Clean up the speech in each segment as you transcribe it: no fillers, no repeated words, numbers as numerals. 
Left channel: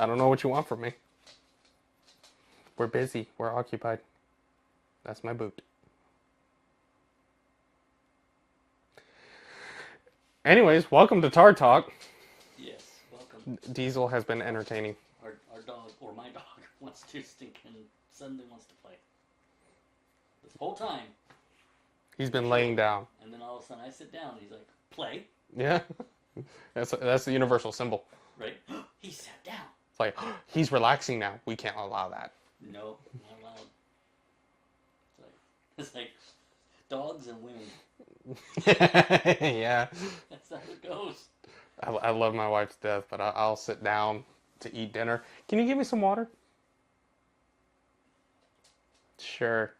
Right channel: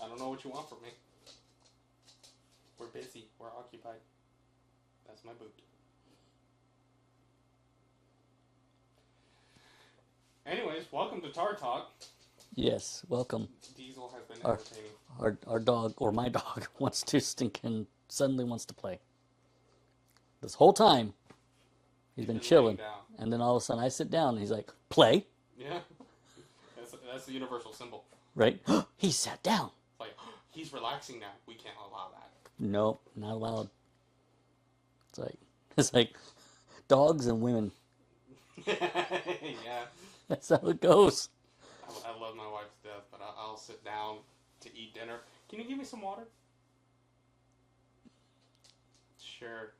I don't know what you want from me. We're busy. We're occupied. That's my boot. Anyways, welcome to Tar Talk. Yes, welcome. Diesel has been entertaining. Our dog, or my dog, wants to suddenly wants to play. This whole time, He's been chilling, laying down. and then all of a sudden I sit down, and he's like, play, Yeah. That's the universal symbol. right? He sat down. It's like, he's relaxing now. We can't allow that. Nope, not allowed. It's like dogs and women. Yeah. That's how it goes. I love my wife to death, but I'll sit down to eat dinner. Can you give me some water? Sure.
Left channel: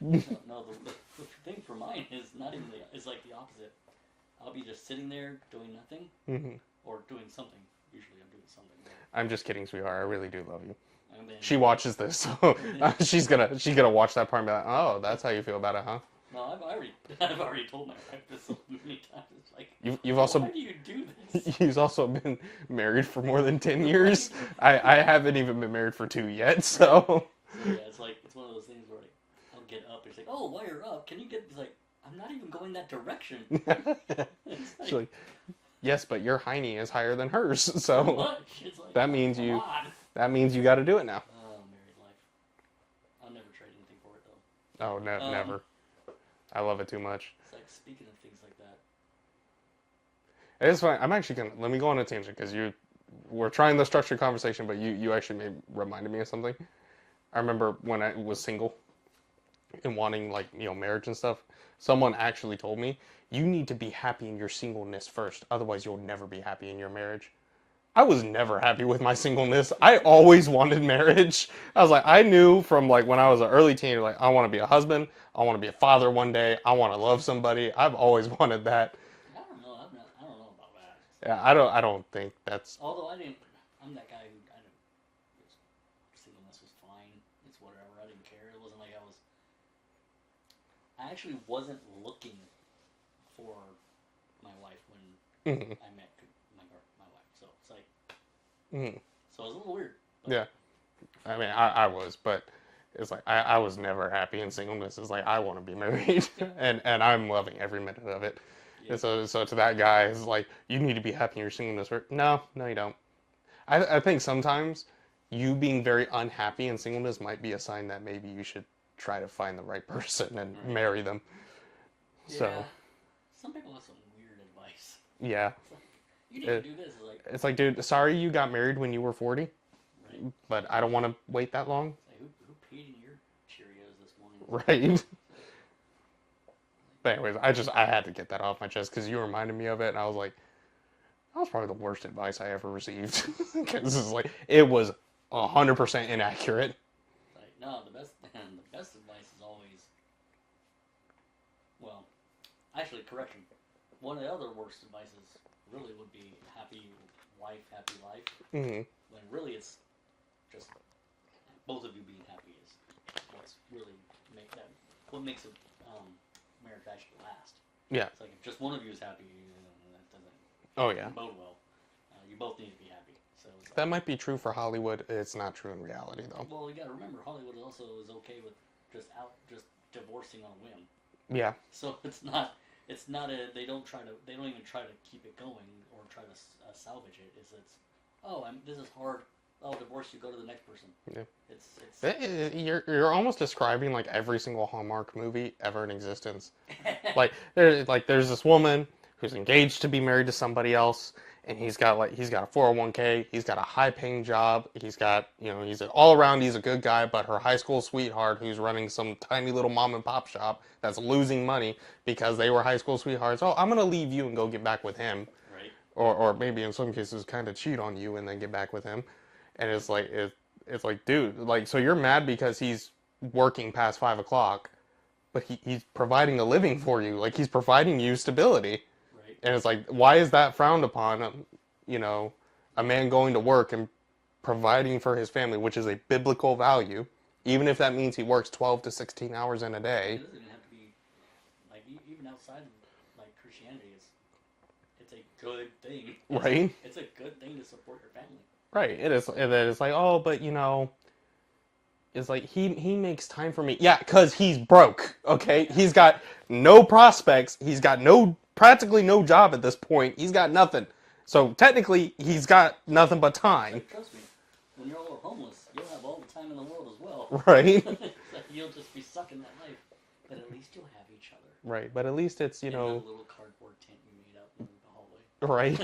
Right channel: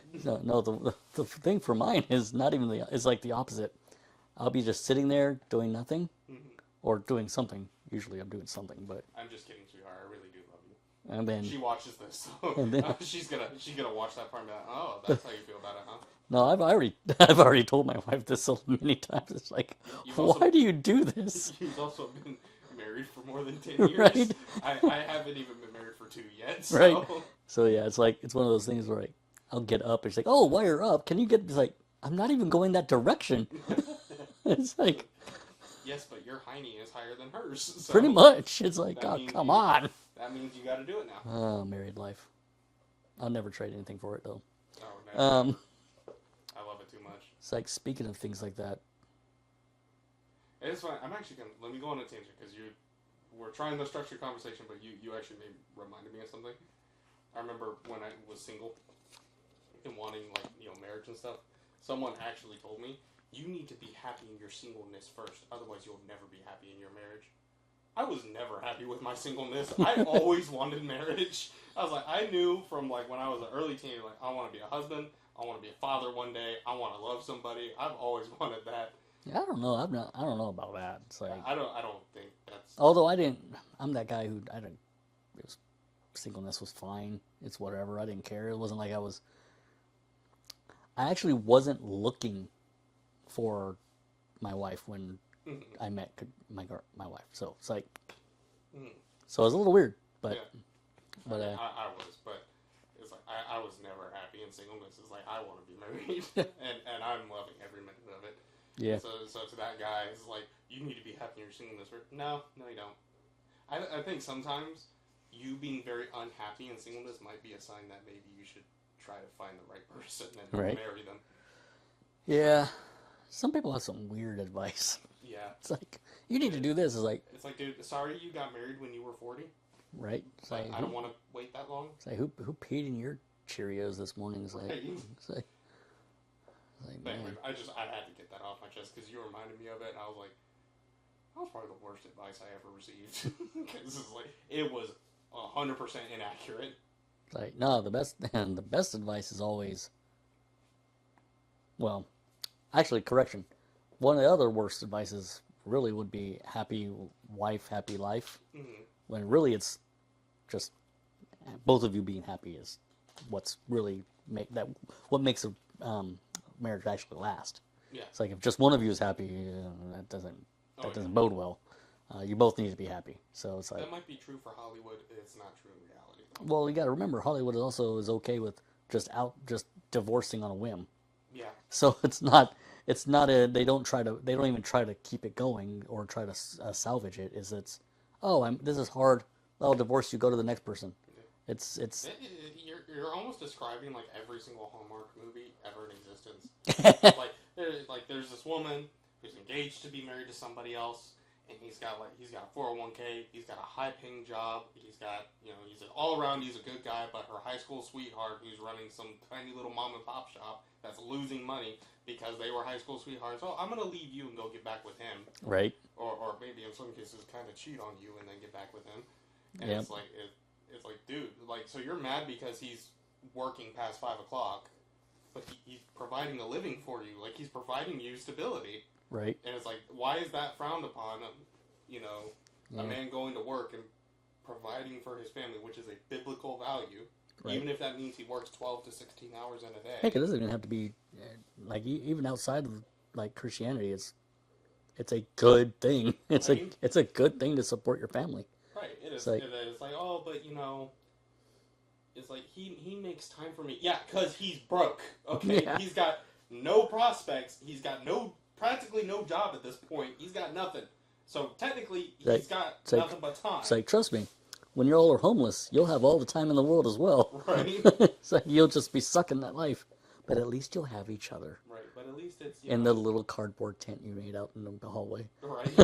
No, the thing for mine is not even is like the opposite. I'll be just sitting there doing nothing, or doing something. Usually I'm doing something, but I'm just kidding, sweetheart. I really do love you. and then She watches this, so she's gonna watch that part and be like, "Oh, that's how you feel about it, huh?" no, I've already told my wife this so many times. It's like, You've also why do you do this? You've also been married for more than 10 years. Right? I haven't even been married for 2 yet, so Right. So yeah, it's one of those things where I'll get up. It's like, oh, while you're up, can you get? It's like, I'm not even going that direction. It's like, yes, but your hiney is higher than hers, so pretty much. It's like, that oh, means come on. that means you got to do it now. Oh, married life. I'll never trade anything for it though. Oh, Um, never. I love it too much. It's like, speaking of things like that. It is fine. I'm actually gonna let me go on a tangent because we're trying the structured conversation, but you actually reminded me of something. I remember when I was single and wanting marriage and stuff. Someone actually told me you need to be happy in your singleness first, otherwise you'll never be happy in your marriage. I was never happy with my singleness. I always wanted marriage. I was like, I knew from when I was an early teenager, like I want to be a husband, I want to be a father one day, I want to love somebody. I've always wanted that. I don't know. I don't know about that. It's like, Yeah, I don't think that's. although I'm that guy who I didn't. Singleness was fine. It's whatever. I didn't care. It wasn't like I actually wasn't looking for my wife when I met my wife. So it's like, so it was a little weird. But Yeah, I mean, I was, but it's like I was never happy in singleness. It's like I want to be married, and I'm loving every minute of it. Yeah. And so to that guy, it's like you need to be happy in your singleness. No, you don't. I think sometimes you being very unhappy in singleness might be a sign that maybe you should try to find the right person and Right. marry them. Yeah. Some people have some weird advice. Yeah. It's like, you need to do this. It's like, dude, sorry you got married when you were 40, Right? but I don't want to wait that long. It's like, who peed in your Cheerios this morning? It's Right. Like, But anyways, I had to get that off my chest because you reminded me of it, and I was like, that was probably the worst advice I ever received. Because it was 100% inaccurate. it's like, no, the best advice is always, well, actually, correction. One of the other worst advices really would be happy wife, happy life. Mm-hmm. When really it's just both of you being happy is what's really what makes a marriage actually last. Yeah. It's like if just one of you is happy, that doesn't bode well. You both need to be happy. So it's like, That might be true for Hollywood. It's not true in reality, though. well, you got to remember Hollywood is okay with just divorcing on a whim. Yeah. So they don't even try to keep it going or try to salvage it. This is hard. I'll divorce you. Go to the next person. Yeah. It's You're almost describing every single Hallmark movie ever in existence. There's this woman who's engaged to be married to somebody else, and he's got a 401k, he's got a high paying job, he's got he's all around, he's a good guy, but her high school sweetheart who's running some tiny little mom and pop shop that's losing money because they were high school sweethearts. Oh, I'm gonna leave you and go get back with him. right. Or maybe in some cases kind of cheat on you and then get back with him. And it's like, dude, so you're mad because he's working past 5 o'clock, but he's providing a living for you. Like, he's providing you stability. Right. And it's like, why is that frowned upon? A man going to work and providing for his family, which is a biblical value, even if that means he works 12 to 16 hours in a day. I think it doesn't even have to be even outside of Christianity. it's a good thing. Right? It's a good thing to support your family. Right. It is. Like, And then it's like, oh, but it's like he makes time for me. Yeah, because he's broke. Okay, Yeah. he's got no prospects. He's got practically no job at this point. He's got nothing. So technically, he's got nothing but time. It's like, trust me, when you all are homeless, you'll have all the time in the world as well. Right. So you'll just be sucking that life. But at least you'll have each other. Right. But at least it's in the little cardboard tent you made out in the hallway. Right.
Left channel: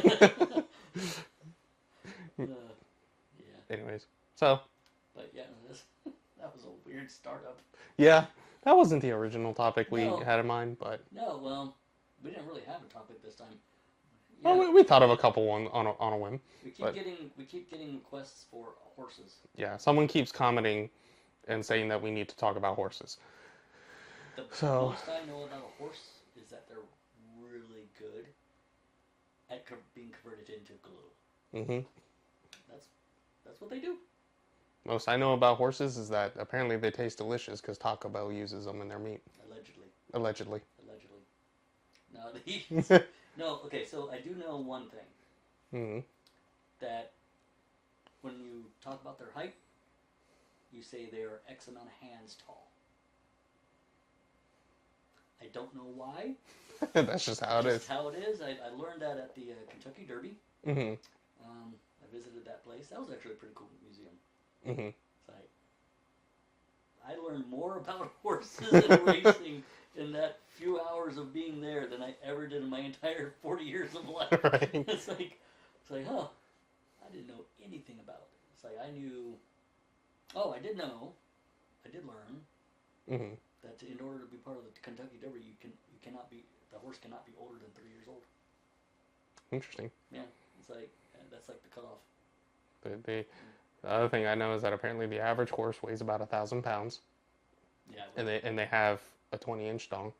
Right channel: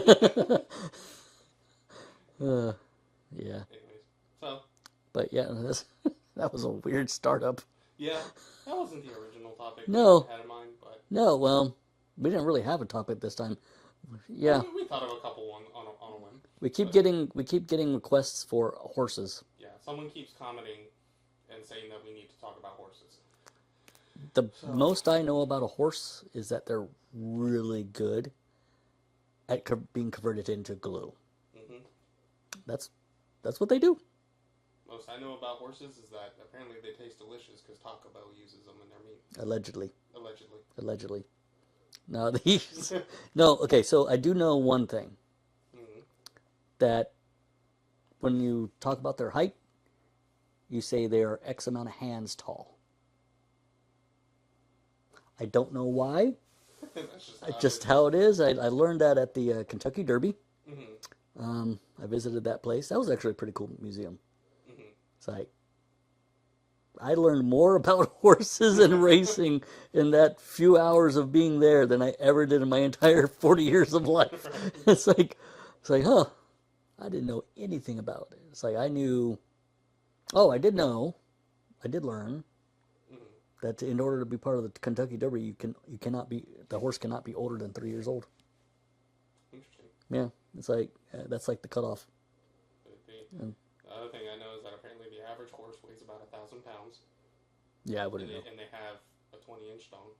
Yeah. Anyways, so. But yeah, that was a weird startup. Yeah, that wasn't the original topic we had in mind, but. No, well, we didn't really have a topic this time. Yeah, well, we thought of a couple on a whim. We keep getting requests for horses. Yeah, someone keeps commenting and saying that we need to talk about horses. The most I know about a horse is that they're really good at being converted into glue. Mm-hmm. That's what they do. Most I know about horses is that apparently they taste delicious because Taco Bell uses them in their meat. Allegedly. No, no. Okay, so I do know one thing. Mm-hmm. That when you talk about their height, you say they are X amount of hands tall. I don't know why. That's just how it is. Just how it is. I learned that at the Kentucky Derby. Mm-hmm. I visited that place. That was actually a pretty cool museum. Mm-hmm. It's like I learned more about horses and racing in that few hours of being there than I ever did in my entire 40 years of life. Right. It's like, huh? I didn't know anything about it. It's like I knew. Oh, I did learn Mm-hmm. that in order to be part of the Kentucky Derby, the horse cannot be older than 3 years old. Interesting. Yeah, it's like that's like the cutoff. The other thing I know is that apparently the average horse weighs about 1,000 pounds. Yeah, and they have a 20-inch dong.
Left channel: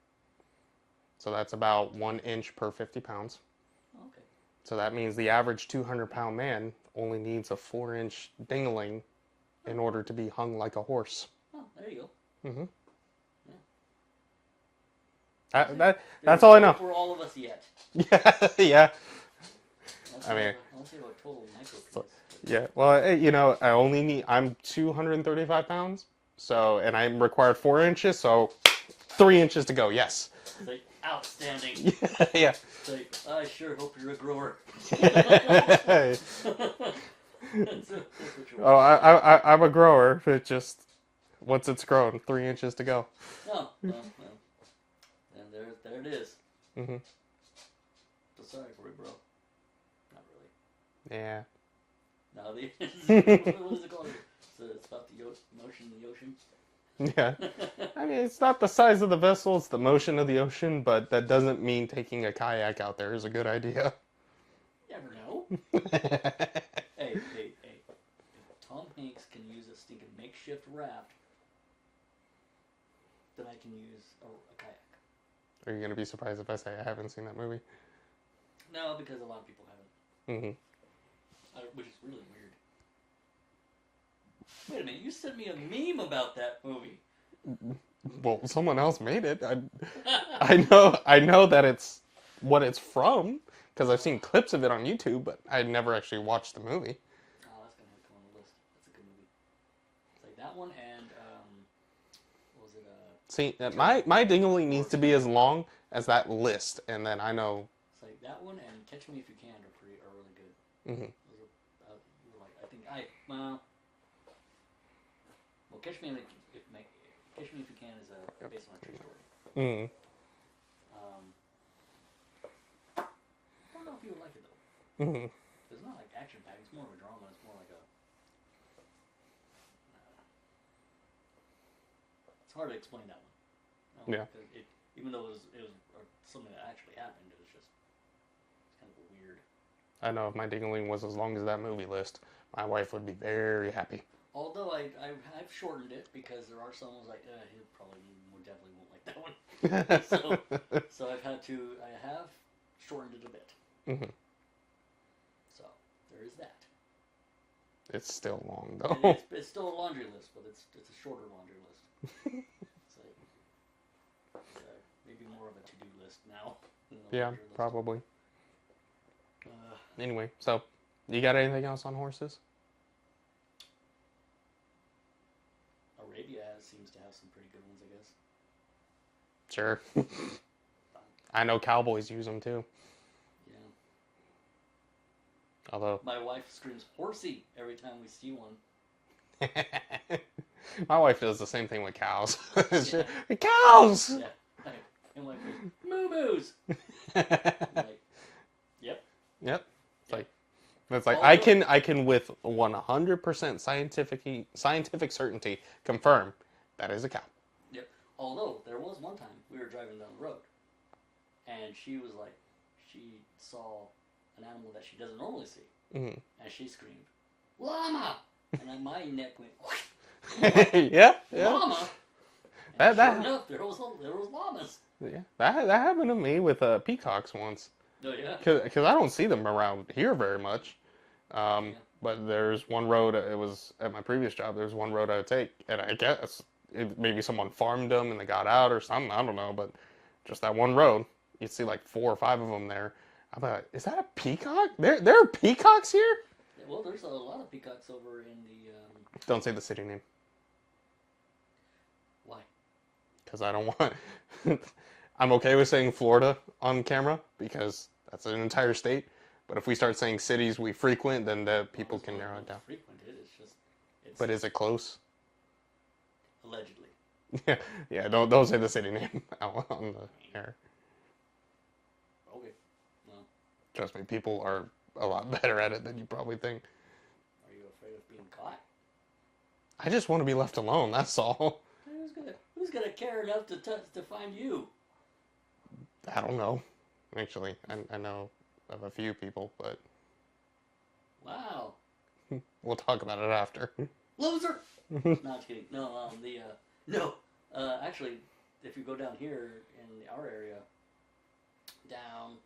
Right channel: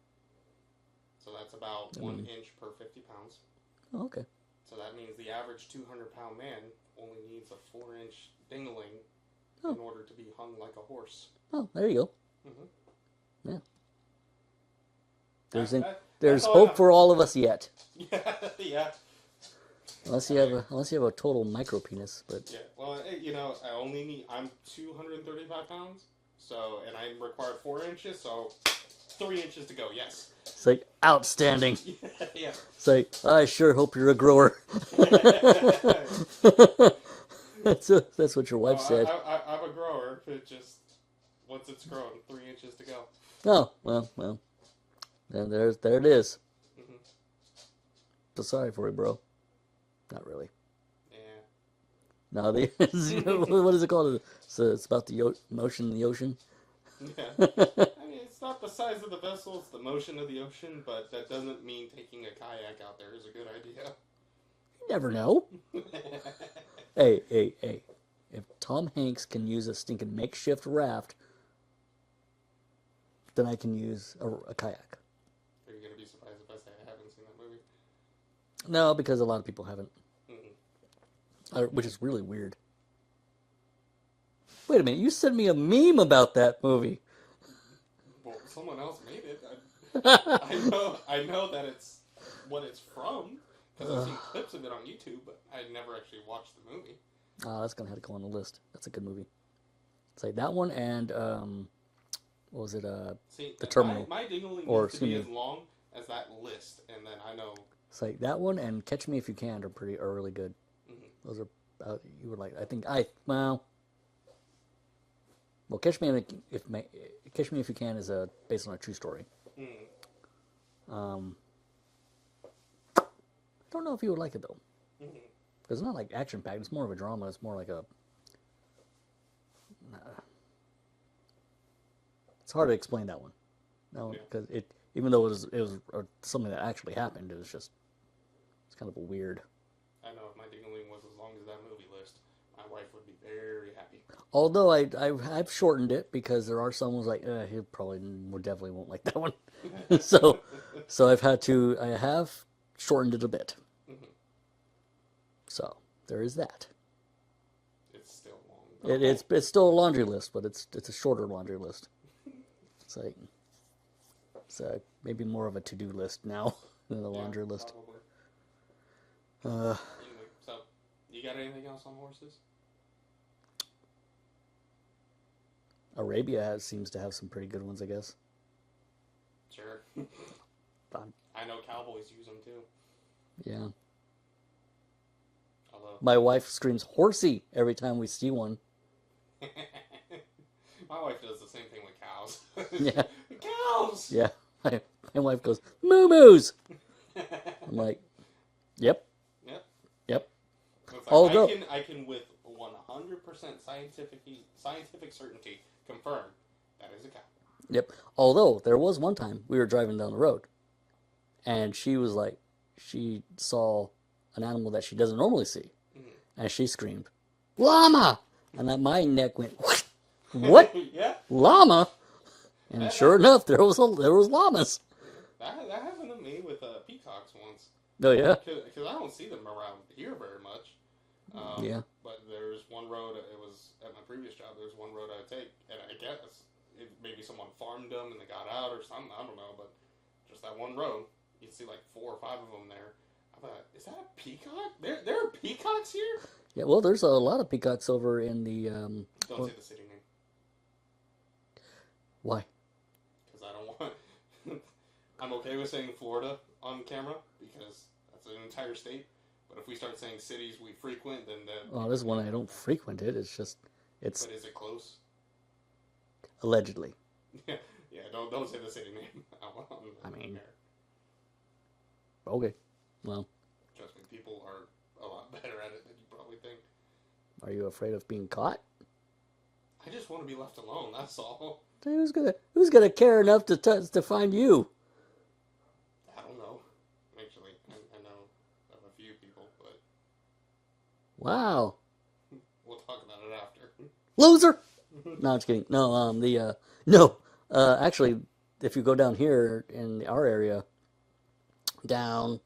So that's about 1 inch per 50 pounds. Oh, okay. So that means the average 200-pound man only needs a 4-inch dingling in order to be hung like a horse. Oh, there you go. Mm-hmm. Yeah. That's all I know for all of us yet. Yeah, yeah. Unless you have a total micro penis, but yeah. Well, I'm 235 pounds, and I'm required 4 inches, so 3 inches to go. Yes. It's like outstanding. Yeah. It's like I sure hope you're a grower. That's what your wife said. I'm a grower. It just once it's grown, 3 inches to go. Oh well. And there it is. Mm-hmm. So sorry for you, bro. Not really. Yeah. No, what is it called? So it's about the motion in the ocean. Yeah. I mean, it's not the size of the vessel; it's the motion of the ocean. But that doesn't mean taking a kayak out there is a good idea. You never know. Hey. If Tom Hanks can use a stinking makeshift raft, then I can use a kayak. Are you gonna be surprised if I say I haven't seen that movie? No, because a lot of people haven't. Mm-hmm. Which is really weird. Wait a minute, you sent me a meme about that movie. Well, someone else made it. I know that it's what it's from because I've seen clips of it on YouTube, but I never actually watched the movie. Oh, that's gonna have to go on the list. That's a good movie. It's like that one and what was it? See, my dingling needs to be as long as that list, and then I know. It's like that one and Catch Me If You Can are really good. Mm-hmm. Those are you were like well, Catch Me If You Can is based on a true story. Mm-hmm. Don't know if you would like it though. Mm-hmm. It's not like action packed. It's more of a drama. It's more like a. It's hard to explain that one. No, because even though it was something that actually happened, it's kind of a weird. I know if my dingling was as long as that movie list, my wife would be very happy. Although I've shortened it because there are some ones like he definitely won't like that one. so I have shortened it a bit. Mm-hmm. So there is that. It's still long though. It's still a laundry list, but it's a shorter laundry list. It's maybe more of a to-do list now than a laundry list. Probably. Anyway, so you got anything else on horses? Arabia seems to have some pretty good ones, I guess. Sure. I know cowboys use them too. Yeah. Although My wife screams horsey every time we see one. my wife does the same thing with cows. Yeah. Cows. Yeah. My wife goes, moo-moos. I'm like, yep. Yep. Yep. It's like I can with 100% scientific certainty confirm that is a cow. Yep. Although there was one time we were driving down the road, and she was like, she saw an animal that she doesn't normally see, and she screamed, "Llama!" And that my neck went, "What? What? Yeah. Llama?" And sure enough, there was llamas. Yeah. That happened to me with peacocks once. Oh yeah. Because I don't see them around here very much. Yeah. But there's one road. It was at my previous job. There's one road I would take, and I guess maybe someone farmed them and they got out or something. I don't know, but just that one road, you'd see like 4 or 5 of them there. I thought, is that a peacock? There are peacocks here? Yeah. Well, there's a lot of peacocks over in the. Don't say the city name. Why? Because I don't want. I'm okay with saying Florida on camera because that's an entire state. But if we start saying cities we frequent, then the people this can one I narrow it don't down. frequent it. It's just it's But is it close? allegedly. Yeah. Don't say the city name on the air. Okay. Well, Trust me, people are a lot better at it than you probably think. are you afraid of being caught? I just want to be left alone. That's all. Who's gonna care enough to find you? I don't know. Actually, I know of a few people, but Wow. we'll talk about it after. Loser. No, I'm just kidding. No, actually, if you go down here in our area, down,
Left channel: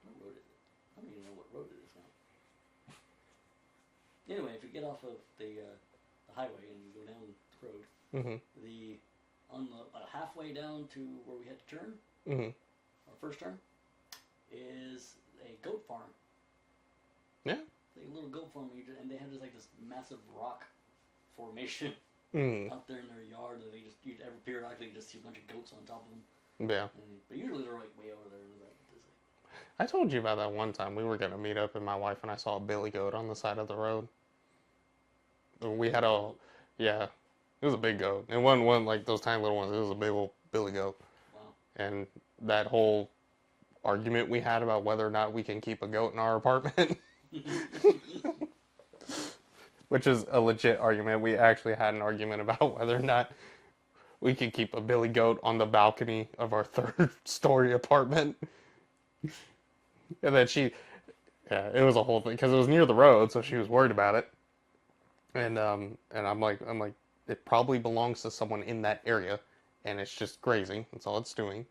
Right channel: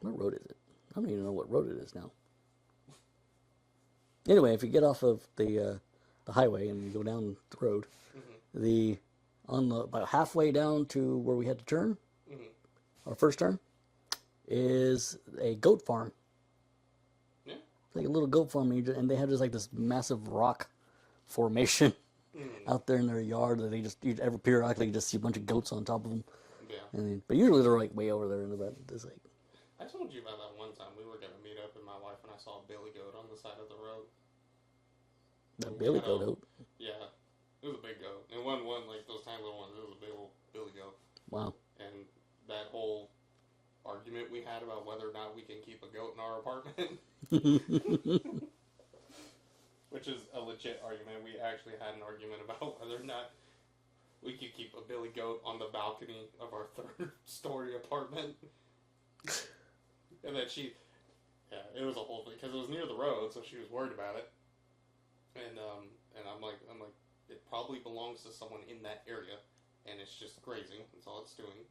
what road is it? I don't even know what road it is now. Anyway, if you get off of the highway and you go down the road, about halfway down to where we had to turn, our first turn, is a goat farm. Yeah. Like a little goat farm, and they have just like this massive rock formation out there in their yard that every periodically you just see a bunch of goats on top of them. Yeah. But usually they're like way over there in the back. It's like, I told you about that one time. We were going to meet up, and my wife and I saw a billy goat on the side of the road. We had yeah, it was a big goat. It wasn't one like those tiny little ones. It was a big old billy goat. wow. And that whole argument we had about whether or not we can keep a goat in our apartment, which is a legit argument. We actually had an argument about whether or not we could keep a billy goat on the balcony of our 3rd-story apartment. And then it was a whole thing because it was near the road, so she was worried about it. And I'm like, it probably belongs to someone in that area, and it's just grazing. That's all it's doing.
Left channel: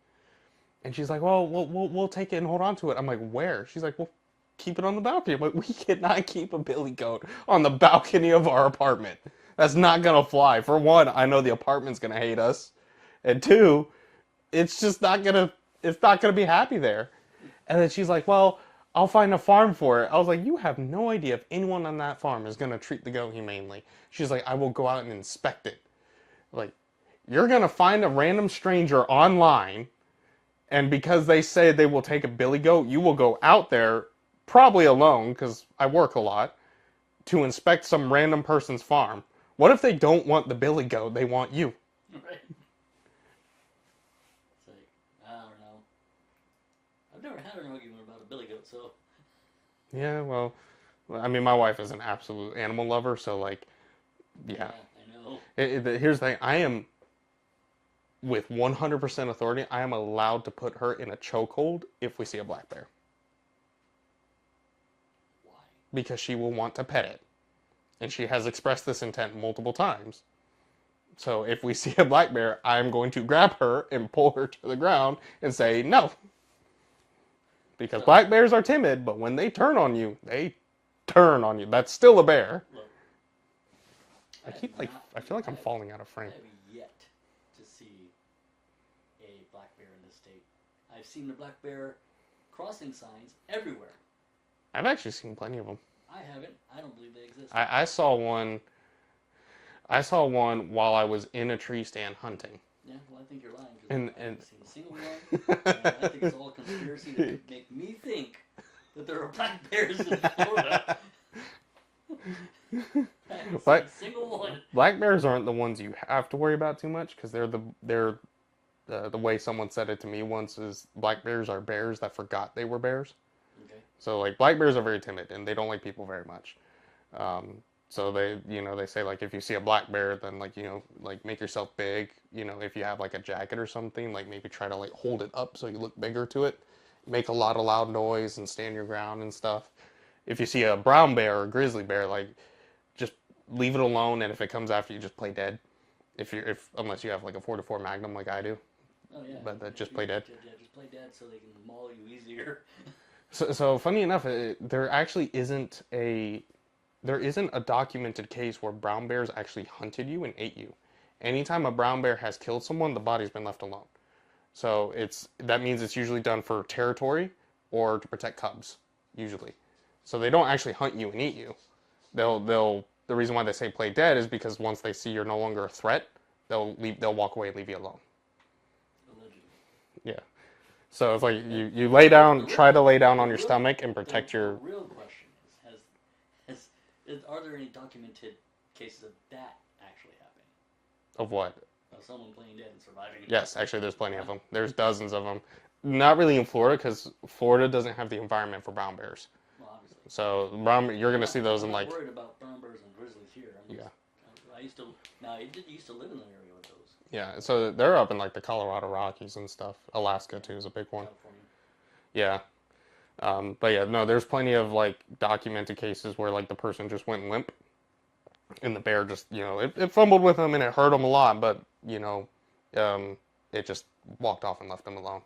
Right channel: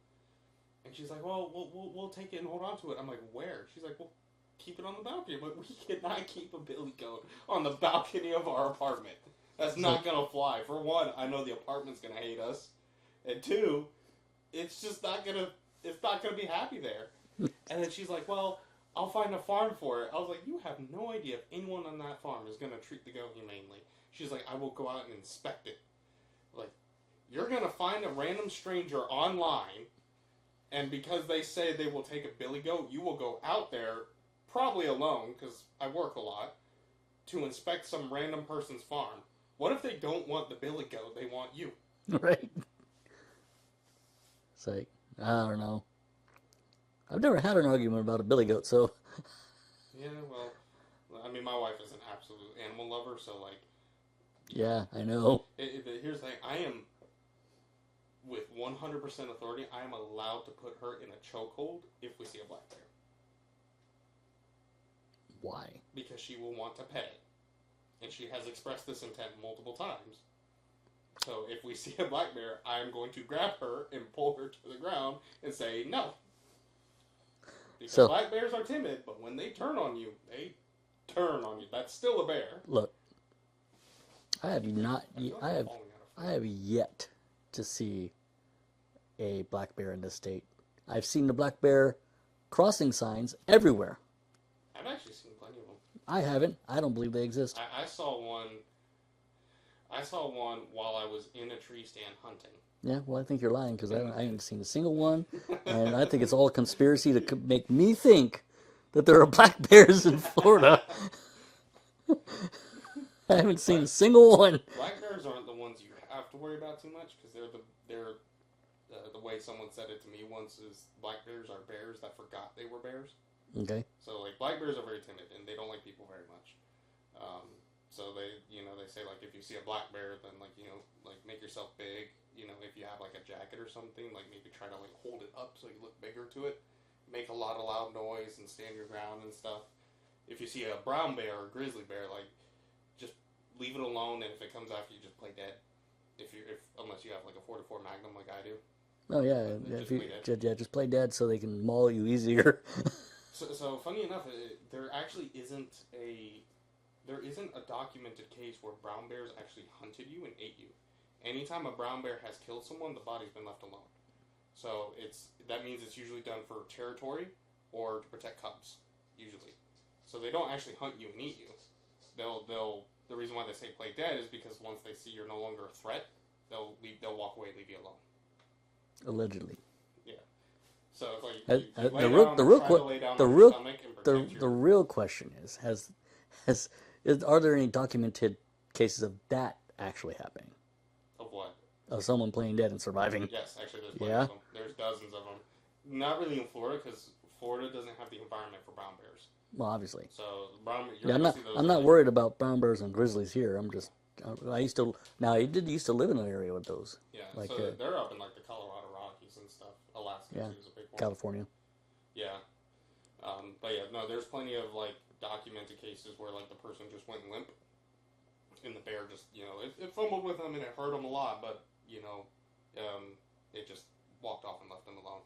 And she's like, well, we'll take it and hold on to it. I'm like, where? She's like, well, keep it on the balcony. I'm like, we cannot keep a billy goat on the balcony of our apartment. That's not gonna fly. For one, I know the apartment's gonna hate us, and 2, it's just not gonna be happy there. And then she's like, well, I'll find a farm for it. I was like, you have no idea if anyone on that farm is gonna treat the goat humanely. She's like, I will go out and inspect it. Like, you're gonna find a random stranger online, and because they say they will take a billy goat, you will go out there, probably alone, because I work a lot, to inspect some random person's farm. What if they don't want the billy goat, they want you? Right. It's like, I don't know. I've never had an argument about a billy goat, so. Yeah, well, I mean, my wife is an absolute animal lover, so like, Yeah, I know. Here's the thing. I am, with 100% authority, I am allowed to put her in a chokehold if we see a black bear. Why? Because she will want to pet it. And she has expressed this intent multiple times. So if we see a black bear, I'm going to grab her and pull her to the ground and say, no. Because black bears are timid, but when they turn on you, they turn on you. That's still a bear. Look, I feel like I'm falling out of frame. I have yet to see a black bear in this state. I've seen the black bear crossing signs everywhere. I've actually seen plenty of them. I haven't. I don't believe they exist. I saw one. I saw one while I was in a tree stand hunting. Yeah, well, I think you're lying because I haven't seen a single one. and And I think it's all a conspiracy to make me think that there are black bears in Florida. I haven't seen a single one. Black bears aren't the ones you have to worry about too much because they're the way someone said it to me once is black bears are bears that forgot they were bears. Okay. So like black bears are very timid and they don't like people very much. So they say like if you see a black bear, then like like make yourself big. If you have like a jacket or something, like maybe try to like hold it up so you look bigger to it. Make a lot of loud noise and stand your ground and stuff. If you see a brown bear or a grizzly bear, like just leave it alone, and if it comes after you, just play dead. Unless you have like a 4-4 Magnum like I do. Oh yeah, but just play dead. Yeah, just play dead so they can maul you easier. So funny enough, there actually isn't a documented case where brown bears actually hunted you and ate you. Anytime a brown bear has killed someone, the body's been left alone. So that means it's usually done for territory or to protect cubs, usually. So they don't actually hunt you and eat you. The reason why they say play dead is because once they see you're no longer a threat, they'll walk away and leave you alone. Allegedly. Yeah. So it's like you lay down, try to lay down on your stomach and protect your. The real question is, are there any documented cases of that actually happening? Of what? Of someone playing dead and surviving? Yes, actually, there's plenty of them. There's dozens of them. Not really in Florida because Florida doesn't have the environment for brown bears. Well, obviously. So you're going to see those. I'm not worried about brown bears and grizzlies here. I'm just. Yeah. I did used to live in an area with those. Yeah, like, so they're up in like the Colorado Rockies and stuff. Alaska too is a big one. California. Yeah. But yeah, no, there's plenty of like documented cases where like the person just went limp and the bear just, it fumbled with them and it hurt them a lot, but it just walked off and left them alone.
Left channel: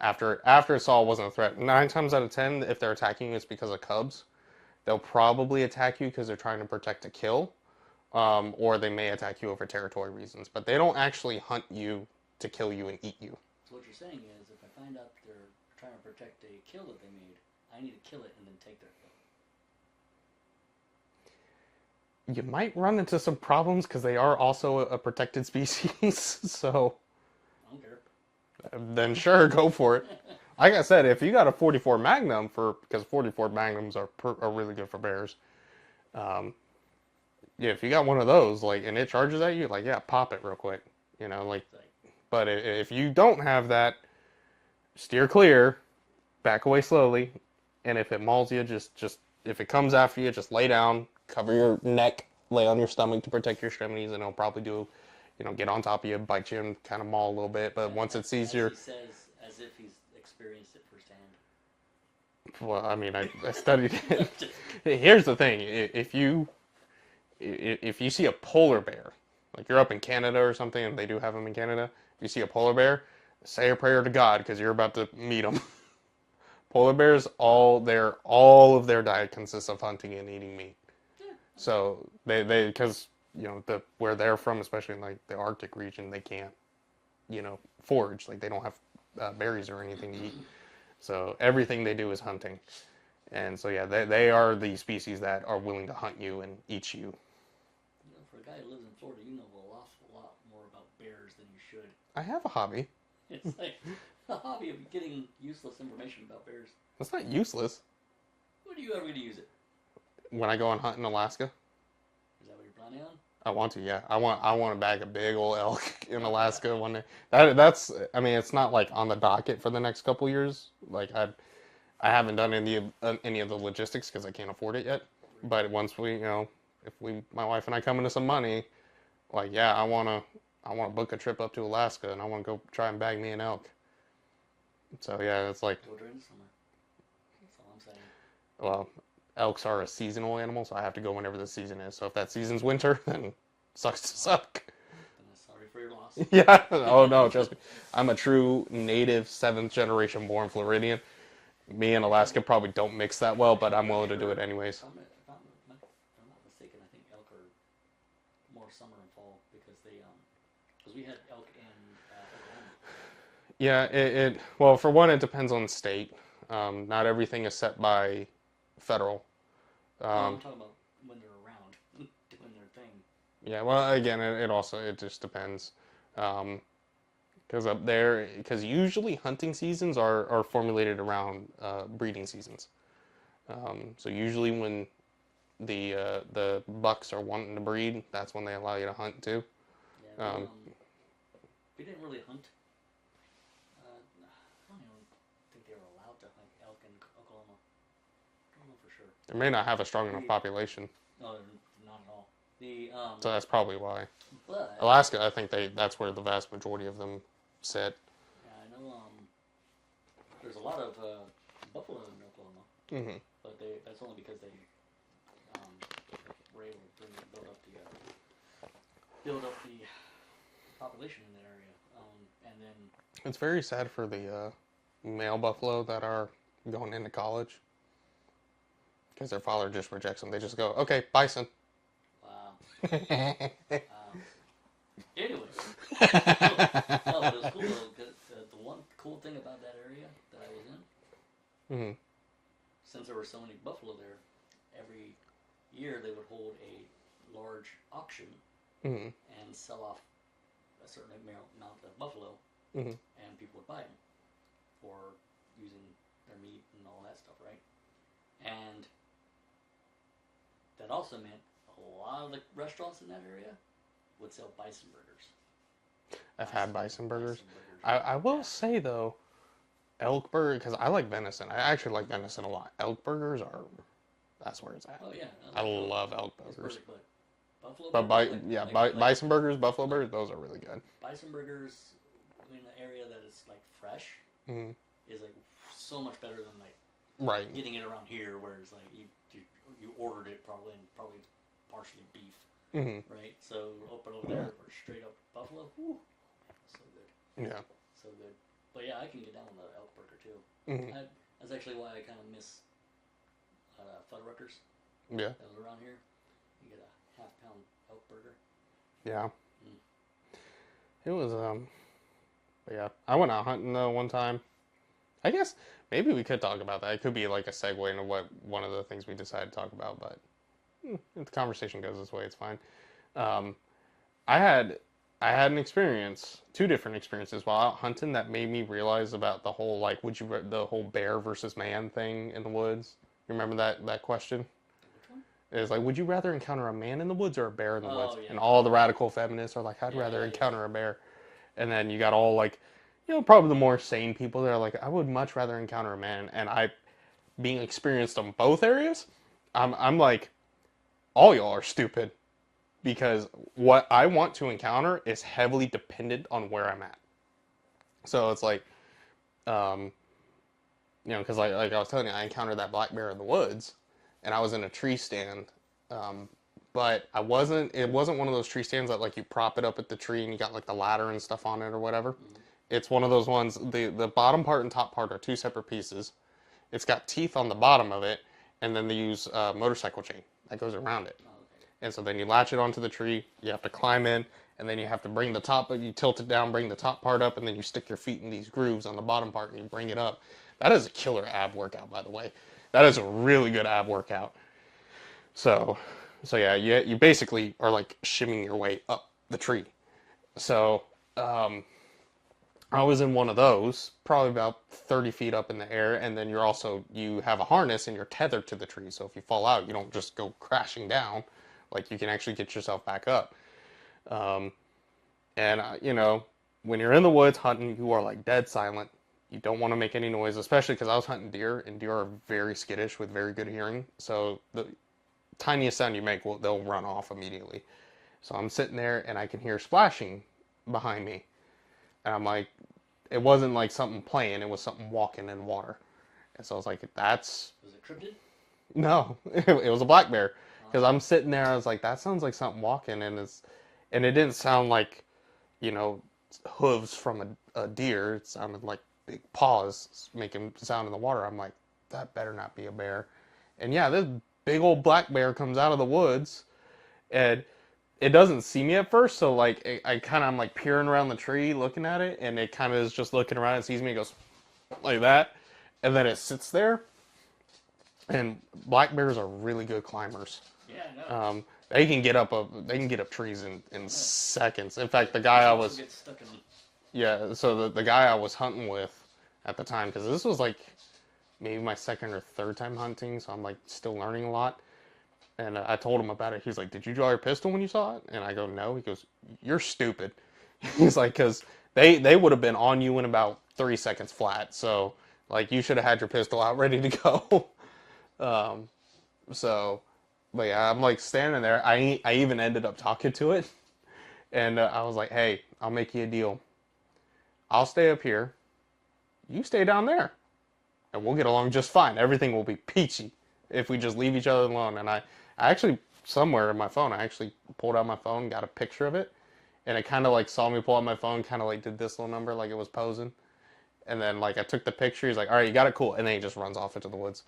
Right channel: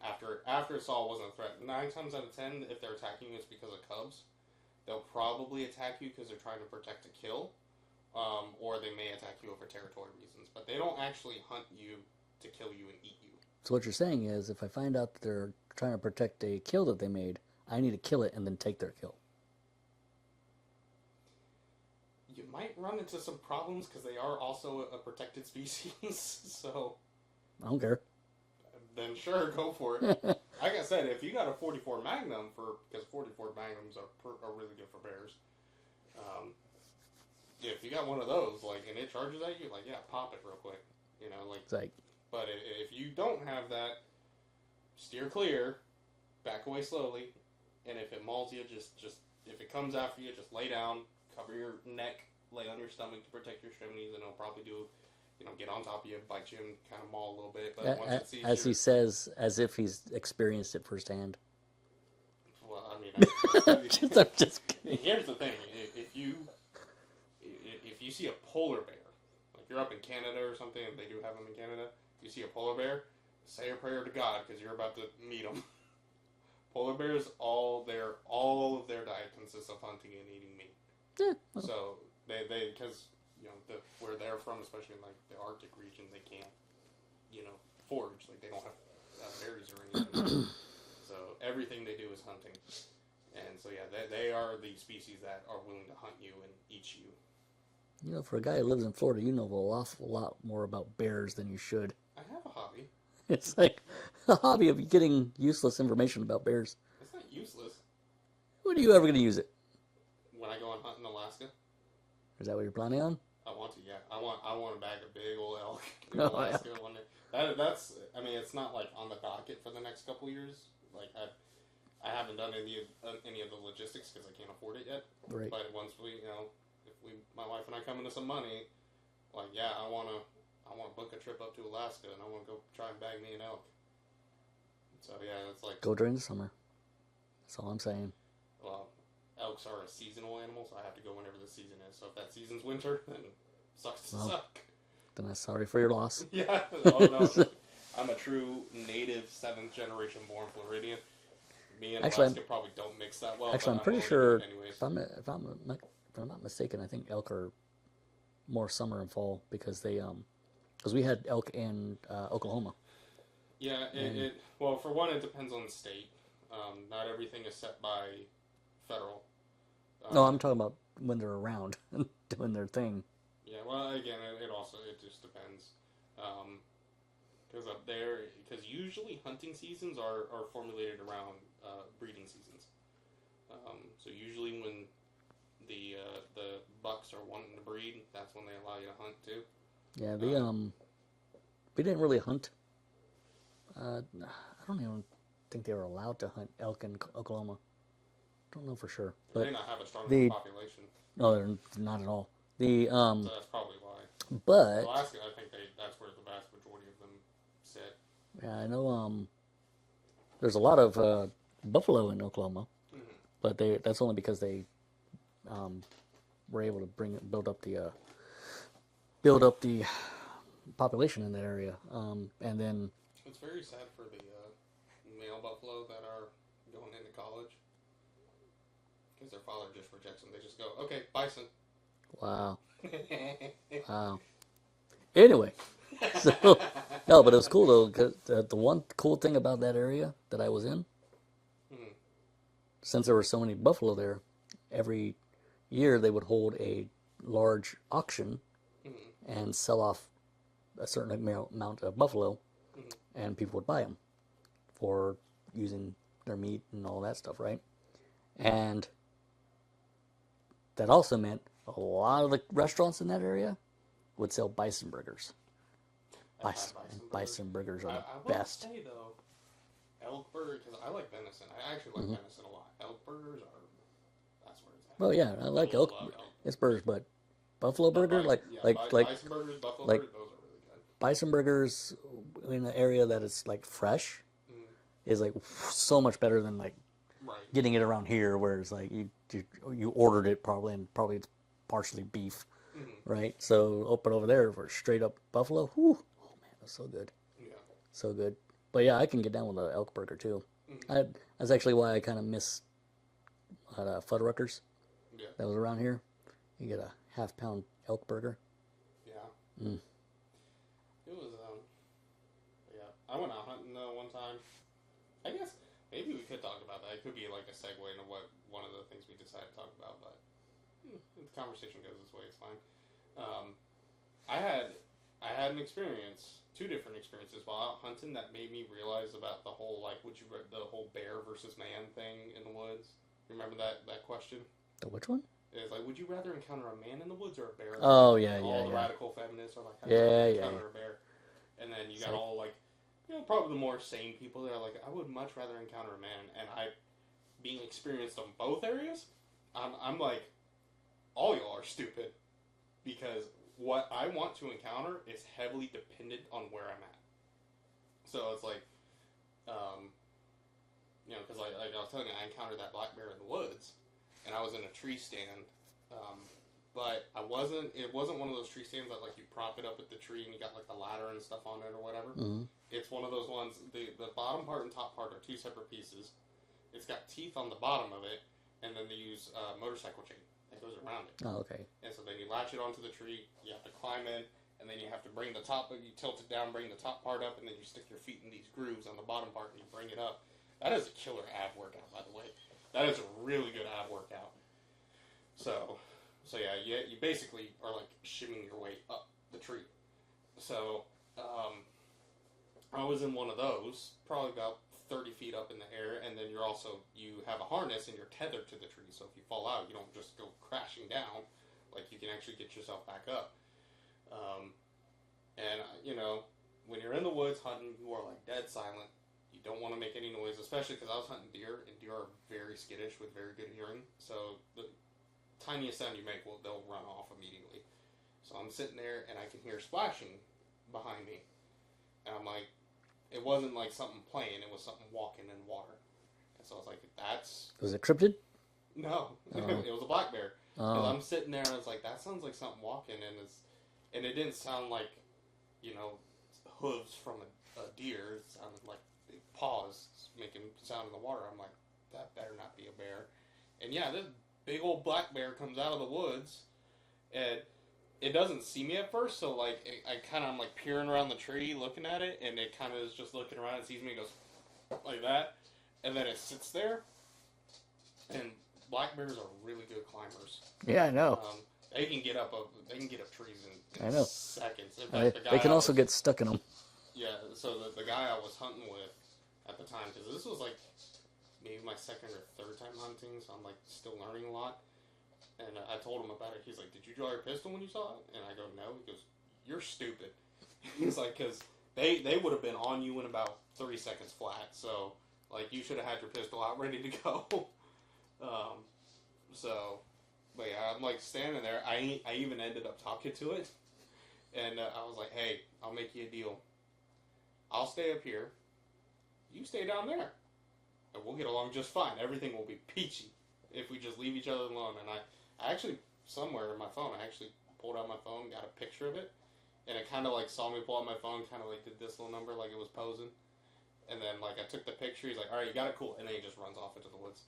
After it saw it wasn't a threat. 9 times out of 10, if they're attacking you, it's because of cubs. They'll probably attack you because they're trying to protect a kill, or they may attack you over territory reasons. But they don't actually hunt you to kill you and eat you. So what you're saying is, if I find out that they're trying to protect a kill that they made, I need to kill it and then take their kill. You might run into some problems because they are also a protected species. So I don't care. Then sure, go for it. Like I said, if you got a 44 Magnum because 44 Magnums are really good for bears. Yeah, if you got one of those, and it charges at you, yeah, pop it real quick. But if you don't have that, steer clear, back away slowly, and if it mauls you, just if it comes after you, just lay down, cover your neck, lay on your stomach to protect your extremities, and it'll probably do. Get on top of you, bite you, and kind of maul a little bit. But once it sees he says, as if he's experienced it firsthand. Well, I mean, I studied. Here's the thing: if you see a polar bear, like you're up in Canada or something, and they do have them in Canada, if you see a polar bear, say a prayer to God because you're about to meet them. Polar bears, all of their diet consists of hunting and eating meat. Yeah. Okay. So they because. Where they're from, especially in the Arctic region, they can't, forage. They don't have berries or anything to eat. So everything they do is hunting. And so yeah, they are the species that are willing to hunt you and eat you. For a guy who lives in Florida, you know an awful lot more about bears than you should. I have a hobby. It's like a hobby of getting useless information about bears. That's not useless. When are you ever going to use it? When I go and hunt in Alaska. Is that what you're planning on? I want to, yeah. I want to bag a big old elk in Alaska one day. That's it's not on the docket for the next couple years. I haven't done any of the logistics because I can't afford it yet. Right. But once we, my wife and I come into some money, I want to book a trip up to Alaska and I want to go try and bag me an elk. So yeah, it's go during the summer. That's all I'm saying. Well. Elks are a seasonal animal, so I have to go whenever the season is. So if that season's winter, then sucks to suck. Then I'm sorry for your loss. Yeah. Oh, no. Trust me. I'm a true native 7th generation born Floridian. Me and Alaska probably don't mix that well, but I'm willing to do it anyways. If I'm not mistaken, I think elk are more summer and fall because we had elk in Oklahoma. Yeah, well, for one, it depends on the state. Not everything is set by federal. No, I'm Um, talking about when they're around doing their thing. yeah, well, again, it also it just depends. Because up there, because usually hunting seasons are formulated around breeding seasons. So usually when the bucks are wanting to breed, that's when they allow you to hunt too. Yeah, Um, we didn't really hunt. I don't even think they were allowed to hunt elk in Oklahoma. Don't know for sure. they may not have a strong enough The population, no, they're not at all. The so that's probably why. but Alaska, I think that's where the vast majority of them sit. yeah, I know there's a lot of buffalo in Oklahoma, Hmm. but that's only because they um, were able to build up the population in that area, and then It's very sad for the male buffalo that are going into college because their father just rejects them. They just go, okay, bison. wow, wow. Anyway, so, no, but it was cool though. 'Cause the one cool thing about that area that I was in, Hmm. since there were so many buffalo there, every year they would hold a large auction Hmm. and sell off a certain amount of buffalo, Hmm. and people would buy them for using their meat and all that stuff, right? And that also meant a lot of the restaurants in that area would sell bison burgers. I've had bison burgers. Bison burgers I are will best. say though, elk burger because I like venison. I actually like venison a lot. Elk burgers that's where it's at. Well, yeah, I I like elk. love elk It's burgers. burgers, but buffalo But burger, like bison burgers, buffalo like- burgers, those are really good. bison burgers in an area that is like fresh Hmm. is like so much better than like Right. getting it around here, where it's like you ordered it probably, and probably it's partially beef, Hmm. right? So open over there for straight up buffalo. Whew, oh man, that's so good, Yeah. so good. But yeah, I can get down with an elk burger too. Hmm. That's actually why I kind of miss Fuddruckers Yeah. that was around here. You get a half-pound elk burger. Yeah. Mm. It was but yeah. I went out hunting though one time. I guess maybe we could talk about that. It could be like a segue into what one of the things we decided to talk about, but if the conversation goes this way, it's fine. Um, I had an experience, two different experiences while out hunting that made me realize about the whole like the whole bear versus man thing in the woods. You remember that question? The which one? Is like, would you rather encounter a man in the woods or a bear in the Oh, woods? yeah, And yeah, all the yeah. radical feminists are like, I'd Yeah, rather yeah. encounter a bear. And then you got all like, probably the more sane people that are like, I would much rather encounter a man. And being experienced on both areas, I'm like, all y'all are stupid. Because what I want to encounter is heavily dependent on where I'm at. So it's like, because like I was telling you, I encountered that black bear in the woods, and I was in a tree stand, but it wasn't one of those tree stands that like you prop it up at the tree and you got like the ladder and stuff on it or whatever. Mm-hmm. It's one of those ones. The bottom part and top part are two separate pieces. It's got teeth on the bottom of it, and then they use motorcycle chain that goes around it. Oh, okay. And so then you latch it onto the tree. You have to climb in, and then you have to bring the top. You tilt it down, bring the top part up, and then you stick your feet in these grooves on the bottom part, and you bring it up. That is a killer ab workout, by the way. That is a really good ab workout. So yeah, you basically are like shimmying your way up the tree. So I was in one of those, probably about 30 feet up in the air, and then you have a harness and you're tethered to the tree. So if you fall out, you don't just go crashing down. Like you can actually get yourself back up. When you're in the woods hunting, you are like dead silent. You don't want to make any noise, especially because I was hunting deer, and deer are very skittish with very good hearing. So the tiniest sound you make, they'll run off immediately. So I'm sitting there, and I can hear splashing behind me. And I'm like, it wasn't like something playing, it was something walking in water. And so I was like, Was it cryptid? no, it was a black bear. Because Oh. I'm sitting there, I was like, that sounds like something walking, and it didn't sound like, hooves from a deer. It sounded like big paws making sound in the water. I'm like, that better not be a bear. And yeah, this big old black bear comes out of the woods, and it doesn't see me at first, so like I kind of I'm like peering around the tree looking at it, and it kind of is just looking around and sees me, and goes like that, and then it sits there. And black bears are really good climbers. Yeah, I know. They can get up trees in I know. seconds. In fact, the They guy can I also was get stuck in them. yeah, so the guy I was hunting with at the time, because this was like maybe my second or third time hunting, so I'm like still learning a lot. And I told him about it. He's like, "Did you draw your pistol when you saw it?" And I go, "No." He goes, "You're stupid." He's like, "Because they would have been on you in about 3 seconds flat. So like you should have had your pistol out ready to go." um, so, but yeah, I'm like standing there. I even ended up talking to it, and I was like, "Hey, I'll make you a deal. I'll stay up here. You stay down there, and we'll get along just fine. Everything will be peachy if we just leave each other alone." And I actually, somewhere in my phone, I actually pulled out my phone, got a picture of it, and it kind of like saw me pull out my phone, kind of like did this little number like it was posing. And then like I took the picture. He's like, "All right, you got it, cool." And then he just runs off into the woods.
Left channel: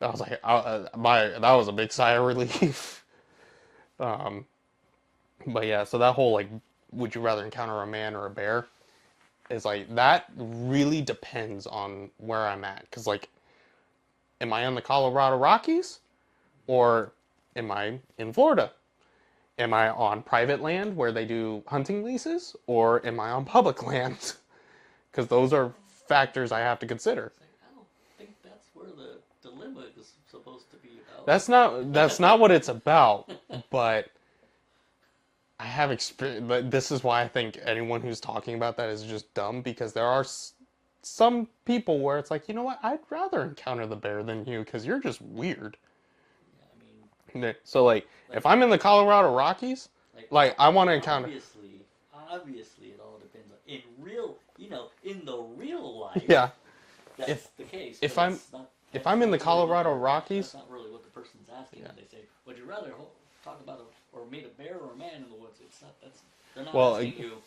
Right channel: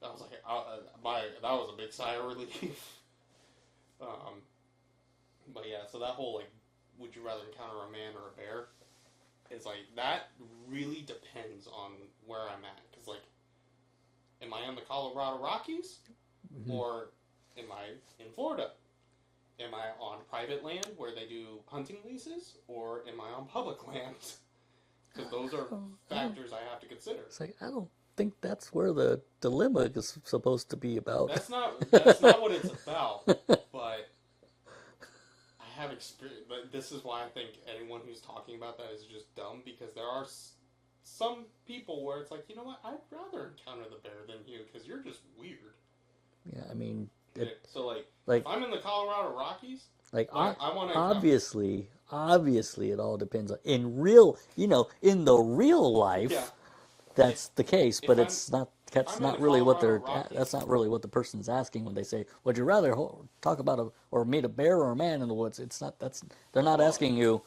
I was like, that was a big sigh of relief. um, but yeah, so that whole like, would you rather encounter a man or a bear? Is like that really depends on where I'm at. Cause like, am I in the Colorado Rockies, or am I in Florida? Am I on private land where they do hunting leases, or am I on public land? Because those are factors I have to consider. It's like, I don't think that's where the dilemma is supposed to be about. That's not what it's about. But I have experience. But this is why I think anyone who's talking about that is just dumb, because there are some people where it's like, you know what, I'd rather encounter the bear than you because you're just weird. Yeah, I mean, so like if I'm in the Colorado Rockies, like I want to encounter. Obviously, it all depends on in real, in the real life. Yeah, that's the case, but it's not. If I'm in the Colorado Rockies, that's not really what the person's asking when they say, "Would you rather talk about or meet a bear or a man in the woods?" It's not. They're not asking you.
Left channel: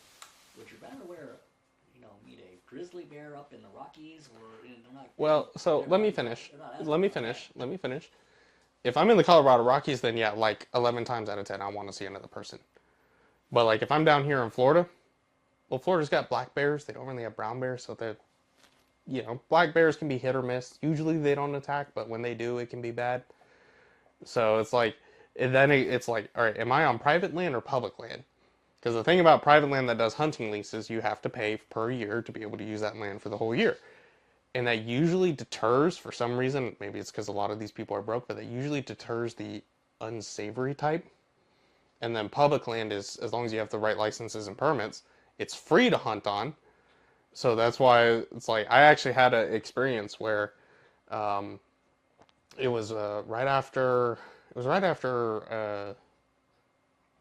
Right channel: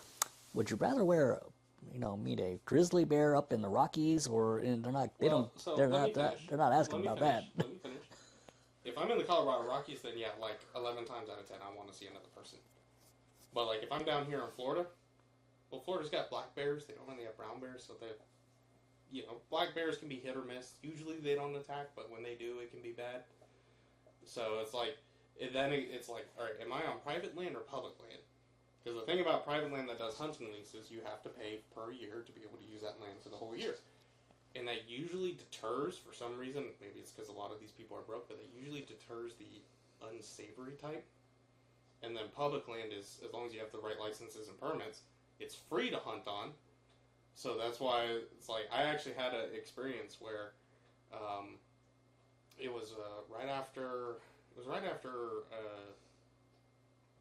Would you rather meet a grizzly bear up in the Rockies, or they're not. Well, so let me finish. They're not asking. Let me finish. If I'm in the Colorado Rockies, then yeah, like 11 times out of 10, I want to see another person. But like if I'm down here in Florida, well, Florida's got black bears. They don't really have brown bears, so they're, black bears can be hit or miss. Usually they don't attack, but when they do, it can be bad. So it's like, it's like, all right, am I on private land or public land? Because the thing about private land that does hunting leases, you have to pay per year to be able to use that land for the whole year. And that usually deters, for some reason, maybe it's because a lot of these people are broke, but that usually deters the unsavory type. And then public land is, as long as you have the right licenses and permits, it's free to hunt on. So that's why it's like, I actually had an experience where it was right after a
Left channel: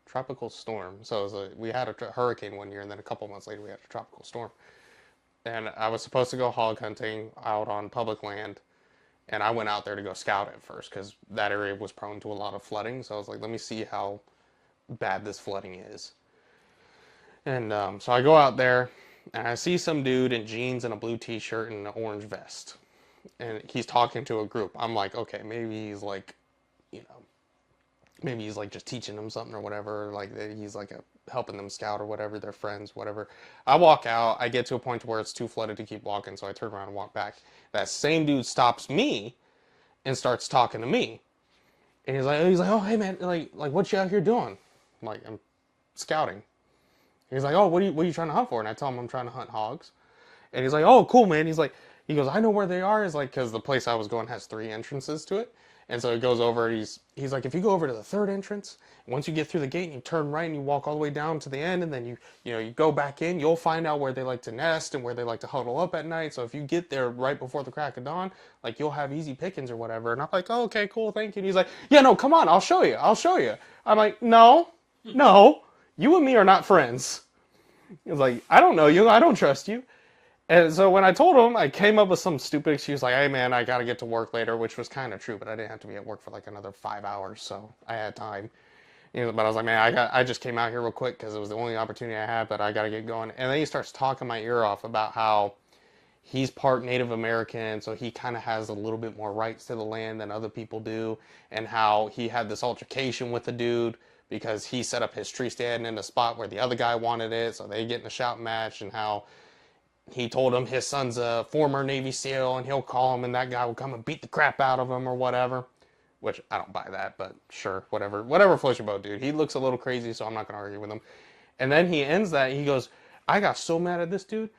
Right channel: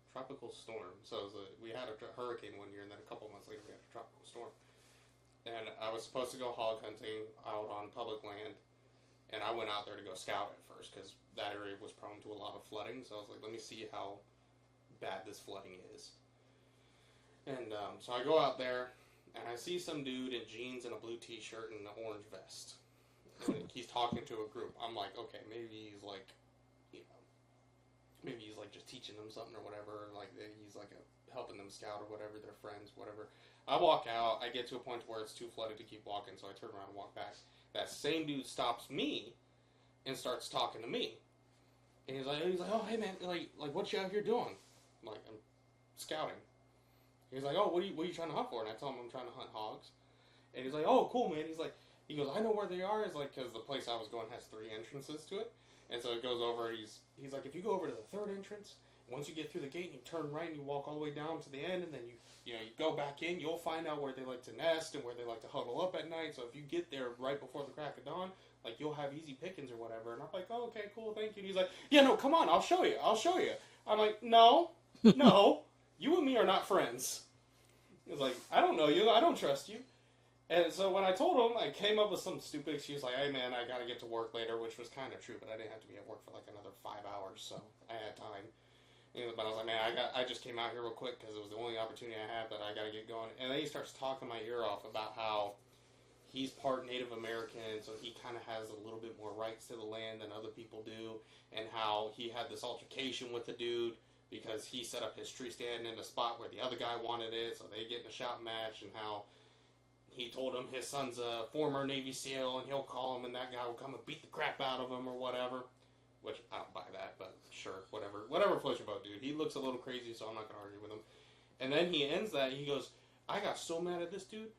tropical storm. So it was we had a hurricane one year, and then a couple months later we had a tropical storm. And I was supposed to go hog hunting out on public land, and I went out there to go scout at first because that area was prone to a lot of flooding. So I was like, let me see how bad this flooding is. And so I go out there, and I see some dude in jeans and a blue t-shirt and an orange vest, and he's talking to a group. I'm like, okay, maybe he's like, maybe he's like just teaching them something or whatever. Like he's like helping them scout or whatever. They're friends, whatever. I walk out. I get to a point where it's too flooded to keep walking, so I turn around and walk back. That same dude stops me and starts talking to me. And he's like, oh hey man, like what you out here doing? I'm like, I'm scouting. And he's like, oh, what are you trying to hunt for? And I tell him I'm trying to hunt hogs. And he's like, oh cool man. He goes, I know where they are. Is like, because the place I was going has 3 entrances to it. And so he goes over, he's like, if you go over to the 3rd entrance, once you get through the gate and you turn right and you walk all the way down to the end, and then you go back in, you'll find out where they like to nest and where they like to huddle up at night. So if you get there right before the crack of dawn, like you'll have easy pickings or whatever. And I'm like, oh, okay, cool, thank you. And he's like, yeah, no, come on, I'll show you. I'm like, no, you and me are not friends. He's like, I don't know you, I don't trust you. And so when I told him, I came up with some stupid excuse like, hey man, I gotta get to work later, which was kind of true, but I didn't have to be at work for like another 5 hours, so I had time. But I was like, man, I just came out here real quick because it was the only opportunity I had, but I gotta get going. And then he starts talking my ear off about how he's part Native American, so he kind of has a little bit more rights to the land than other people do, and how he had this altercation with the dude because he set up his tree stand in a spot where the other guy wanted it, so they get in a shout match, and how he told him his son's a former Navy SEAL, and he'll call him, and that guy will come and beat the crap out of him or whatever. Which, I don't buy that, but sure, whatever. Whatever floats your boat, dude. He looks a little crazy, so I'm not going to argue with him. And then he ends that, he goes, I got so mad at this dude,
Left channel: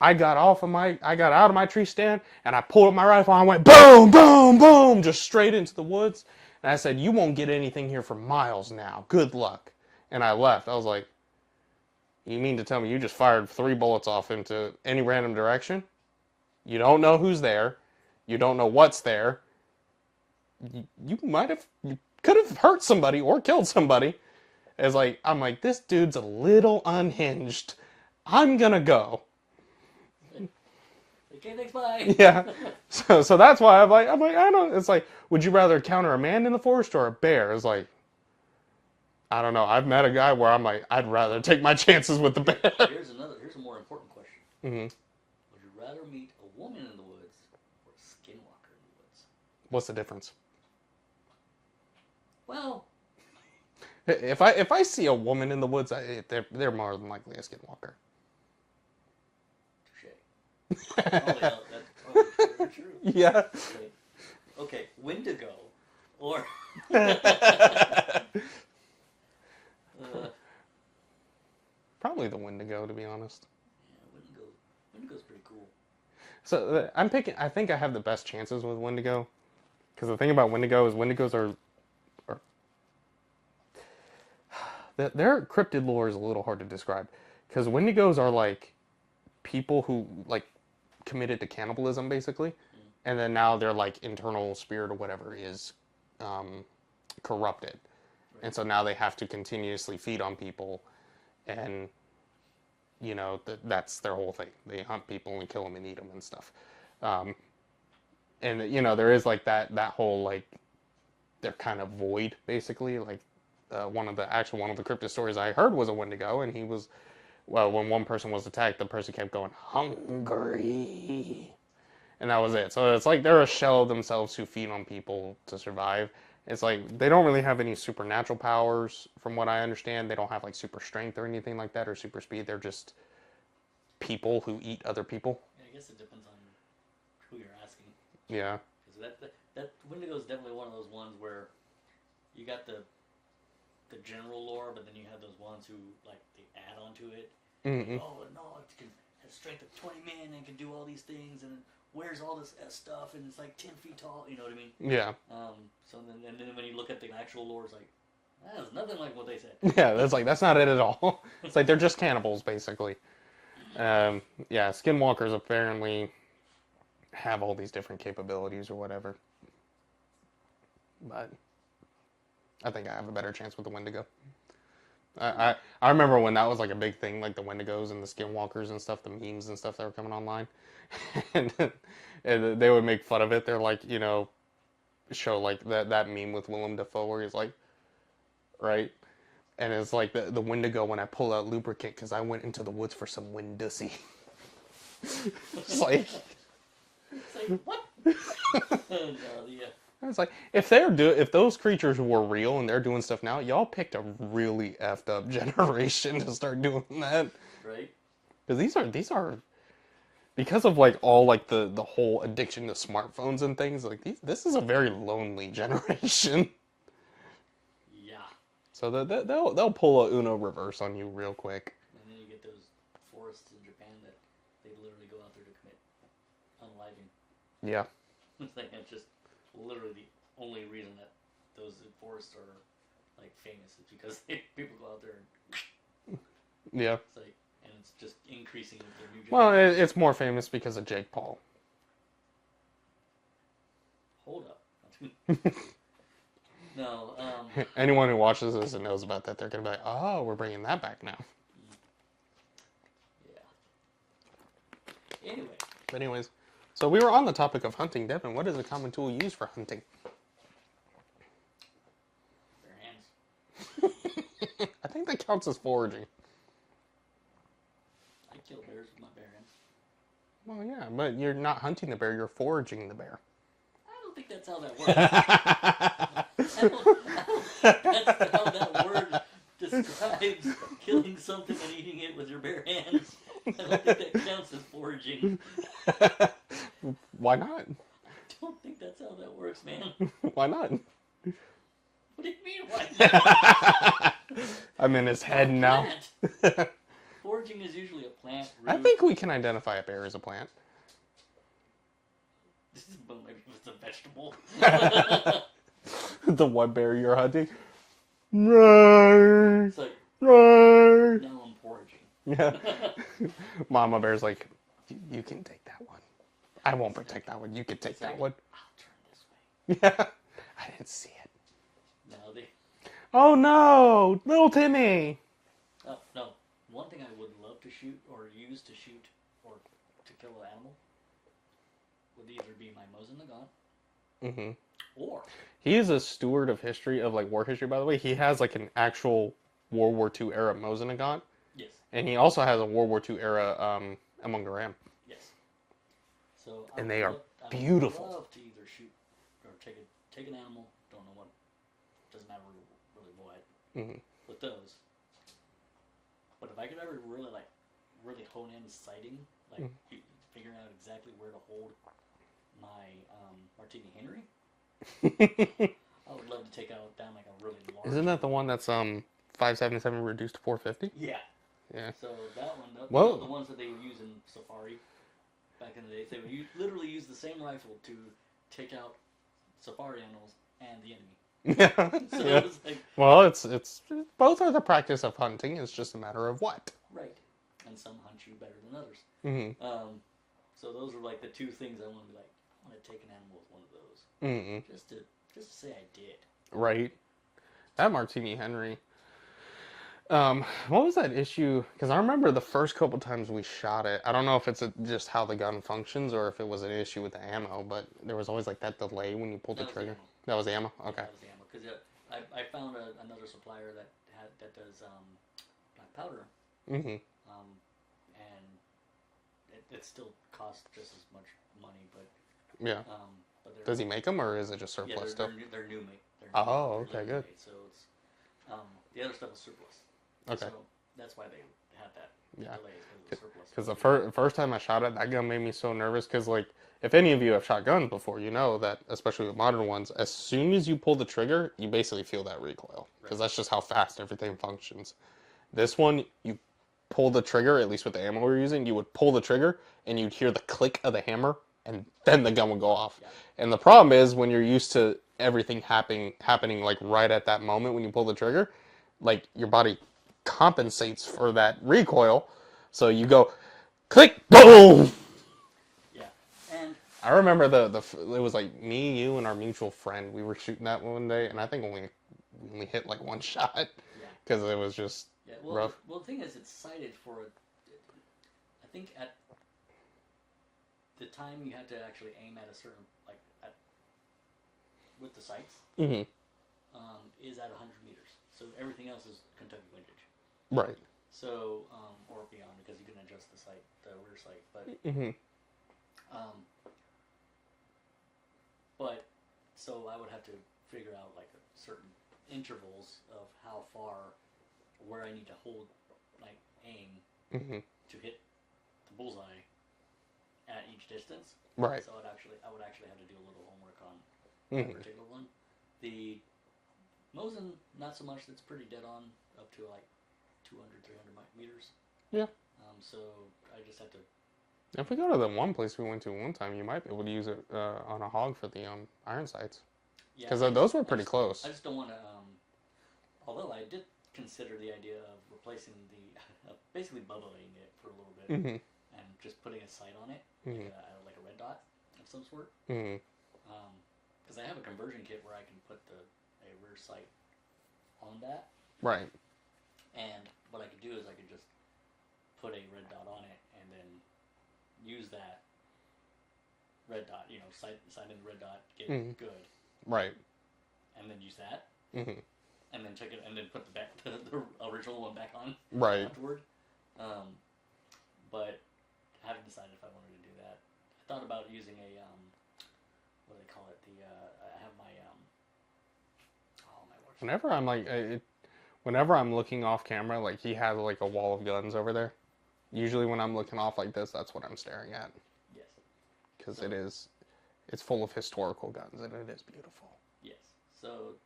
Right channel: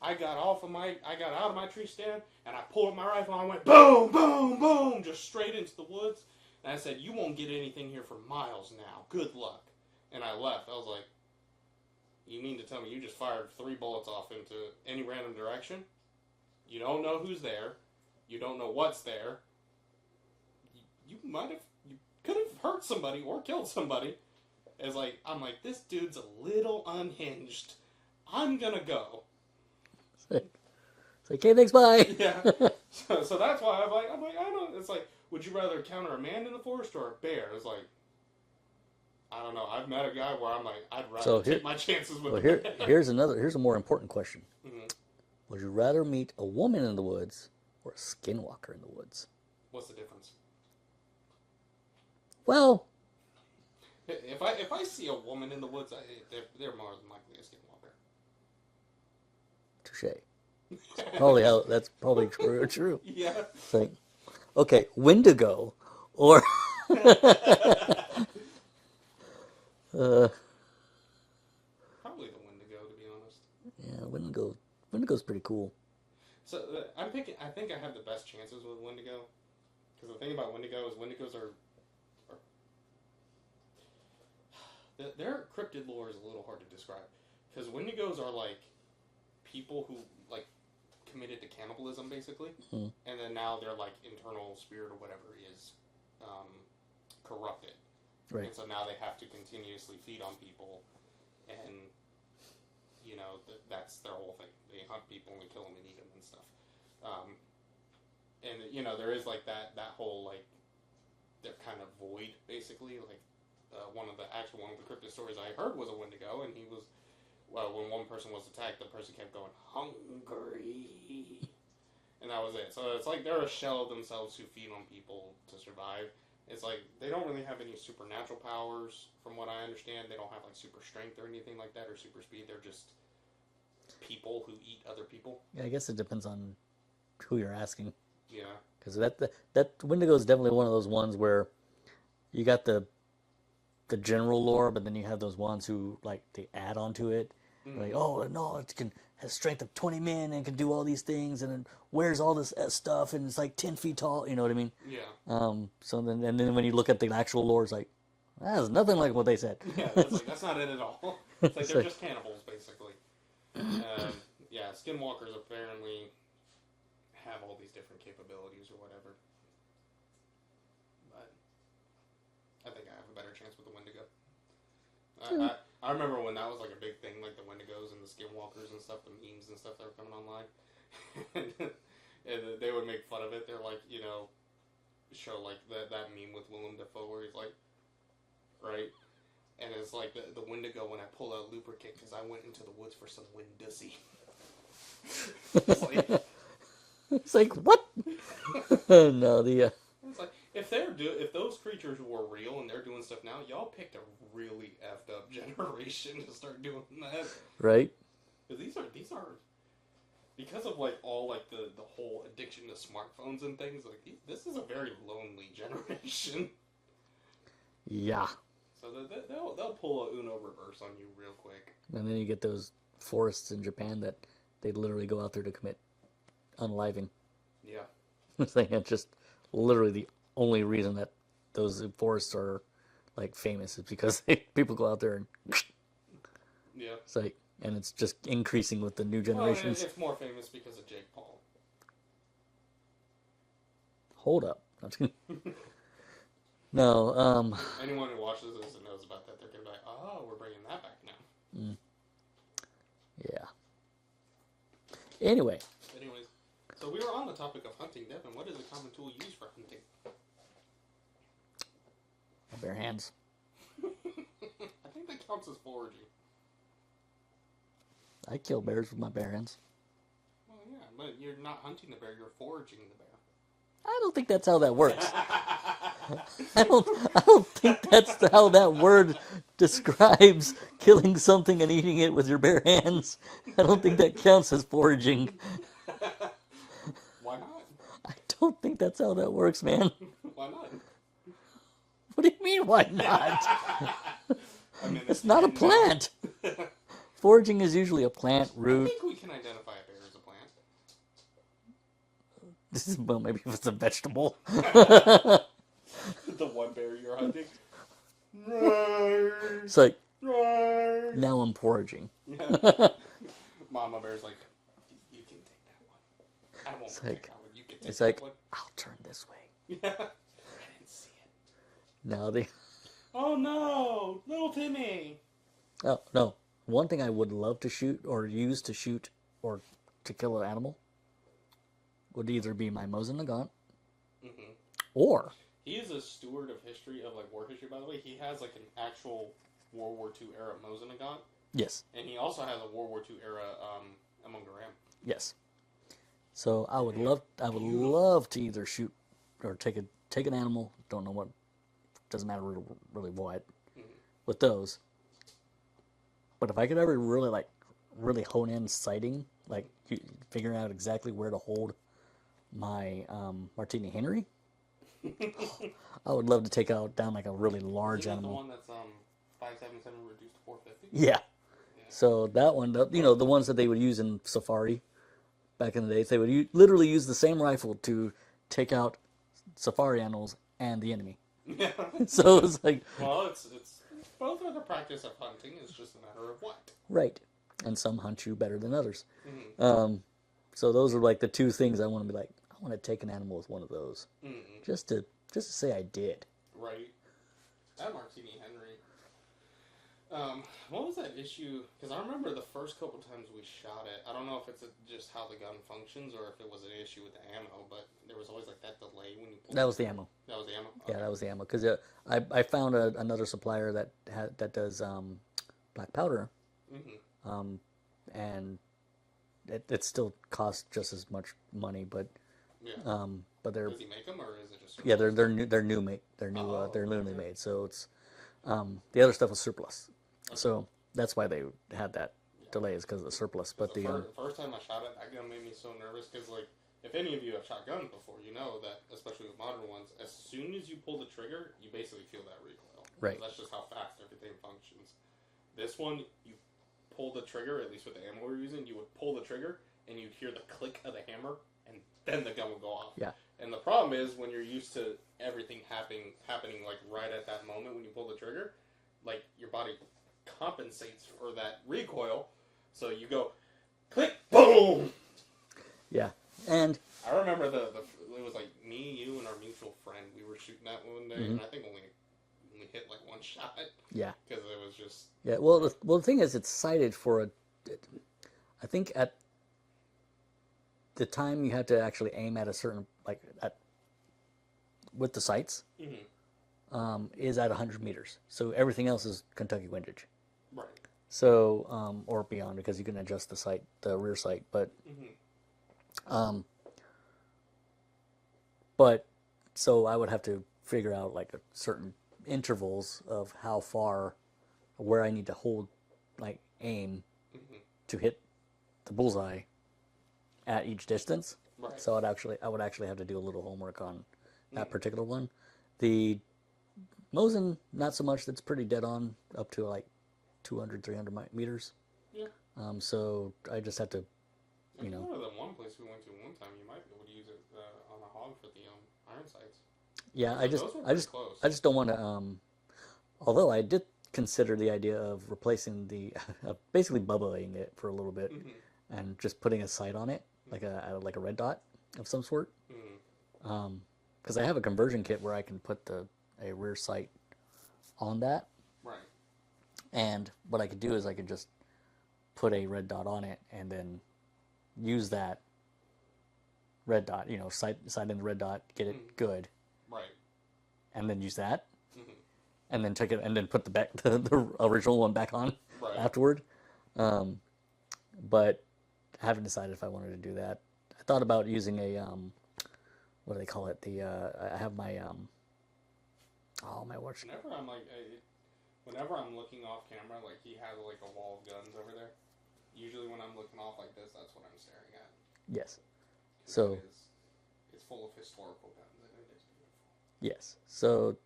I got out of my tree stand, and I pulled up my rifle, and I went boom, boom, boom, just straight into the woods. And I said, you won't get anything here for miles now. Good luck. And I left. I was like, you mean to tell me you just fired 3 bullets off into any random direction? You don't know who's there. You don't know what's there. You could have hurt somebody or killed somebody. I'm like, this dude's a little unhinged. I'm gonna go. It's like, okay, thanks, bye. Yeah. So that's why I'm like, I don't. It's like, would you rather encounter a man in the forest or a bear? It's like, I don't know. I've met a guy where I'm like, I'd rather take my chances with the bear. Here's a more important question. Mm-hmm. Would you rather meet a woman in the woods or a skinwalker in the woods? What's the difference? Well, if I see a woman in the woods, they're more than likely a skinwalker. Touche. Holy hell, that's probably true. Yeah. Okay, Wendigo or probably the Wendigo, to be honest. Yeah, Wendigo's pretty cool. So I think I have the best chances with Wendigo, because the thing about Wendigo is Wendigos are their cryptid lore is a little hard to describe, because Wendigos are like people who like committed to cannibalism basically, and then now their like internal spirit or whatever is corrupted, right. And so now they have to continuously feed on people, and you know that's their whole thing. They hunt people and kill them and eat them and stuff, and you know there is like that whole like they're kind of void basically. Like one of the cryptid stories I heard was a Wendigo, and he was. Well, when one person was attacked, the person kept going, hungry. And that was it. So it's like they're a shell of themselves who feed on people to survive. It's like they don't really have any supernatural powers, from what I understand. They don't have like super strength or anything like that, or super speed. They're just people who eat other people. Yeah, I guess it depends on who you're asking. Yeah. Because that Wendigo is definitely one of those ones where you got the general lore, but then you have those ones who like they add onto it. Mm-hmm. Like, oh no, it has strength of 20 men and can do all these things, and it wears all this stuff, and it's like 10 feet tall. You know what I mean? Yeah. So then when you look at the actual lore, it's like that's nothing like what they said. Yeah, that's not it at all. It's like they're just cannibals basically. Yeah, skinwalkers apparently have all these different capabilities or whatever, but I think I have a better chance with the Wendigo. I remember when that was like a big thing, like the Wendigos and the Skinwalkers and stuff, the memes and stuff that were coming online, and they would make fun of it. They're like, you know, show like that meme with Willem Dafoe where he's like, right, and it's like the Wendigo when I pull out lubricant because I went into the woods for some Windussy. It's like what? No, It's like if those creatures were real and they're doing stuff now, y'all picked a really effed up generation to start doing that, right? Because these are because of like all like the whole addiction to smartphones and things like this is a very lonely generation. Yeah. So they'll pull a Uno reverse on you real quick. And then you get those forests in Japan that they literally go out there to commit unaliving. Yeah. It's just literally the only reason that those forests are like famous is because people go out there and yeah, it's like, and it's just increasing with the new generations. Well, it's more famous because of Jake Paul. Hold up. No. Anyone who watches this and knows about that, they're gonna be like, "Oh, we're bringing that back now." Yeah. Anyways, so we were on the topic of hunting, Devin. What is a common tool used for hunting? Bare hands. I think that counts as foraging. I kill bears with my bare hands. Well, yeah, but you're not hunting the bear, you're foraging the bear. I don't think that's how that works. I don't think that's how that word describes killing something and eating it with your bare hands. I don't think that counts as foraging. Why not? I don't think that's how that works, man. Why not? What do you mean, why not? I'm in his It's not a head now. plant. Foraging is usually a plant, I root. think we can identify a bear as a plant. Well, maybe if it's a vegetable. The one bear you're hunting. Right. It's like, Right. now I'm foraging. Yeah. Mama bear's like, you can take that one. I won't protect that one. You can take It's that like, one. I'll turn this way. Yeah. I didn't see it. Now they... Oh no, little Timmy. Oh, no. One thing I would love to shoot or use to shoot or to kill an animal would either be my Mosin Nagant or... He is a steward of history, of like war history, by the way. He has like an actual World War II era Mosin Nagant. Yes. And he also has a World War II era Among the Ram. Yes. So I And they would are love, love to either shoot or take an animal. Don't know what. Doesn't matter really what with those. But if I could ever really hone in sighting, like figuring out exactly where to hold my Martini Henry, I would love to take down like a really large. Isn't that the animal. one that's 577 reduced to 450? Yeah. Yeah. So that one, you know, the ones that they would use in Safari back in the days, they would literally use the same rifle to take out Safari animals and the enemy. Yeah. So it's like, well, it's both are the practice of hunting. It's just a matter of what. right. And some hunt you better than others. So those are like the two things I want to be like, I want to take an animal with one of those. Just to say I did. Right. That Martini Henry. What was that issue? Because I remember the first couple times we shot it. I don't know if it's just how the gun functions or if it was an issue with the ammo, but there was always like that delay when you pulled the trigger. That was the ammo. That was the ammo? Okay. Yeah, that was the ammo. Because I found another supplier that does black powder. And it still costs just as much money, but yeah. But does he make them or is it just surplus? Yeah, they're new made. They're newly made. So it's the other stuff was surplus. Okay. So that's why they had that delay, is because of the surplus. Because the first time I shot it, that gun made me so nervous. Because like, if any of you have shot guns before, you know that, especially with modern ones, as soon as you pull the trigger, you basically feel that recoil. Because that's just how fast everything functions. This one, you pull the trigger, at least with the ammo we're using, you would pull the trigger and you'd hear the click of the hammer, and then the gun would go off. Yeah. And the problem is when you're used to everything happening like right at that moment when you pull the trigger, like your body compensates for that recoil, so you go click, boom. Yeah. And I remember it was like me, you, and our mutual friend. We were shooting that one day, and I think only hit like one shot. Yeah. Because it was just well, the thing is, it's sighted for I think at the time you had to actually aim at a certain with the sights. Is at 100 meters. So everything else is Kentucky windage. Right. So, or beyond, because you can adjust the sight, the rear sight. But, so I would have to figure out like a certain intervals of how far, where I need to hold, like aim to hit the bullseye at each distance. Right. So I would actually have to do a little homework on that particular one. The Mosin, not so much. That's pretty dead on up to like 200, 300 meters. Yeah. So I just have to. If we go to the one place we went to one time, you might be able to use it on a hog for the iron sights. Yeah. Because those were pretty close. I just don't want to. Although I did consider the idea of replacing basically bubbling it for a little bit and just putting a sight on it, like a red dot of some sort. Because I have a conversion kit where I can put a rear sight on that. Right. And what I could do is I could just put a red dot on it and then use that red dot, sight in the red dot, get it good. Right. And then use that. And then take it and then put the original one back on afterward. But I haven't decided if I wanted to do that. I thought about using what do they call it? I have my oh my watch. Whenever I'm like, whenever I'm looking off camera, like he has like a wall of guns over there. Usually when I'm looking off like this, that's what I'm staring at. Yes. Because So- it's full of historical guns and it is beautiful. Yes. So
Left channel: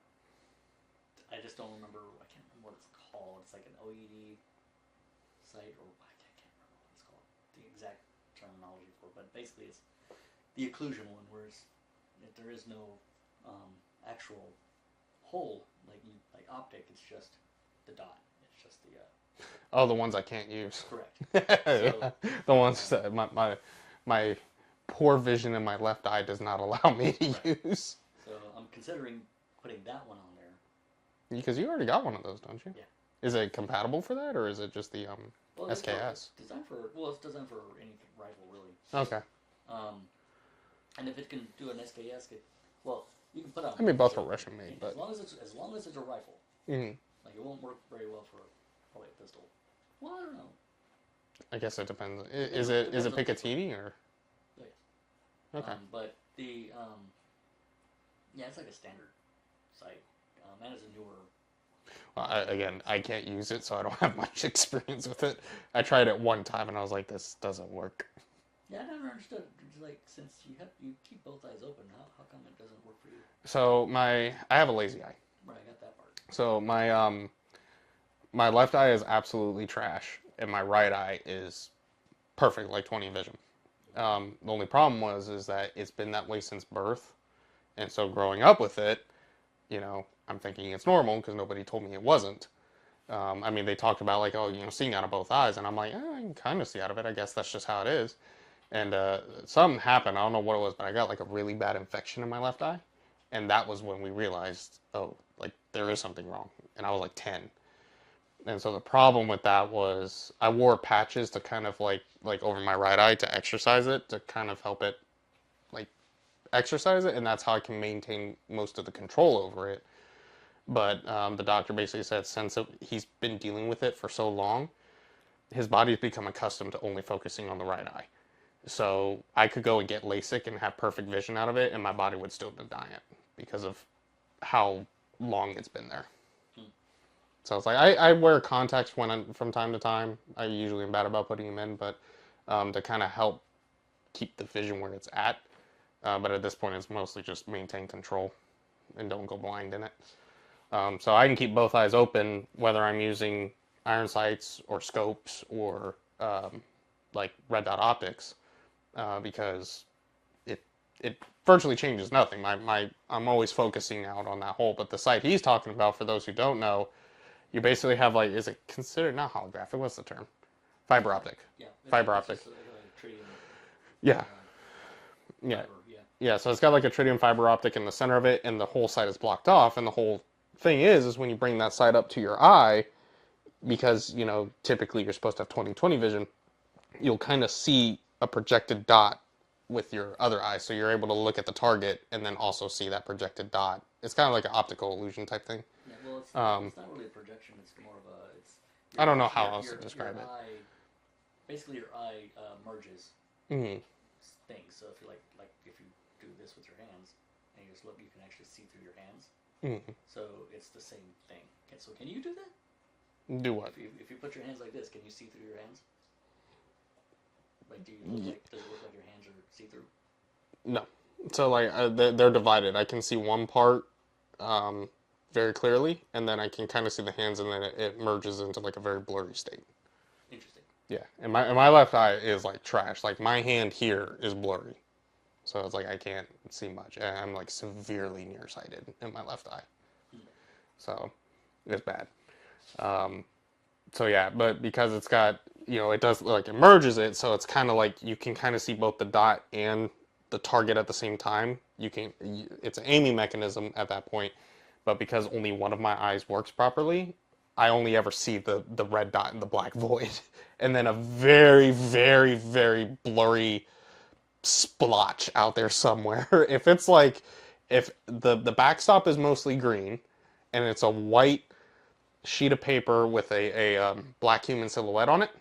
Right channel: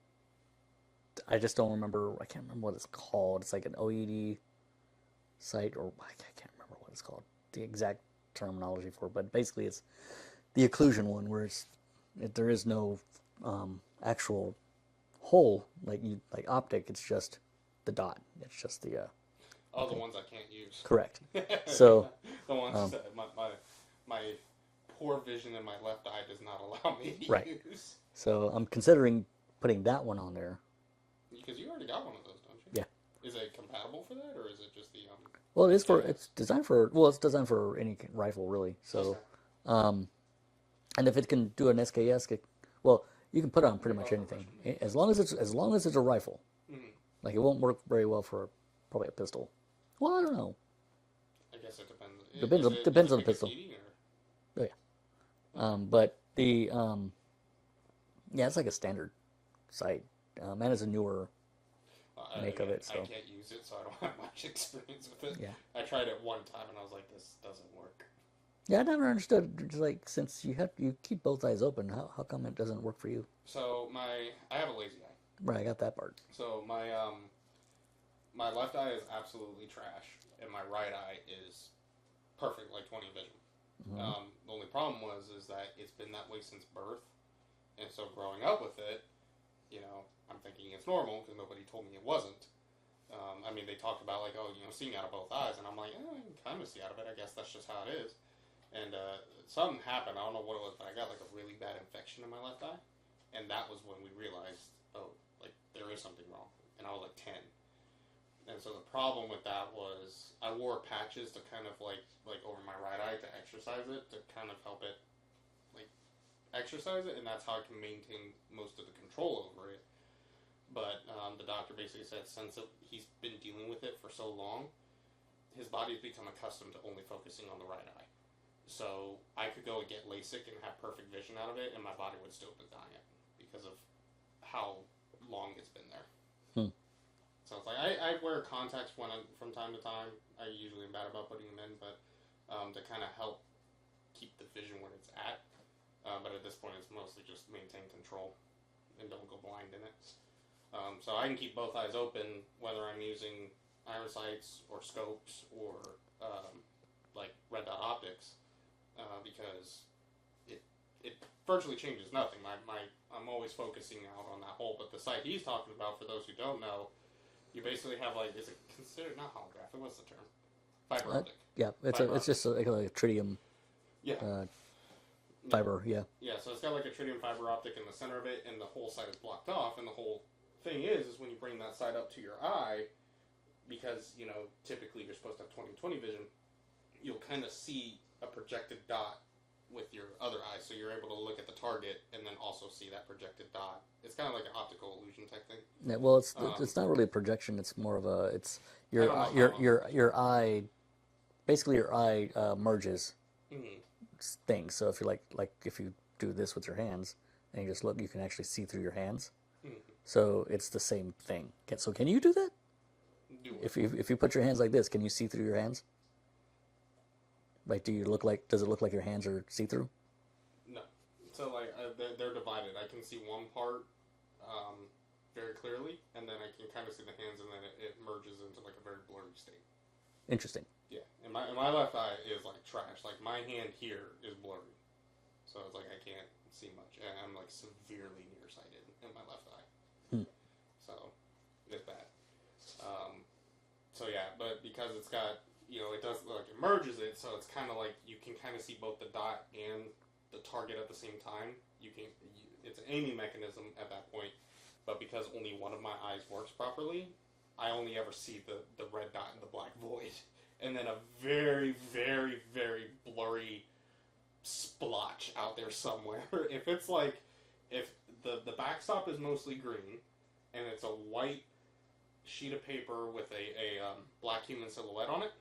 I just don't remember. I can't remember what it's called. It's like an OED site, or I can't remember what it's called. The exact terminology for it, but basically it's the occlusion one, where there is no actual hole like optic. It's just the dot. It's just the Oh, the ones I can't use. correct. So the ones that my poor vision in my left eye does not allow me to Right. use. so I'm considering putting that one on there. Because you already got one of those, don't you? Yeah. Is it compatible for that, or is it just the Well, it is for SKS? it's designed for it's designed for any rifle really. So Okay. and if it can do an SKS, well, you can put it on pretty both much are anything. Russian made, as long as it's a rifle. Mhm. Like it won't work very well for probably a pistol. Well, I don't know. I guess it depends. Depends Is it on the pistol. Picatinny or? Oh, yeah. Okay. But the yeah, it's like a standard sight. And it's a newer. Well, Make again, it, I so- can't use it, so I don't have much experience with it. Yeah. I tried it one time, and I was like, "This doesn't work." Yeah, I never understood. Just like since you keep both eyes open, how come it doesn't work for you? So I have a lazy eye. Right, I got that part. So my left eye is absolutely trash, and my right eye is perfect, like 20 vision. The only problem is that it's been that way since birth, and so growing up with it, I'm thinking it's normal because nobody told me it wasn't. I mean, they talked about like, oh, seeing out of both eyes, and I'm like, I can kind of see out of it. I guess that's just how it is. And something happened. I don't know what it was, but I got like a really bad infection in my left eye, and that was when we realized, oh, like there is something wrong. And I was like 10. And so the problem with that was I wore patches to kind of like over my right eye to exercise it, to kind of help it like exercise it, and that's how I can maintain most of the control over it. But the doctor basically said since he's been dealing with it for so long, his body's become accustomed to only focusing on the right eye. So I could go and get LASIK and have perfect vision out of it, and my body would still deny it because of how long it's been there. So it's like I wear contacts from time to time. I usually am bad about putting them in, but to kind of help keep the vision where it's at. But at this point, it's mostly just maintain control and don't go blind in it. So I can keep both eyes open, whether I'm using iron sights or scopes or like red dot optics, because it virtually changes nothing. I'm always focusing out on that hole. But the sight he's talking about, for those who don't know, you basically have like, is it considered not holographic? What's the term? Fiber optic. Yeah, it's just like a tritium Yeah. fiber. Yeah. Yeah, so it's got like a tritium fiber optic in the center of it, and the whole side is blocked off. And the whole thing is when you bring that side up to your eye, because typically you're supposed to have 20/20 vision, you'll kind of see a projected dot with your other eye, so you're able to look at the target and then also see that projected dot. It's kind of like an optical illusion type thing. Yeah. Well, it's not really a projection. It's more of a I don't know how else to your describe it. eye, basically your eye merges Mm-hmm. things. So if you like if you do this with your hands and you just look, you can actually see through your hands. Mm-hmm. So it's the same thing. So can you do that? Do what? If you put your hands like this, can you see through your hands? Like, does it look like your hands are see through? No. So like they're divided. I can see one part very clearly, and then I can kind of see the hands, and then it merges into like a very blurry state. Interesting. Yeah, and my left eye is like trash. Like my hand here is blurry, so it's like I can't see much. And I'm like severely nearsighted in my left eye, so it's bad. So yeah, but because it's got it does like it merges it, so it's kind of like you can kind of see both the dot and the target at the same time. It's an aiming mechanism at that point, but because only one of my eyes works properly, I only ever see the red dot and the black void, and then a very, very, very blurry splotch out there somewhere. If the backstop is mostly green, and it's a white sheet of paper with a black human silhouette on it,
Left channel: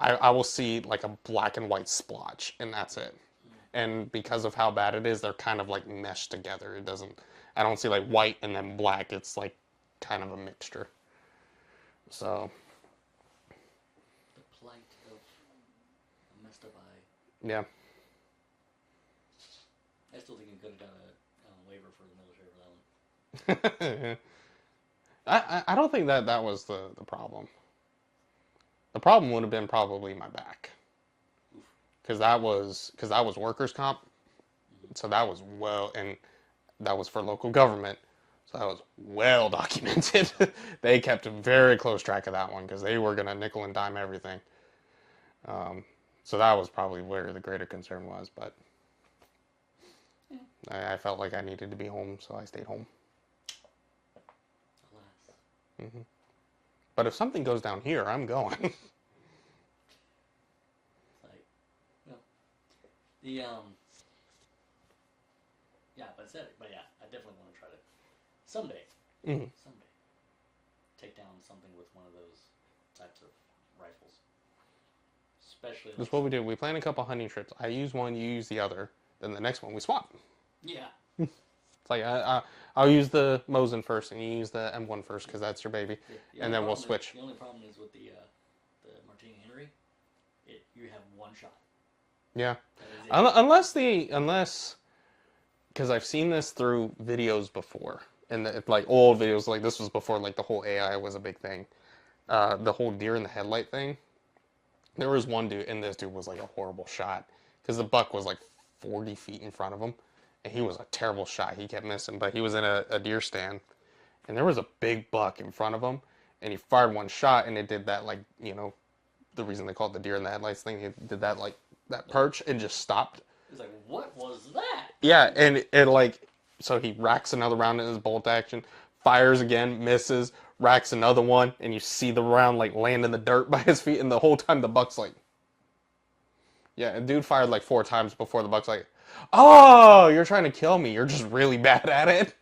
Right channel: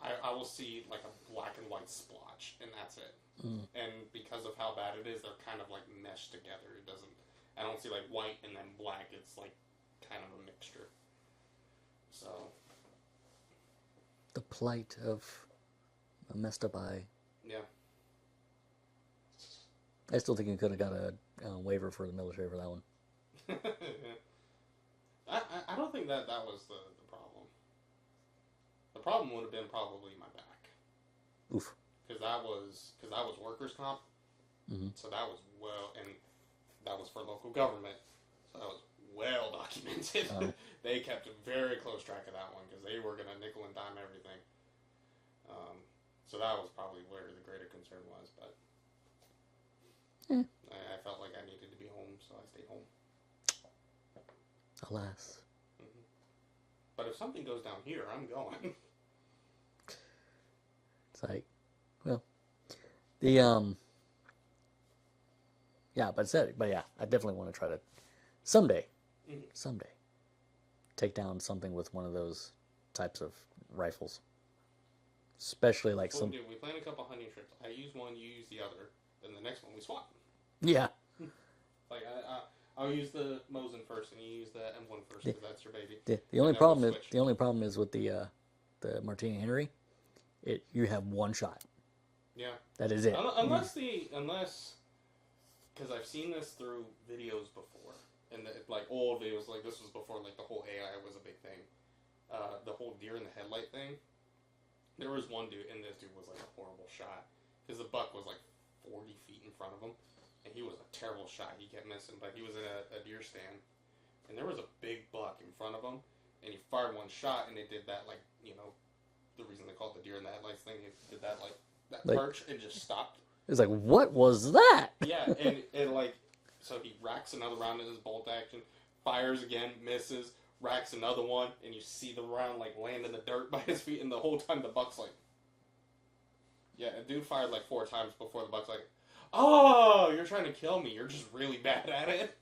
I will see like a black and white splotch, and that's it. And because of how bad it is, they're kind of like meshed together. It doesn't. I don't see like white and then black. It's like kind of a mixture. So. The plight of a messed up eye. Yeah. I still think you could have got a waiver for the military for that one. I don't think that was the problem. The problem would have been probably my back. Oof. Because that was workers' comp. So that was and that was for local government. So that was well documented. They kept a very close track of that one because they were going to nickel and dime everything. So that was probably where the greater concern was. But I felt like I needed to be home, so I stayed home. Alas. But if something goes down here, I'm going. It's like, well, the yeah, but yeah, I definitely want to try to someday take down something with one of those types of rifles. Especially like That's what we do. We plan a couple hunting trips. I use one, you use the other. Then the next one we swap. Yeah. It's like I'll use the Mosin first, and you use the M1 first because that's your baby. The and only then problem we'll switch. The only problem is with the Martini Henry, you have one shot. Yeah. That is it. Unless because I've seen this through videos before, and like old videos, like this was before like the whole AI was a big thing. The whole deer in the headlight thing. There was one dude, and this dude was like a horrible shot because the buck was like 40 feet in front of him, and he was a terrible shot. He kept missing, but he was in a deer stand, and there was a big buck in front of him, and he fired one shot, and it did that like, the reason they call it the deer in the headlights thing, it did that like perch and just stopped. It's like, what was that? Yeah, and it like, so he racks another round in his bolt action, fires again, misses, racks another one, and you see the round like land in the dirt by his feet, and the whole time the buck's like, yeah, a dude fired like 4 times before the buck's like, oh, you're trying to kill me, you're just really bad at it.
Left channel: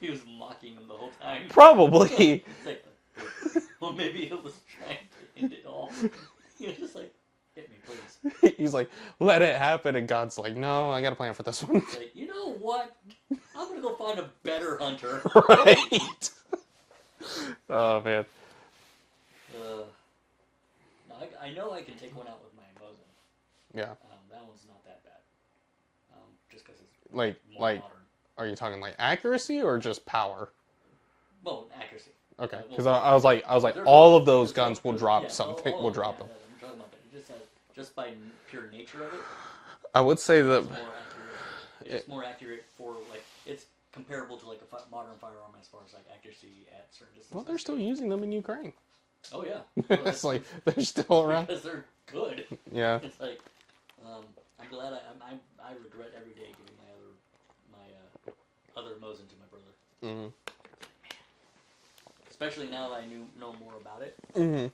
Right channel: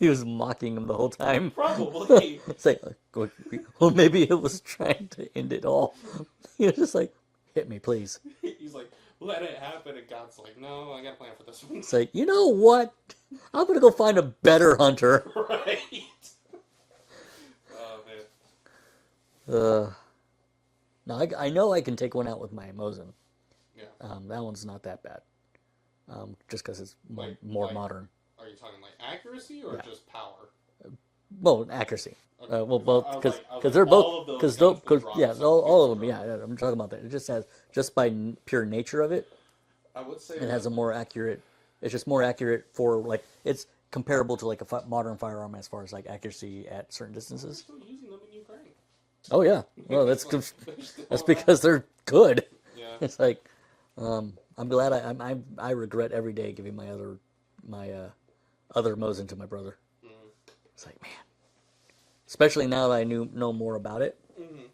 He was mocking him the whole time. Probably. It's like, well, maybe it was trying to end it all. He was just like, hit me, please. He's like, let it happen, and God's like, no, I got a plan for this one. It's like, you know what? I'm gonna go find a better hunter. Right. Oh man. No, I know I can take one out with my Mosin. Yeah. That one's not that bad. Just because it's more modern. Are you talking like accuracy or just power? Well, accuracy. Okay. I well, was like, they're all both- of those guns will drop yeah, something. all will of them, drop. yeah, I'm talking about that. It just has, just by pure nature of it, I would say it that has a more accurate. It's just more accurate for like it's comparable to like a modern firearm as far as like accuracy at certain distances. they're still using them in Ukraine. Oh yeah, well, that's like, they're still that's around. because they're good. Yeah. It's like, I'm glad I regret every day giving my other Mosin to my brother. Mm-hmm. It's like, man, especially now that I know more about it. Mm-hmm.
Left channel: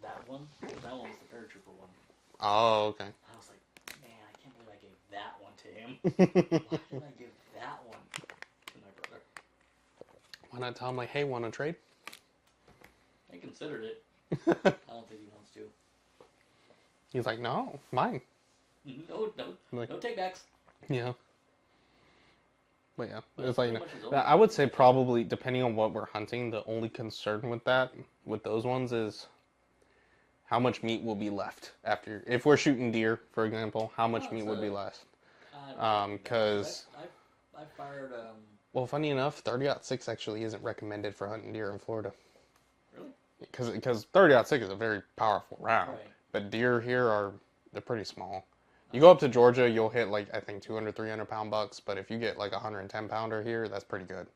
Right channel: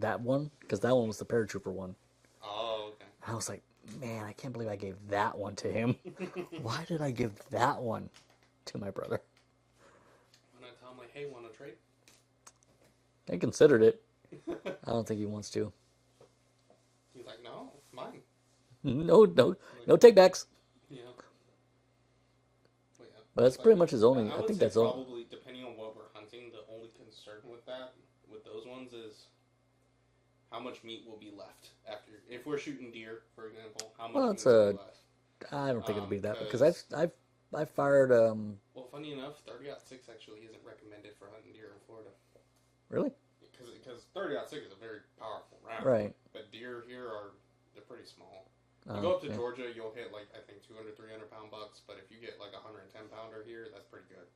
That one, because that one was the paratrooper one. Oh, okay. I was like, man, I can't believe I gave that one to him. Why did I give that one to my brother? Why not tell him like, hey, want to trade? I considered it. I don't think he wants to. He's like, no, mine. No takebacks. Yeah. But yeah, But that's pretty much his only. I would say that's probably depending on what we're hunting, the only concern with those ones is how much meat will be left after. If we're shooting deer, for example, how much meat will be left? I don't think it'd be that because I fired. Well, funny enough, 30-06 actually isn't recommended for hunting deer in Florida. Really? Because 30-06 is a very powerful round. Right. But deer here they're pretty small. You go up to Georgia, you'll hit like I think 200, 300 pound bucks. But if you get like a 110 pounder here, that's pretty good.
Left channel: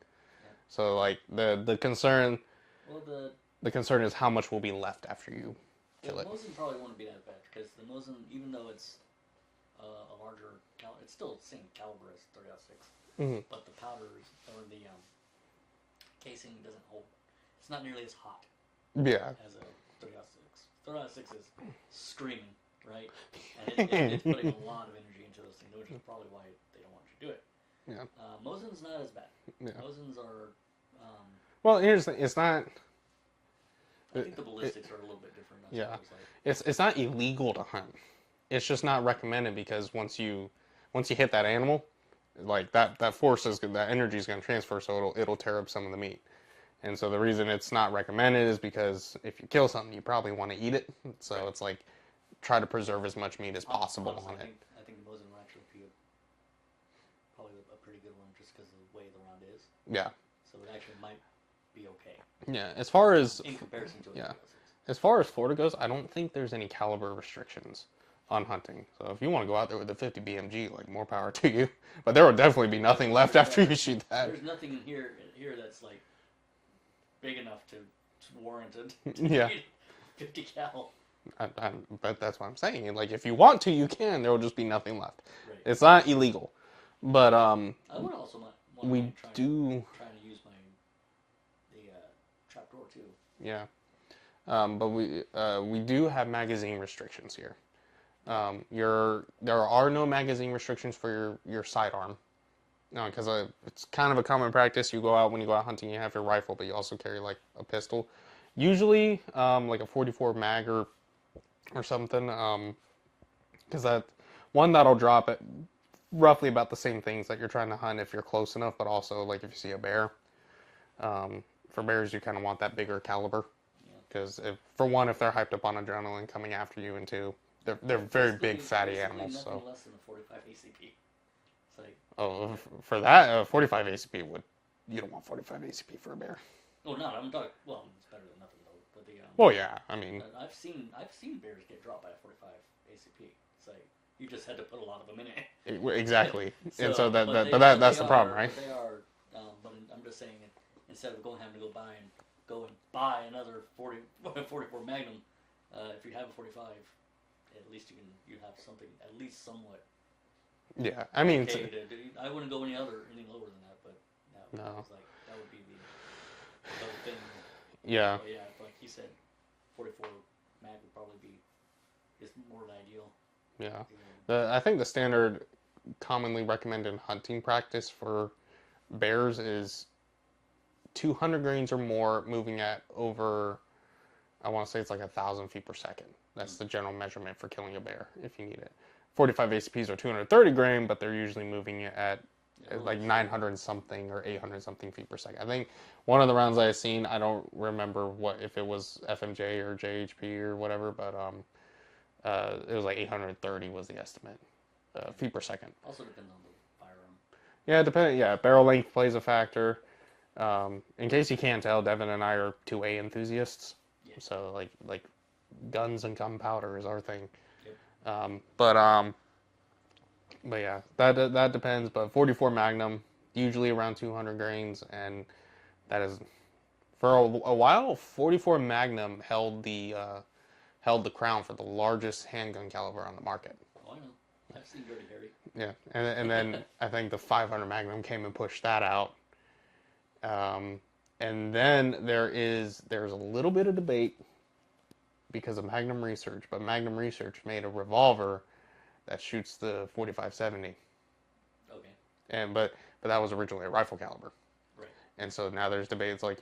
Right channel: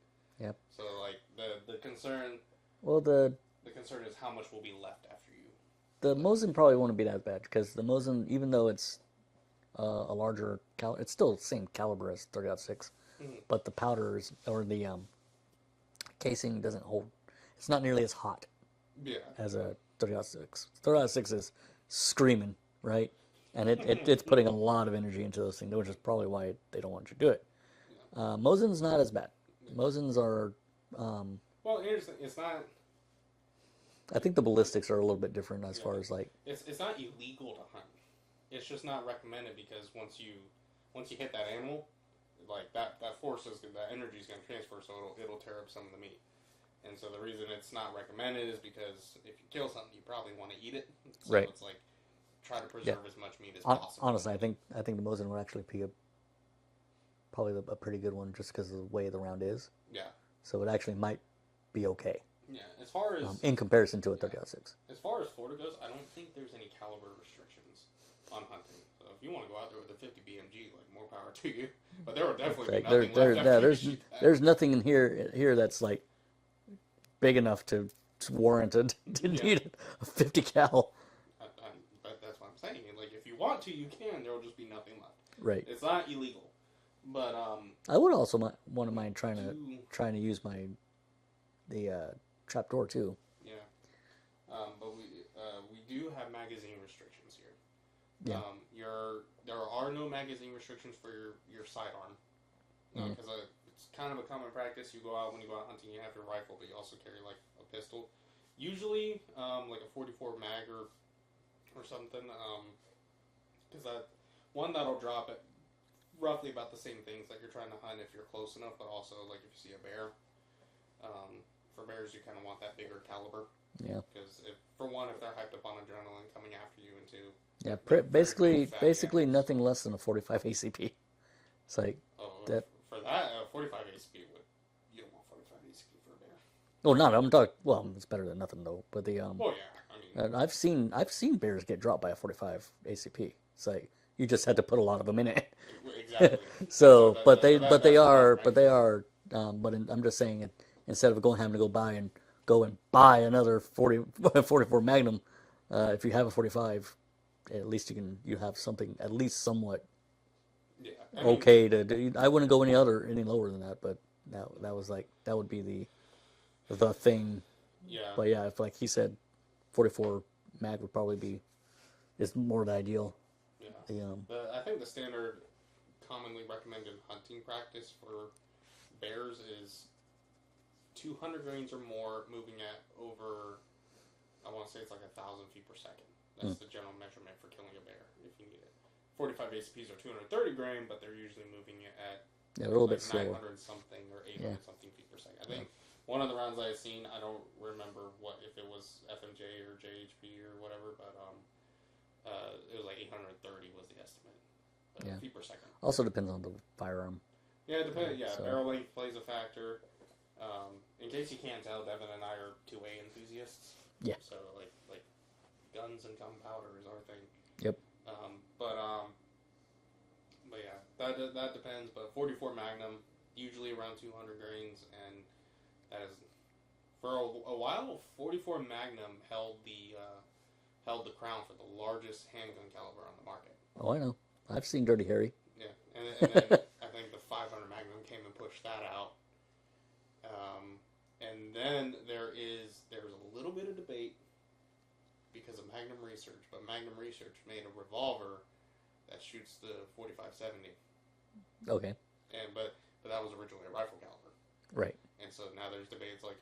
Yeah. So like the concern. Well, the concern is how much will be left after you. The Mosin probably won't be that bad because the Mosin, even though it's a larger caliber, it's still the same caliber as 30-06, but the powders or the casing doesn't hold. It's not nearly as hot. Yeah. As a 30-06. 30-06 is screaming, right? And it's putting a lot of energy into those things, which is probably why they don't want you to do it. Yeah. Mosin's not as bad. Yeah. Mosins are. Well, here's the thing. It's not. I think the ballistics are a little bit different as far as like it's not illegal to hunt. It's just not recommended because once you hit that animal, like that force is that energy is going to transfer, so it'll tear up some of the meat. And so the reason it's not recommended is because if you kill something, you probably want to eat it. So it's like try to preserve as much meat as possible. Honestly, I think the Mosin would actually be probably a pretty good one just because of the way the round is. Yeah. So it actually might be okay. Yeah. As far as in comparison to a .6. As far as Florida goes, I don't think there's any caliber restrictions on hunting. So if you want to go out there with a 50 BMG, like more power to you. But there will definitely be nothing left after you shoot that. There's nothing in here that's like big enough to warrant to need a 50 cal. But that's what I'm saying. Like if you want to, you can. There will just be nothing left. Right. It's not illegal. But I would also want to mind trying to use the trapdoor too. Yeah. But we do have magazine restrictions here. Yeah. There are no magazine restrictions for your sidearm. Because it's kind of a common practice. You go out when you go out hunting, you have your rifle, but you also carry like a pistol. Usually, like a 44 mag or something. Because that'll drop at roughly about the same things that you're trying to hunt if you're close enough, but also like if you see a bear. For bears, you kind of want that bigger caliber. Yeah. Because if they're hyped up on adrenaline coming after you, and two, they're very big, fatty basically animals, nothing less than a 45 ACP. It's like for that 45 ACP you don't want 45 ACP for a bear. Oh, not I'm talking. Well, it's better than nothing though. But the well, yeah, I mean, I've seen bears get dropped by a 45 ACP. It's like you just had to put a lot of them in it. Exactly. I'm just saying, instead of having to go and buy another 44 Magnum, if you have a 45, at least you have something at least somewhat. Yeah, I mean, I wouldn't go any lower than that, but that would be the thing. Yeah. But yeah, if like he said, 44 mag would probably is more the ideal. Yeah. I think the standard commonly recommended hunting practice for bears is 200 grains or more, moving at over, I want to say it's like 1,000 feet per second. That's the general measurement for killing a bear if you need it. 45 ACPs are 230 grain, but they're usually moving at like 900 something or 800 something feet per second. I think one of the rounds I've seen, I don't remember if it was FMJ or JHP or whatever, but it was like 830 was the estimate feet per second. Also depends on the firearm. Yeah, barrel length plays a factor. In case you can't tell, Devin and I are 2A enthusiasts. Yeah. So like guns and gunpowder is our thing. Yep. But yeah, that depends. But 44 Magnum, usually around 200 grains, and that is for a while. 44 Magnum held the crown for the largest handgun caliber on the market. Oh, I know. I've seen Dirty Harry. Yeah, and then I think the 500 Magnum came and pushed that out. And then there's a little bit of debate because of Magnum Research, but Magnum Research made a revolver that shoots the 45-70. Okay. But that was originally a rifle caliber. Right. And so now there's debates like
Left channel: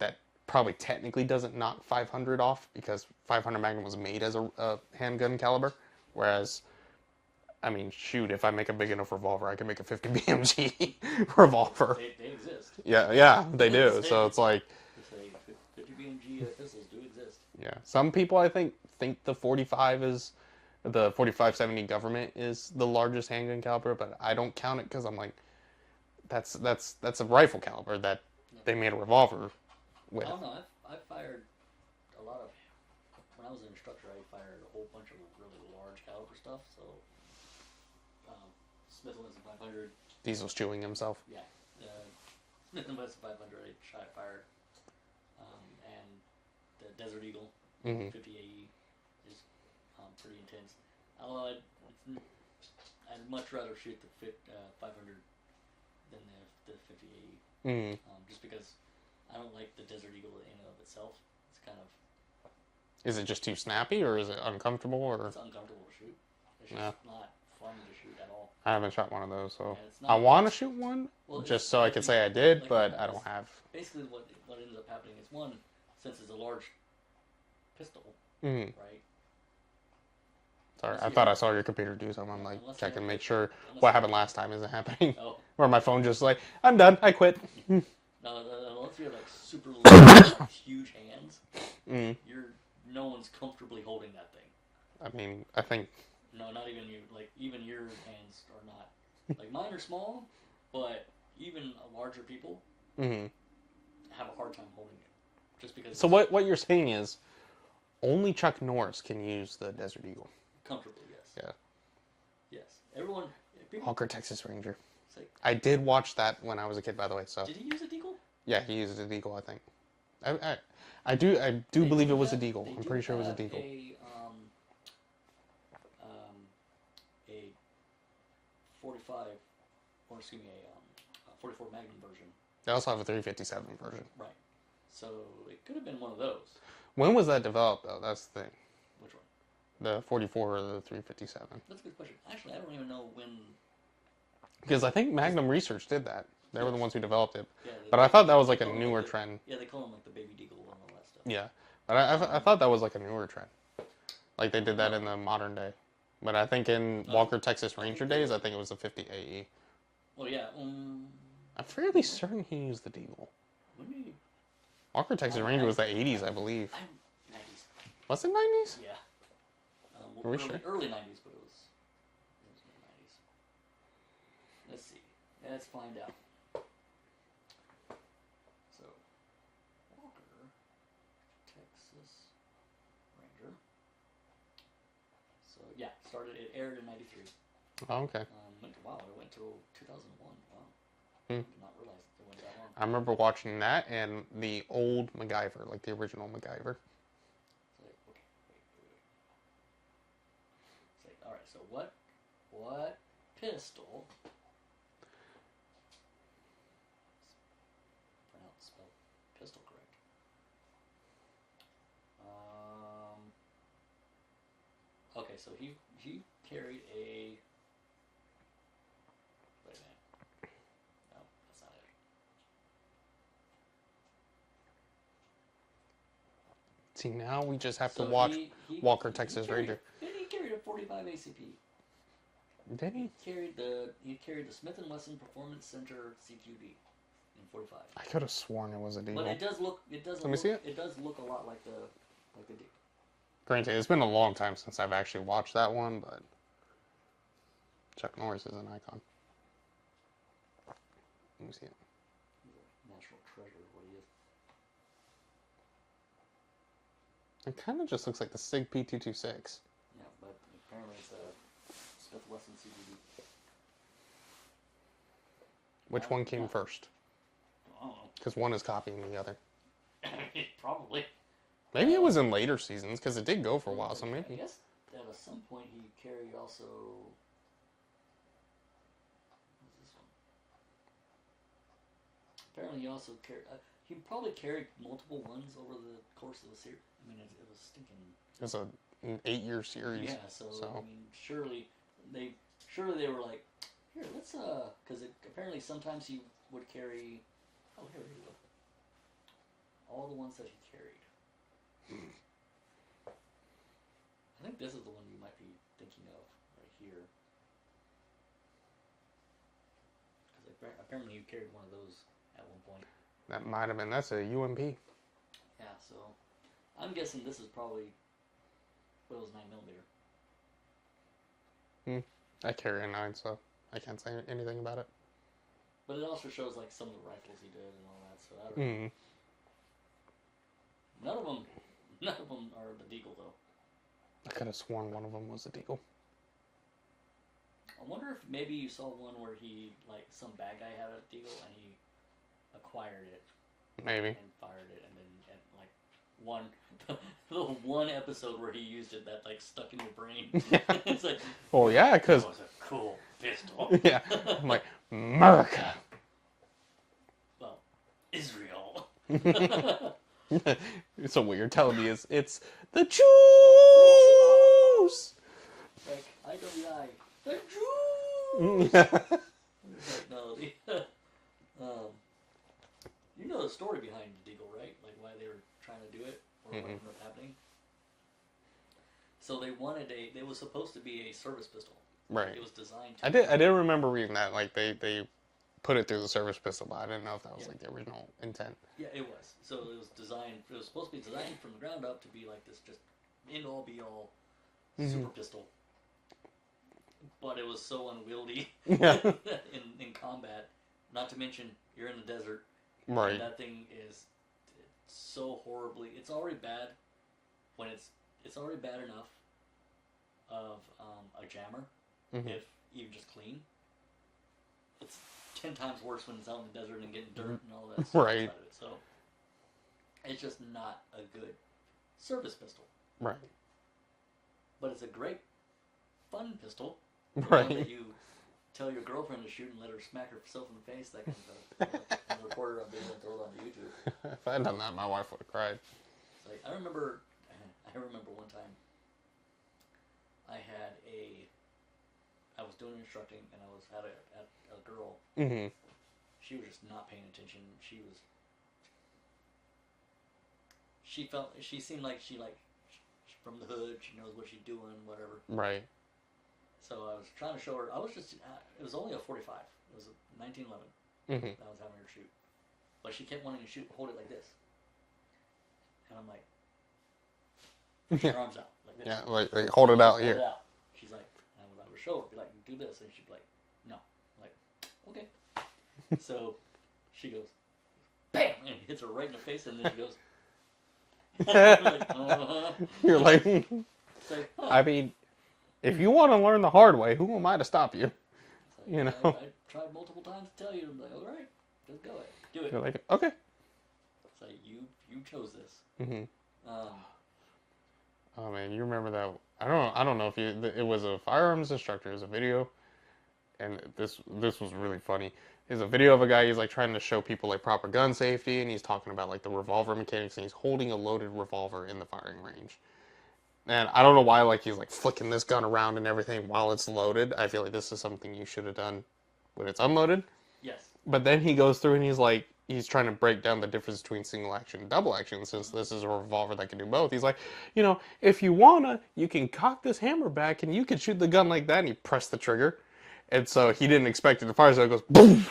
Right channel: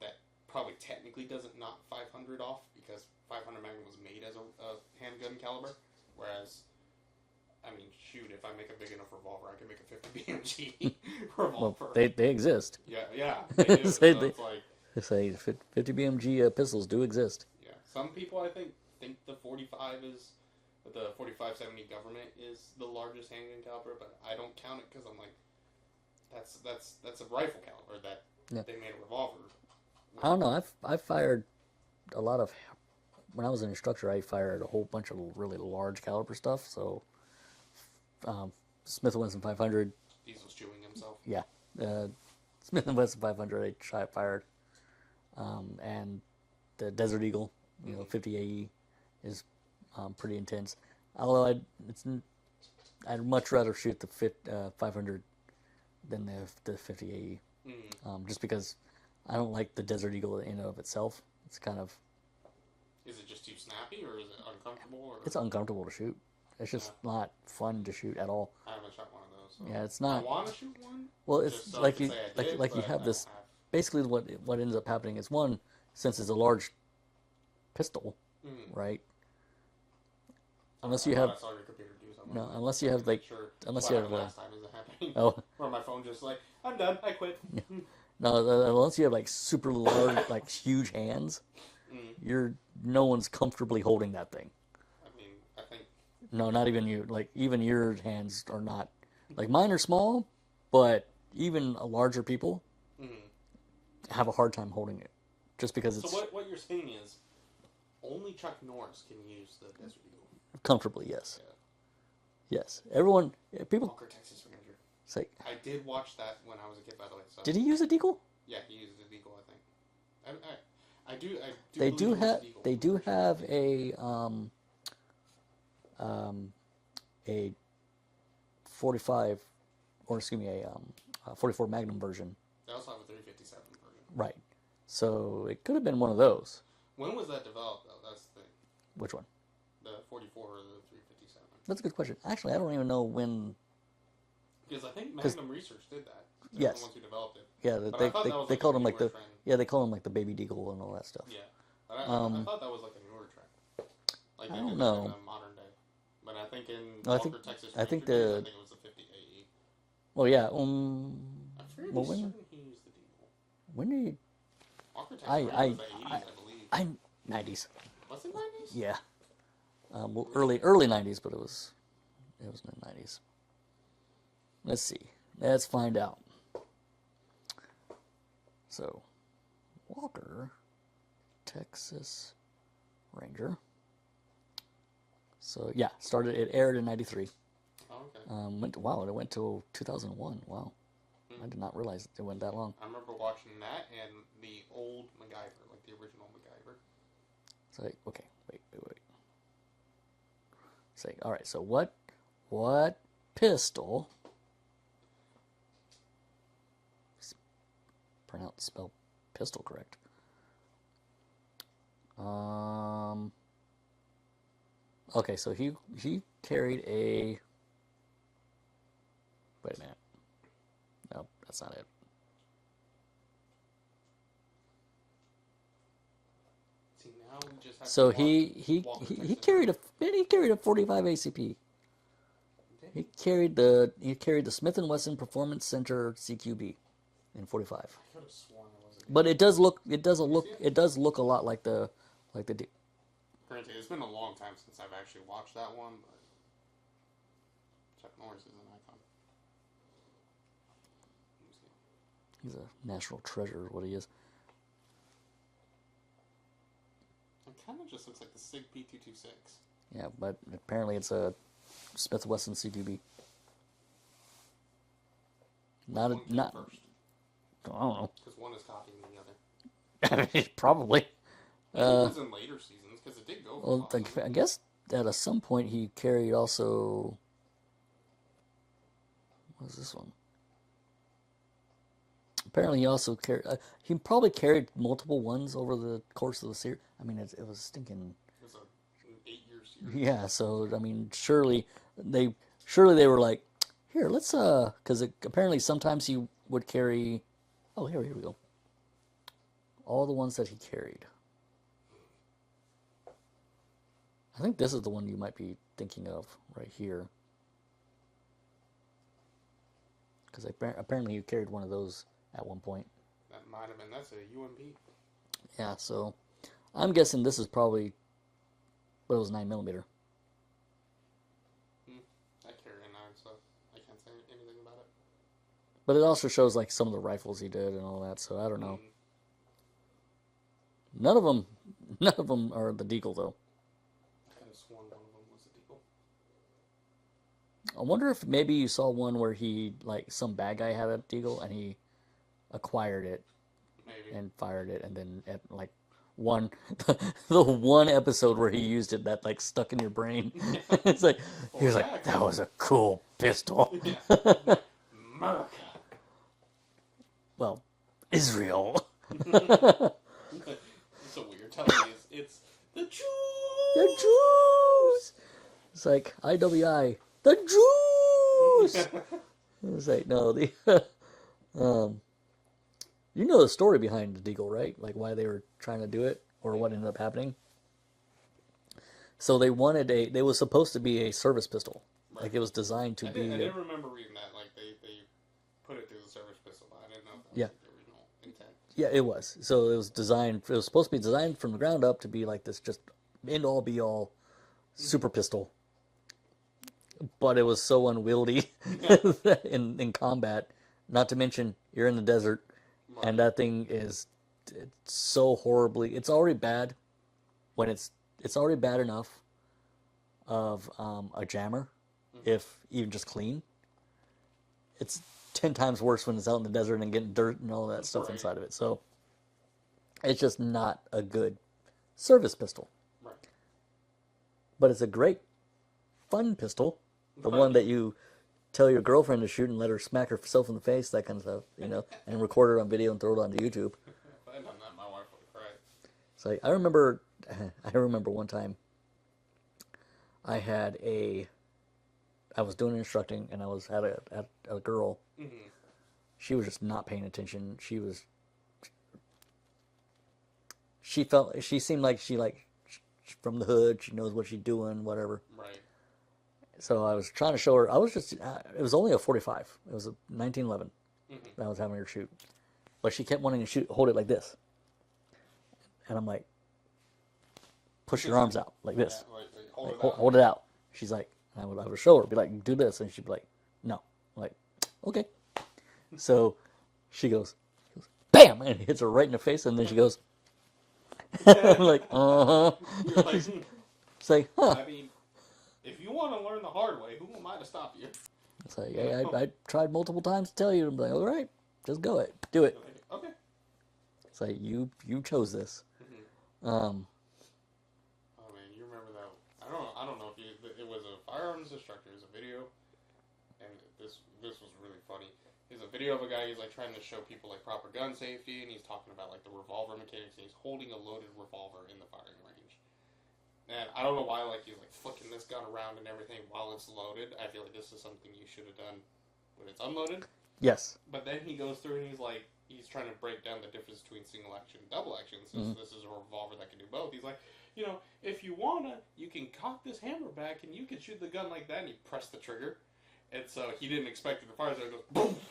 that probably technically doesn't knock 500 off because 500 Magnum was made as a handgun caliber, whereas I mean, shoot, if I make a big enough revolver, I can make a 50 BMG revolver. They exist. Yeah, they do. It's like... It's a 50 BMG pistols do exist. Yeah. Some people, I think the 45 is... The 45-70 government is the largest handgun caliber, but I don't count it because I'm like, that's a rifle caliber that they made a revolver with. I don't know. I've fired a lot of... When I was an instructor, I fired a whole bunch of really large caliber stuff, so... Smith & Wesson 500. Diesel's chewing himself. Yeah. Smith & Wesson 500 I fired. And the Desert Eagle 50 AE is pretty intense. Although I'd much rather shoot the 500 than the 50 AE. Just because I don't like the Desert Eagle in and of itself. It's kind of... Is it just too snappy or is it uncomfortable? Or... It's uncomfortable to shoot. It's just not fun to shoot at all. I haven't shot one of those, so it's not. I want to shoot one, well, just so I can say I did, but I don't have. Basically, what ends up happening is one, since it's a large pistol, Mm. right? Sorry, Unless I you thought have- I saw your computer do something. No, I'm like, unless you check have, and like- make sure unless what you have, happened last time isn't happening. Oh, Or my phone just like, I'm done, I quit. no, unless you have like super little, like huge hands, no one's comfortably holding that thing. I mean, I think, No, not even you. Like even your hands are not. Like mine are small, but even larger people have a hard time holding it, just because. so what you're saying is, only Chuck Norris can use the Desert Eagle. Comfortably, yes. Yeah. Yes, everyone, people Walker, Texas Ranger. say, I did watch that when I was a kid, by the way. So did he use a deagle? yeah, he used a deagle, I think. I do They believe do it was have- a deagle. They I'm do pretty sure have it was a deagle. a 45, or excuse me, a 44 Magnum version. They also have a 357 version. Right. So it could have been one of those. When was that developed, though? That's the thing. Which one? The 44 or the 357? That's a good question. Actually, I don't even know when. Because I think Magnum Research did that. They were the Yes. ones who developed it. Yeah, But I thought that was they like a call them newer the, trend. Yeah, they call them like the baby deagle and all that stuff. Yeah. But I thought that was like a newer trend. Like they did that in know. the modern day. But I think in No, I Walker, think- Texas I think Ranger days, the- I think it was the 50 AE. Well, yeah. I'm fairly certain he used the deagle. When did you? Walker, Texas Ranger was the 80s, I believe. I'm 90s. Was it 90s? Yeah. Well, Are we early 90s, but it was in the 90s. Let's see. Let's find out. So, Walker, Texas Ranger. So yeah, it aired in '93. Oh, okay. It went till 2001. Wow, I did not realize it went that long. I remember watching that and the old MacGyver, like the original MacGyver. So okay, wait. Say, all right. So what pistol? Spell pistol correct. Okay, so he carried a. Wait a minute. No, that's not it. See, now we just have So to watch he Walker, Texas carried Ranger. he carried a 45 ACP. Did He he? carried the Smith & Wesson Performance Center CQB in 45. I could have sworn it was a deagle. But it does look me see it? it does look a lot like the Granted, it's been a long time since I've actually watched that one, but Chuck Norris is an icon. Let me see it. He's a national treasure, what he is. It kind of just looks like the SIG P226. Yeah, but apparently it's a Smith & Wesson CQB. Which Not- one came not- first? I don't know. Because one is copying the other. Probably. Maybe it was in later seasons, because it did go for a while. Well, So I maybe- guess that at some point he carried also. What was this one? Apparently, he also carried. He probably carried multiple ones over the course of the series. I mean, it was stinking. It was an 8-year series. Yeah, so I mean, surely they were like, here, let's because apparently sometimes he would carry. Oh, here we go. All the ones that he carried. I think this is the one you might be thinking of right here. Because apparently you carried one of those at one point. That might have been. That's a UMP. Yeah, so I'm guessing this is probably. But it was 9mm. I carry a 9, so I can't say anything about it. But it also shows like some of the rifles he did and all that. So I don't know. None of them are the Deagle though. I could have sworn one of them was a deagle. I wonder if maybe you saw one where he like some bad guy had a Deagle and he acquired it Maybe. and fired it, and then at like the one episode where he used it that like stuck in your brain. It's like, Oh, he's yeah, like, that 'cause- was a cool pistol. Yeah. I'm like, America. Well, Israel. So what you're telling me is it's the Jews. It's like IWI, the Jews. It's like no, the You know the story behind the deagle, right? Like why they were trying to do it or what ended up happening. So they wanted they was supposed to be a service pistol. Right. Like it was designed to I did remember reading that. Like they put it through the service pistol, but I didn't know if that was like the original intent. Yeah, it was. So it was designed. It was supposed to be designed from the ground up to be like this, just end all be all super pistol. But it was so unwieldy in combat. Not to mention you're in the desert, and that thing is so horribly. It's already bad when it's already bad enough of a jammer, if even just clean. It's 10 times worse when it's out in the desert and getting dirt and all that stuff inside of it. So it's just not a good service pistol. Right. But it's a great fun pistol. The one that you tell your girlfriend to shoot and let her smack herself in the face, that kind of stuff, you know, and record it on video and throw it onto YouTube. If I had done that, my wife would have cried. So I remember one time I was doing instructing and I was at a girl. Mm-hmm. She was just not paying attention. She seemed like she from the hood. She knows what she's doing, whatever. Right. So I was trying to show her. It was only a 45. It was a 1911 that I was having her shoot. But she kept wanting to hold it like this. And I'm like, push your arms out like this. Yeah, like hold it out. Hold it out. She's like, I would show her, be like, do this. And she'd be like, no. I'm like, okay. So she goes, bam! And hits her right in the face. And then she goes, I'm like, uh-huh. You're like, it's like, huh. I mean, if you want to learn the hard way, who am I to stop you? It's like, I tried multiple times to tell you. I'm like, all right, just go it. Do it. You're like, okay. It's like, you chose this. Mm-hmm. Oh, man, you remember that? I don't know if it was a firearms instructor. It was a video. And this was really funny. There's a video of a guy, he's like trying to show people like proper gun safety, and he's talking about like the revolver mechanics, and he's holding a loaded revolver in the firing range. And I don't know why, like, he's like flicking this gun around and everything while it's loaded. I feel like this is something you should have done when it's unloaded. Yes. But then he goes through and he's trying to break down the difference between single action and double action, since this is a revolver that can do both. He's like, if you wanna, you can cock this hammer back and you can shoot the gun like that, and he pressed the trigger. And so he didn't expect it to fire, so it goes boom.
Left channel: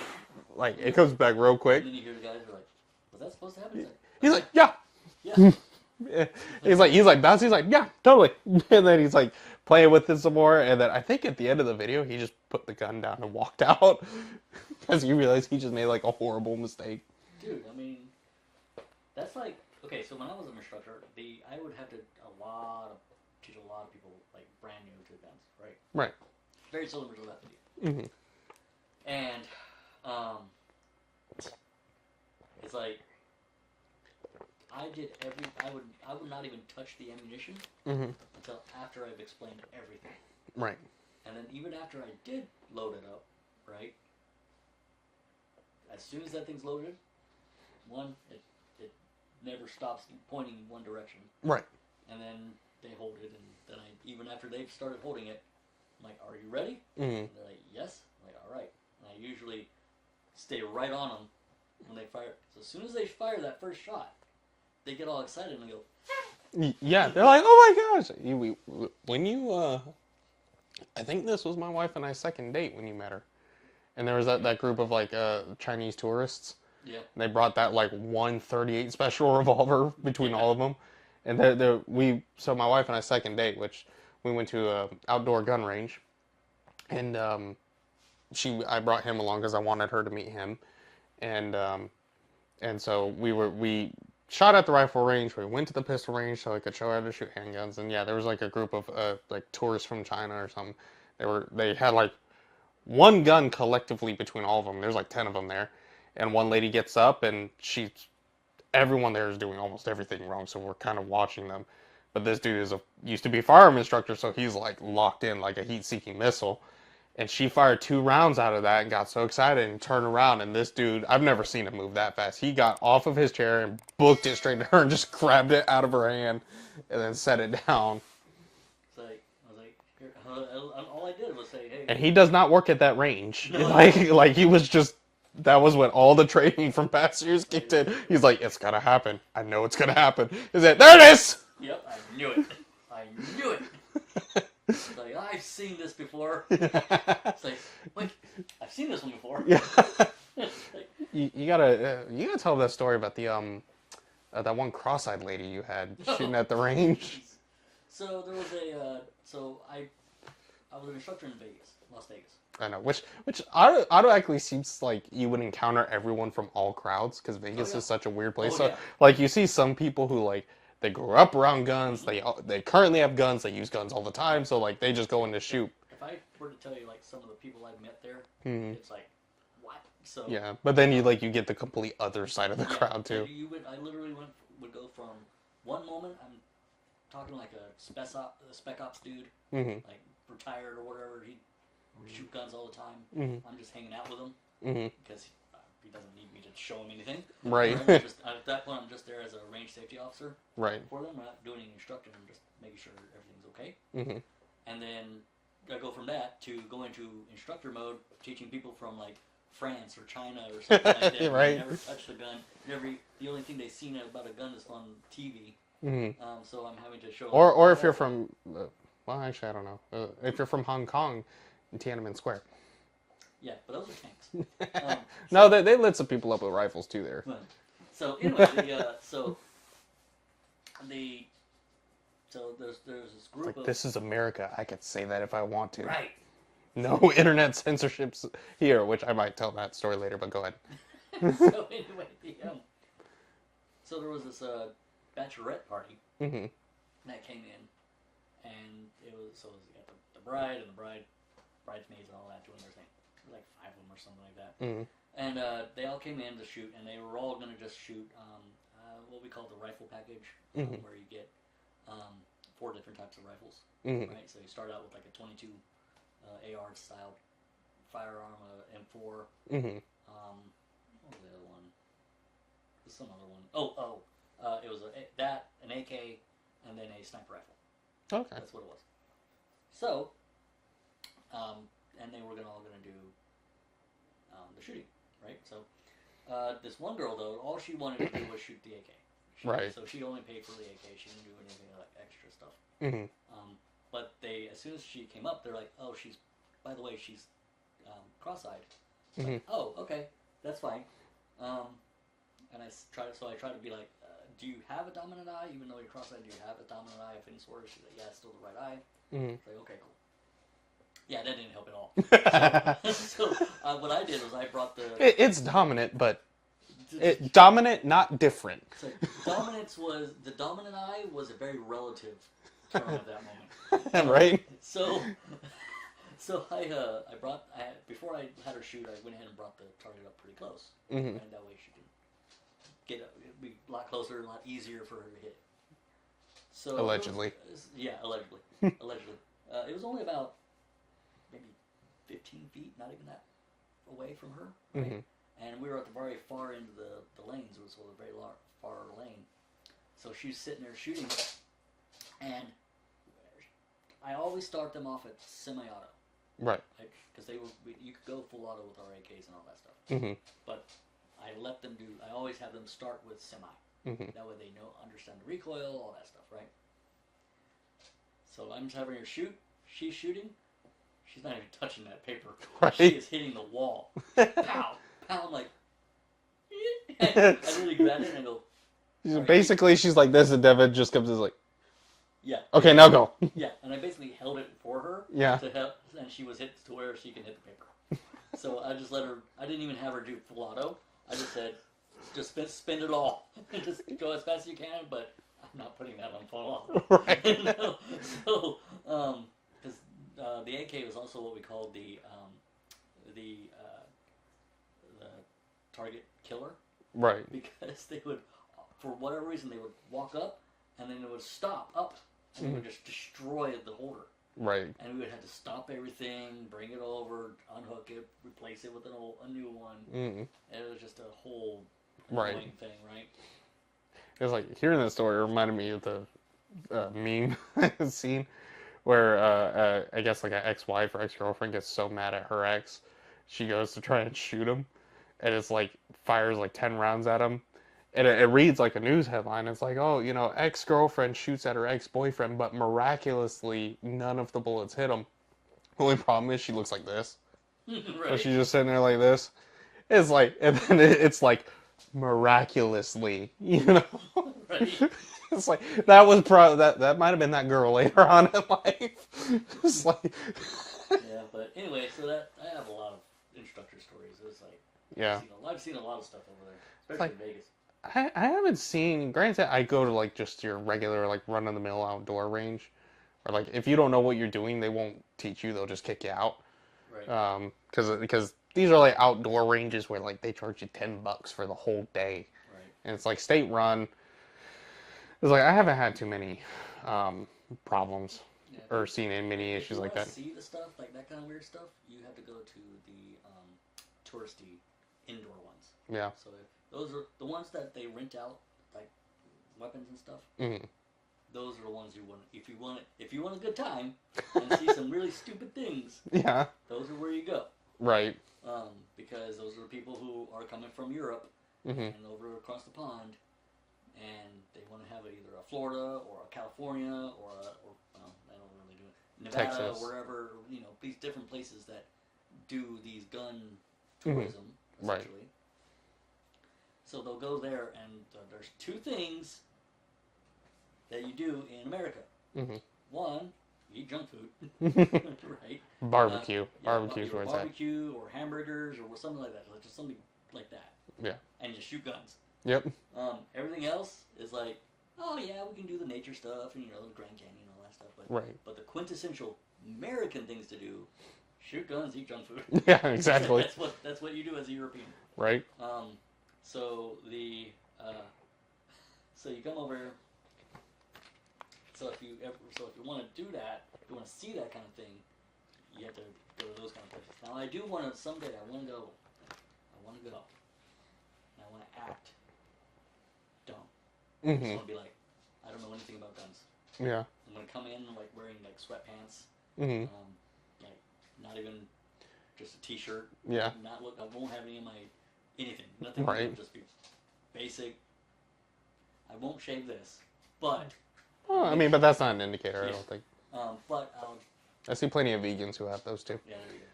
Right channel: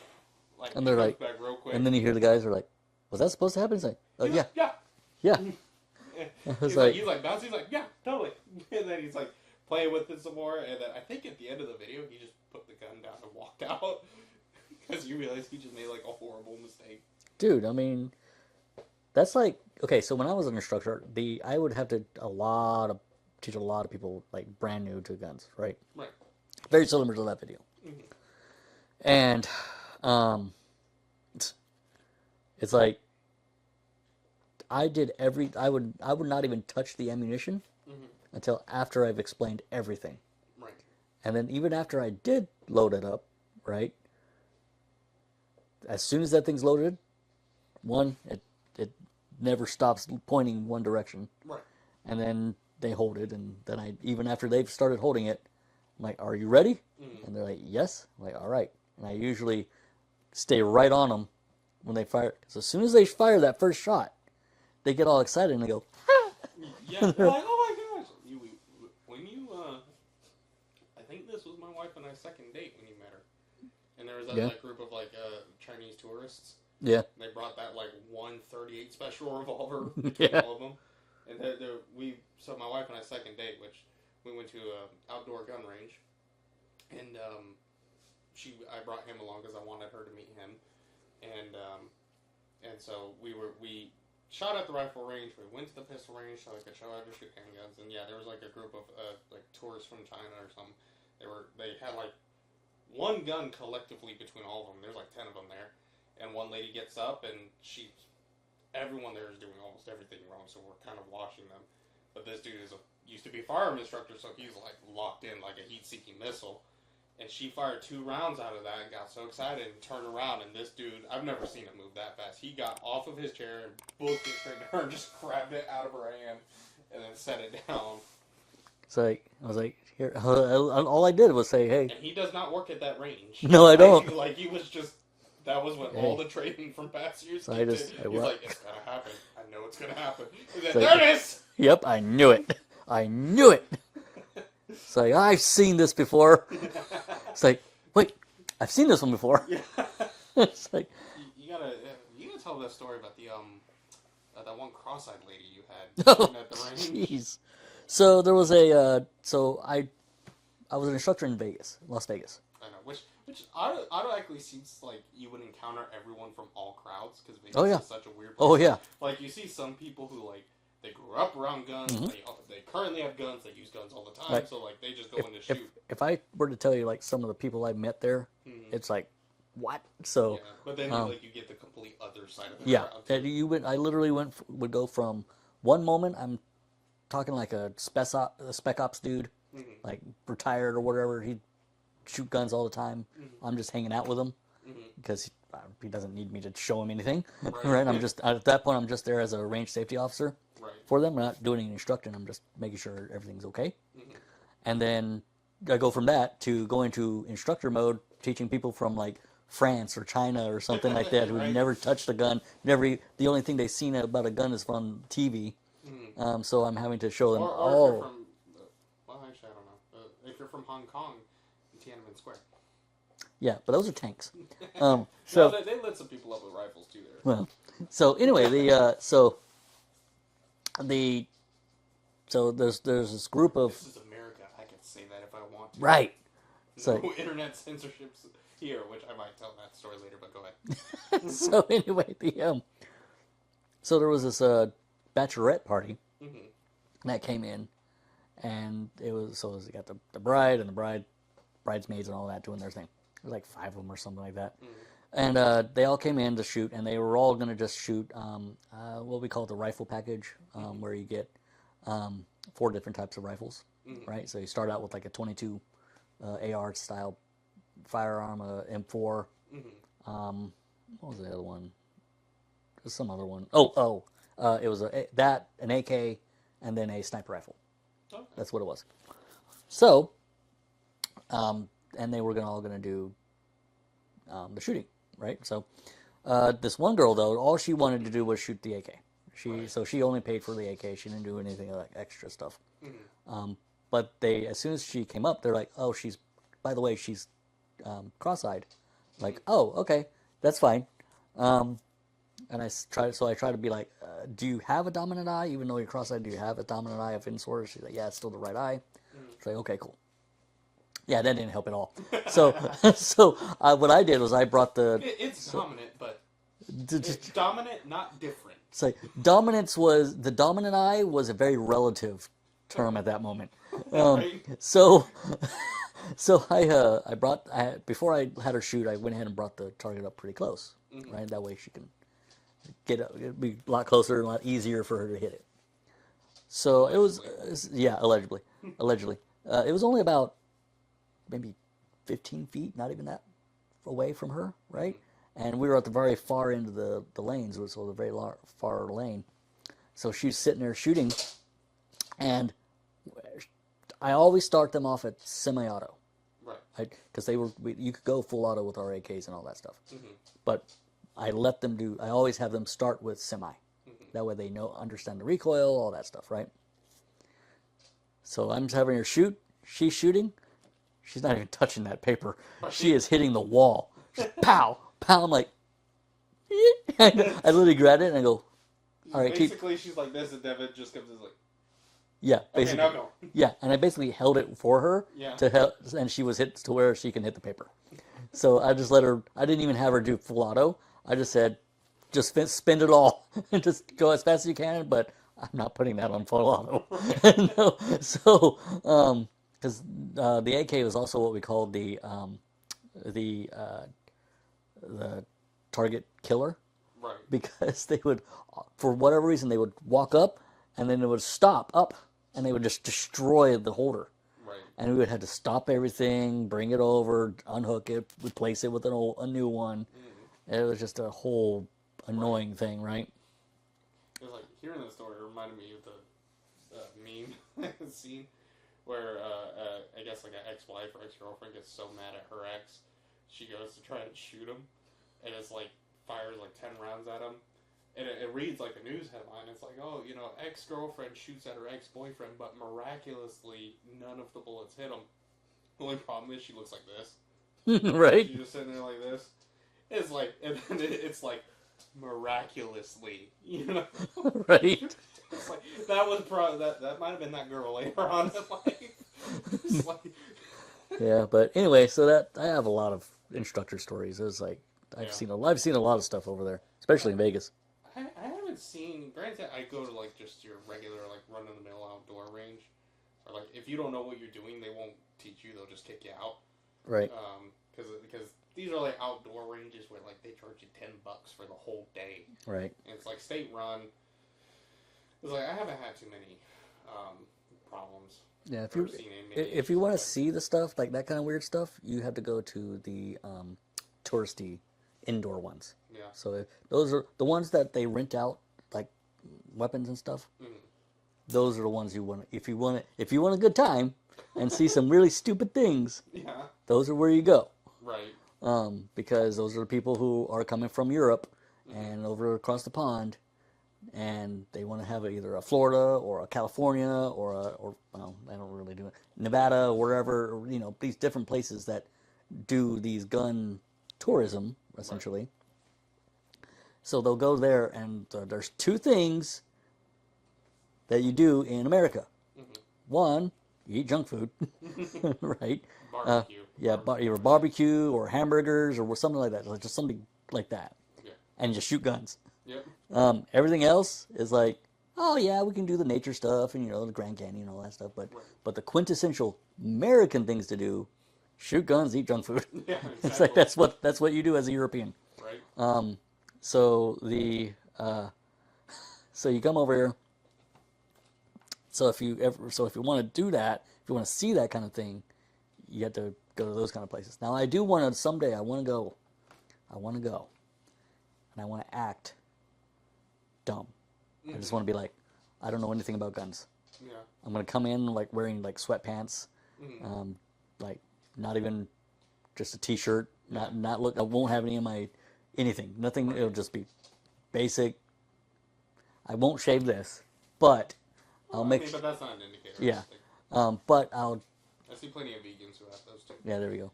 Like, it comes back real quick. And then you hear the guys are like, was that supposed to happen? He's like, yeah. Yeah. He's like, that's, he's like, yeah, totally. And then he's like playing with it some more. And then I think at the end of the video, he just put the gun down and walked out because he realized he just made like a horrible mistake. Dude, I mean, that's like, okay, so when I was an instructor, I would have to teach a lot of people like brand new to guns, right? Right. Very similar to that video. Mm-hmm. And it's like I would not even touch the ammunition until after I've explained everything. Right. And then even after I did load it up, right? As soon as that thing's loaded, it never stops pointing one direction. Right. And then they hold it, and then even after they've started holding it, I'm like, are you ready? And they're like, yes. I'm like, all right. And I usually stay right on them when they fire. So as soon as they fire that first shot, they get all excited and they go, yeah. They're like, oh my gosh. I think this was my wife and I's second date when you met her. And there was that group of like Chinese tourists. Yeah. They brought that like 138 special revolver between all of them. And so my wife and I's second date, which we went to a outdoor gun range, and I brought him along because I wanted her to meet him, and so we shot at the rifle range. We went to the pistol range so I could show her how to shoot handguns. And yeah, there was like a group of like tourists from China or something. They had like one gun collectively between all of them. There's like 10 of them there, and one lady gets up and everyone there is doing almost everything wrong. So we're kind of watching them. But this dude used to be a firearm instructor, so he's like locked in like a heat-seeking missile. And she fired 2 rounds out of that and got so excited and turned around. And this dude, I've never seen him move that fast. He got off of his chair and booked it straight to her and just grabbed it out of her hand and then set it down. It's like, I was like, here, all I did was say, hey. And he does not work at that range. No, I don't. Like he was just that was when all the training from past years So kicked in. He's worked. like, it's gonna happen. I know it's gonna happen. He's like, there it is. Yep, I knew it. I knew it. It's like, I've seen this before. It's like, wait, I've seen this one before. Yeah. It's like, You gotta tell that story about the that one cross-eyed lady you had shooting at the range. jeez. So there was I was an instructor in Vegas, Las Vegas. I know, which automatically seems like you would encounter everyone from all crowds because Vegas is such a weird place. Oh, So, yeah. like you see some people who like they grew up around guns. They currently have guns. They use guns all the time. Right. So like they just go in to shoot. If I were to tell you like some of the people I met there, it's like, what? So Yeah, but then you get the complete other side of the crowd too. and I literally would go from one moment I'm talking like a spec ops dude, like retired or whatever. He'd shoot guns all the time. I'm just hanging out with him because he doesn't need me to show him anything. Right. I'm just at that point I'm just there as a range safety officer. Right. For them. I'm not doing any instructing. I'm just making sure everything's okay. And then I go from that to going to instructor mode, teaching people from like France or China or something like that Right. who never touched a gun. The only thing they've seen about a gun is from TV. So I'm having to show them. Or if you're from, well, actually, I don't know. If you're from Hong Kong, in Tiananmen Square. Yeah, but those are tanks. No, they lit some people up with rifles too there. Well, so anyway, so there's this group of This is America. I could say that if I want to. right. No internet censorships here, which I might tell that story later. But go ahead. So anyway, so there was this bachelorette party that came in, and you got the bride and the bridesmaids and all that doing their thing. There was like 5 of them or something like that, and they all came in to shoot, and they were all going to just shoot what we call the rifle package, where you get 4 different types of rifles, right? So you start out with like a 22 AR style firearm, a M4. What was the other one? There's some other one. It was an AK, and then a sniper rifle. Okay. That's what it was. So, and they were all going to do the shooting, right? So, this one girl though, all she wanted to do was shoot the AK. So she only paid for the AK. She didn't do anything like extra stuff. But as soon as she came up, they're like, "Oh, by the way, she's cross-eyed." Like, "Oh, okay, that's fine." And I try to be like, "Do you have a dominant eye? Even though you're cross-eyed, do you have a dominant eye of any sort?" She's like, "Yeah, it's still the right eye." It's like, "Okay, cool." Yeah, that didn't help at all. So what I did was I brought It's dominant, but it's dominant, not different. It's like the dominant eye was a very relative term at that moment. Right? So before I had her shoot, I went ahead and brought the target up pretty close, right? That way she can it'd be a lot closer and a lot easier for her to hit it. So allegedly. Allegedly. It was only about maybe 15 feet, not even that away from her, right? And we were at the very far end of the lanes, so the very far lane. So she's sitting there shooting, and I always start them off at semi-auto. Right. Because you could go full auto with our AKs and all that stuff. But I always have them start with semi. That way they understand the recoil, all that stuff, right? So I'm just having her shoot. She's shooting. She's not even touching that paper. Right. She is hitting the wall. Pow! Pow! I'm like, I literally grabbed it and I go, all right, basically, she's like this, and Devin just comes and is like, yeah. okay, now go. Yeah, and I basically held it for her. Yeah. And she was hit to where she can hit the paper. So I just let her. I didn't even have her do full auto. I just said, just spin it all and just go as fast as you can. But I'm not putting that on full auto. Right. No. So because the AK was also what we called the target killer. Right. Because they would, for whatever reason, they would walk up and then it would stop up and they would just destroy the holder. Right. And we would have to stop everything, bring it over, unhook it, replace it with a new one. It was just a whole annoying thing, right? It was like, hearing that story reminded me of the meme scene where I guess like an ex-wife or ex-girlfriend gets so mad at her ex, she goes to try and shoot him. and it's like fires like 10 rounds at him. And it reads like a news headline. It's like, oh, ex-girlfriend shoots at her ex-boyfriend, but miraculously none of the bullets hit him. The only problem is she looks like this. Right. She's just sitting there like this. It's like, and then it's like, miraculously, Right. It's like, that was that might have been that girl later on in life. It's like, Yeah, but anyway, so that I have a lot of instructor stories. It was like I've seen a lot of stuff over there, especially in Vegas. I haven't seen. Granted, I go to like just your regular like run of the mill outdoor range, or like if you don't know what you're doing, they won't teach you. They'll just kick you out. Right. Because these are like outdoor ranges where like they charge you $10 for the whole day. Right. And it's like state run. It's like I haven't had too many problems Yeah. or seen many issues if you like want to that. see the stuff like that kind of weird stuff, you have to go to the touristy indoor ones. Yeah. So those are the ones that they rent out, like weapons and stuff. Mm-hmm. Those are the ones you want. If you want a good time and see some really stupid things, Yeah. those are where you go. Right. Because those are the people who are coming from Europe Mm-hmm. and over across the pond, and they want to have either a Florida or a California or well, I don't really do it, Nevada, Texas. or wherever, these different places that do these gun tourism, essentially. Right. So they'll go there, and there's two things that you do in America. Mm-hmm. One, you eat junk food, right? Barbecue. Either barbecue or hamburgers or something like that. Like just something like that. Yeah. And just shoot guns. Yep. Everything else is like, oh yeah, we can do the nature stuff and the Grand Canyon and all that stuff. But the quintessential American things to do, shoot guns, eat junk food. Yeah, It's exactly. like that's what you do as a European. Right. So you come over here. So if you want to do that, if you want to see that kind of thing, you have to go to those kind of places. Now I do want to someday. I want to go, and I want to act dumb. I just want to be like, I don't know anything about guns. Yeah. I'm gonna come in like wearing like sweatpants, like not even just a t-shirt. Yeah. Not look. I won't have any of my anything. Nothing. Right. It'll just be basic. I won't shave this, but but that's not an indicator. I Yeah. don't think. but I'll. I see plenty of vegans who have those too. Yeah, there we go.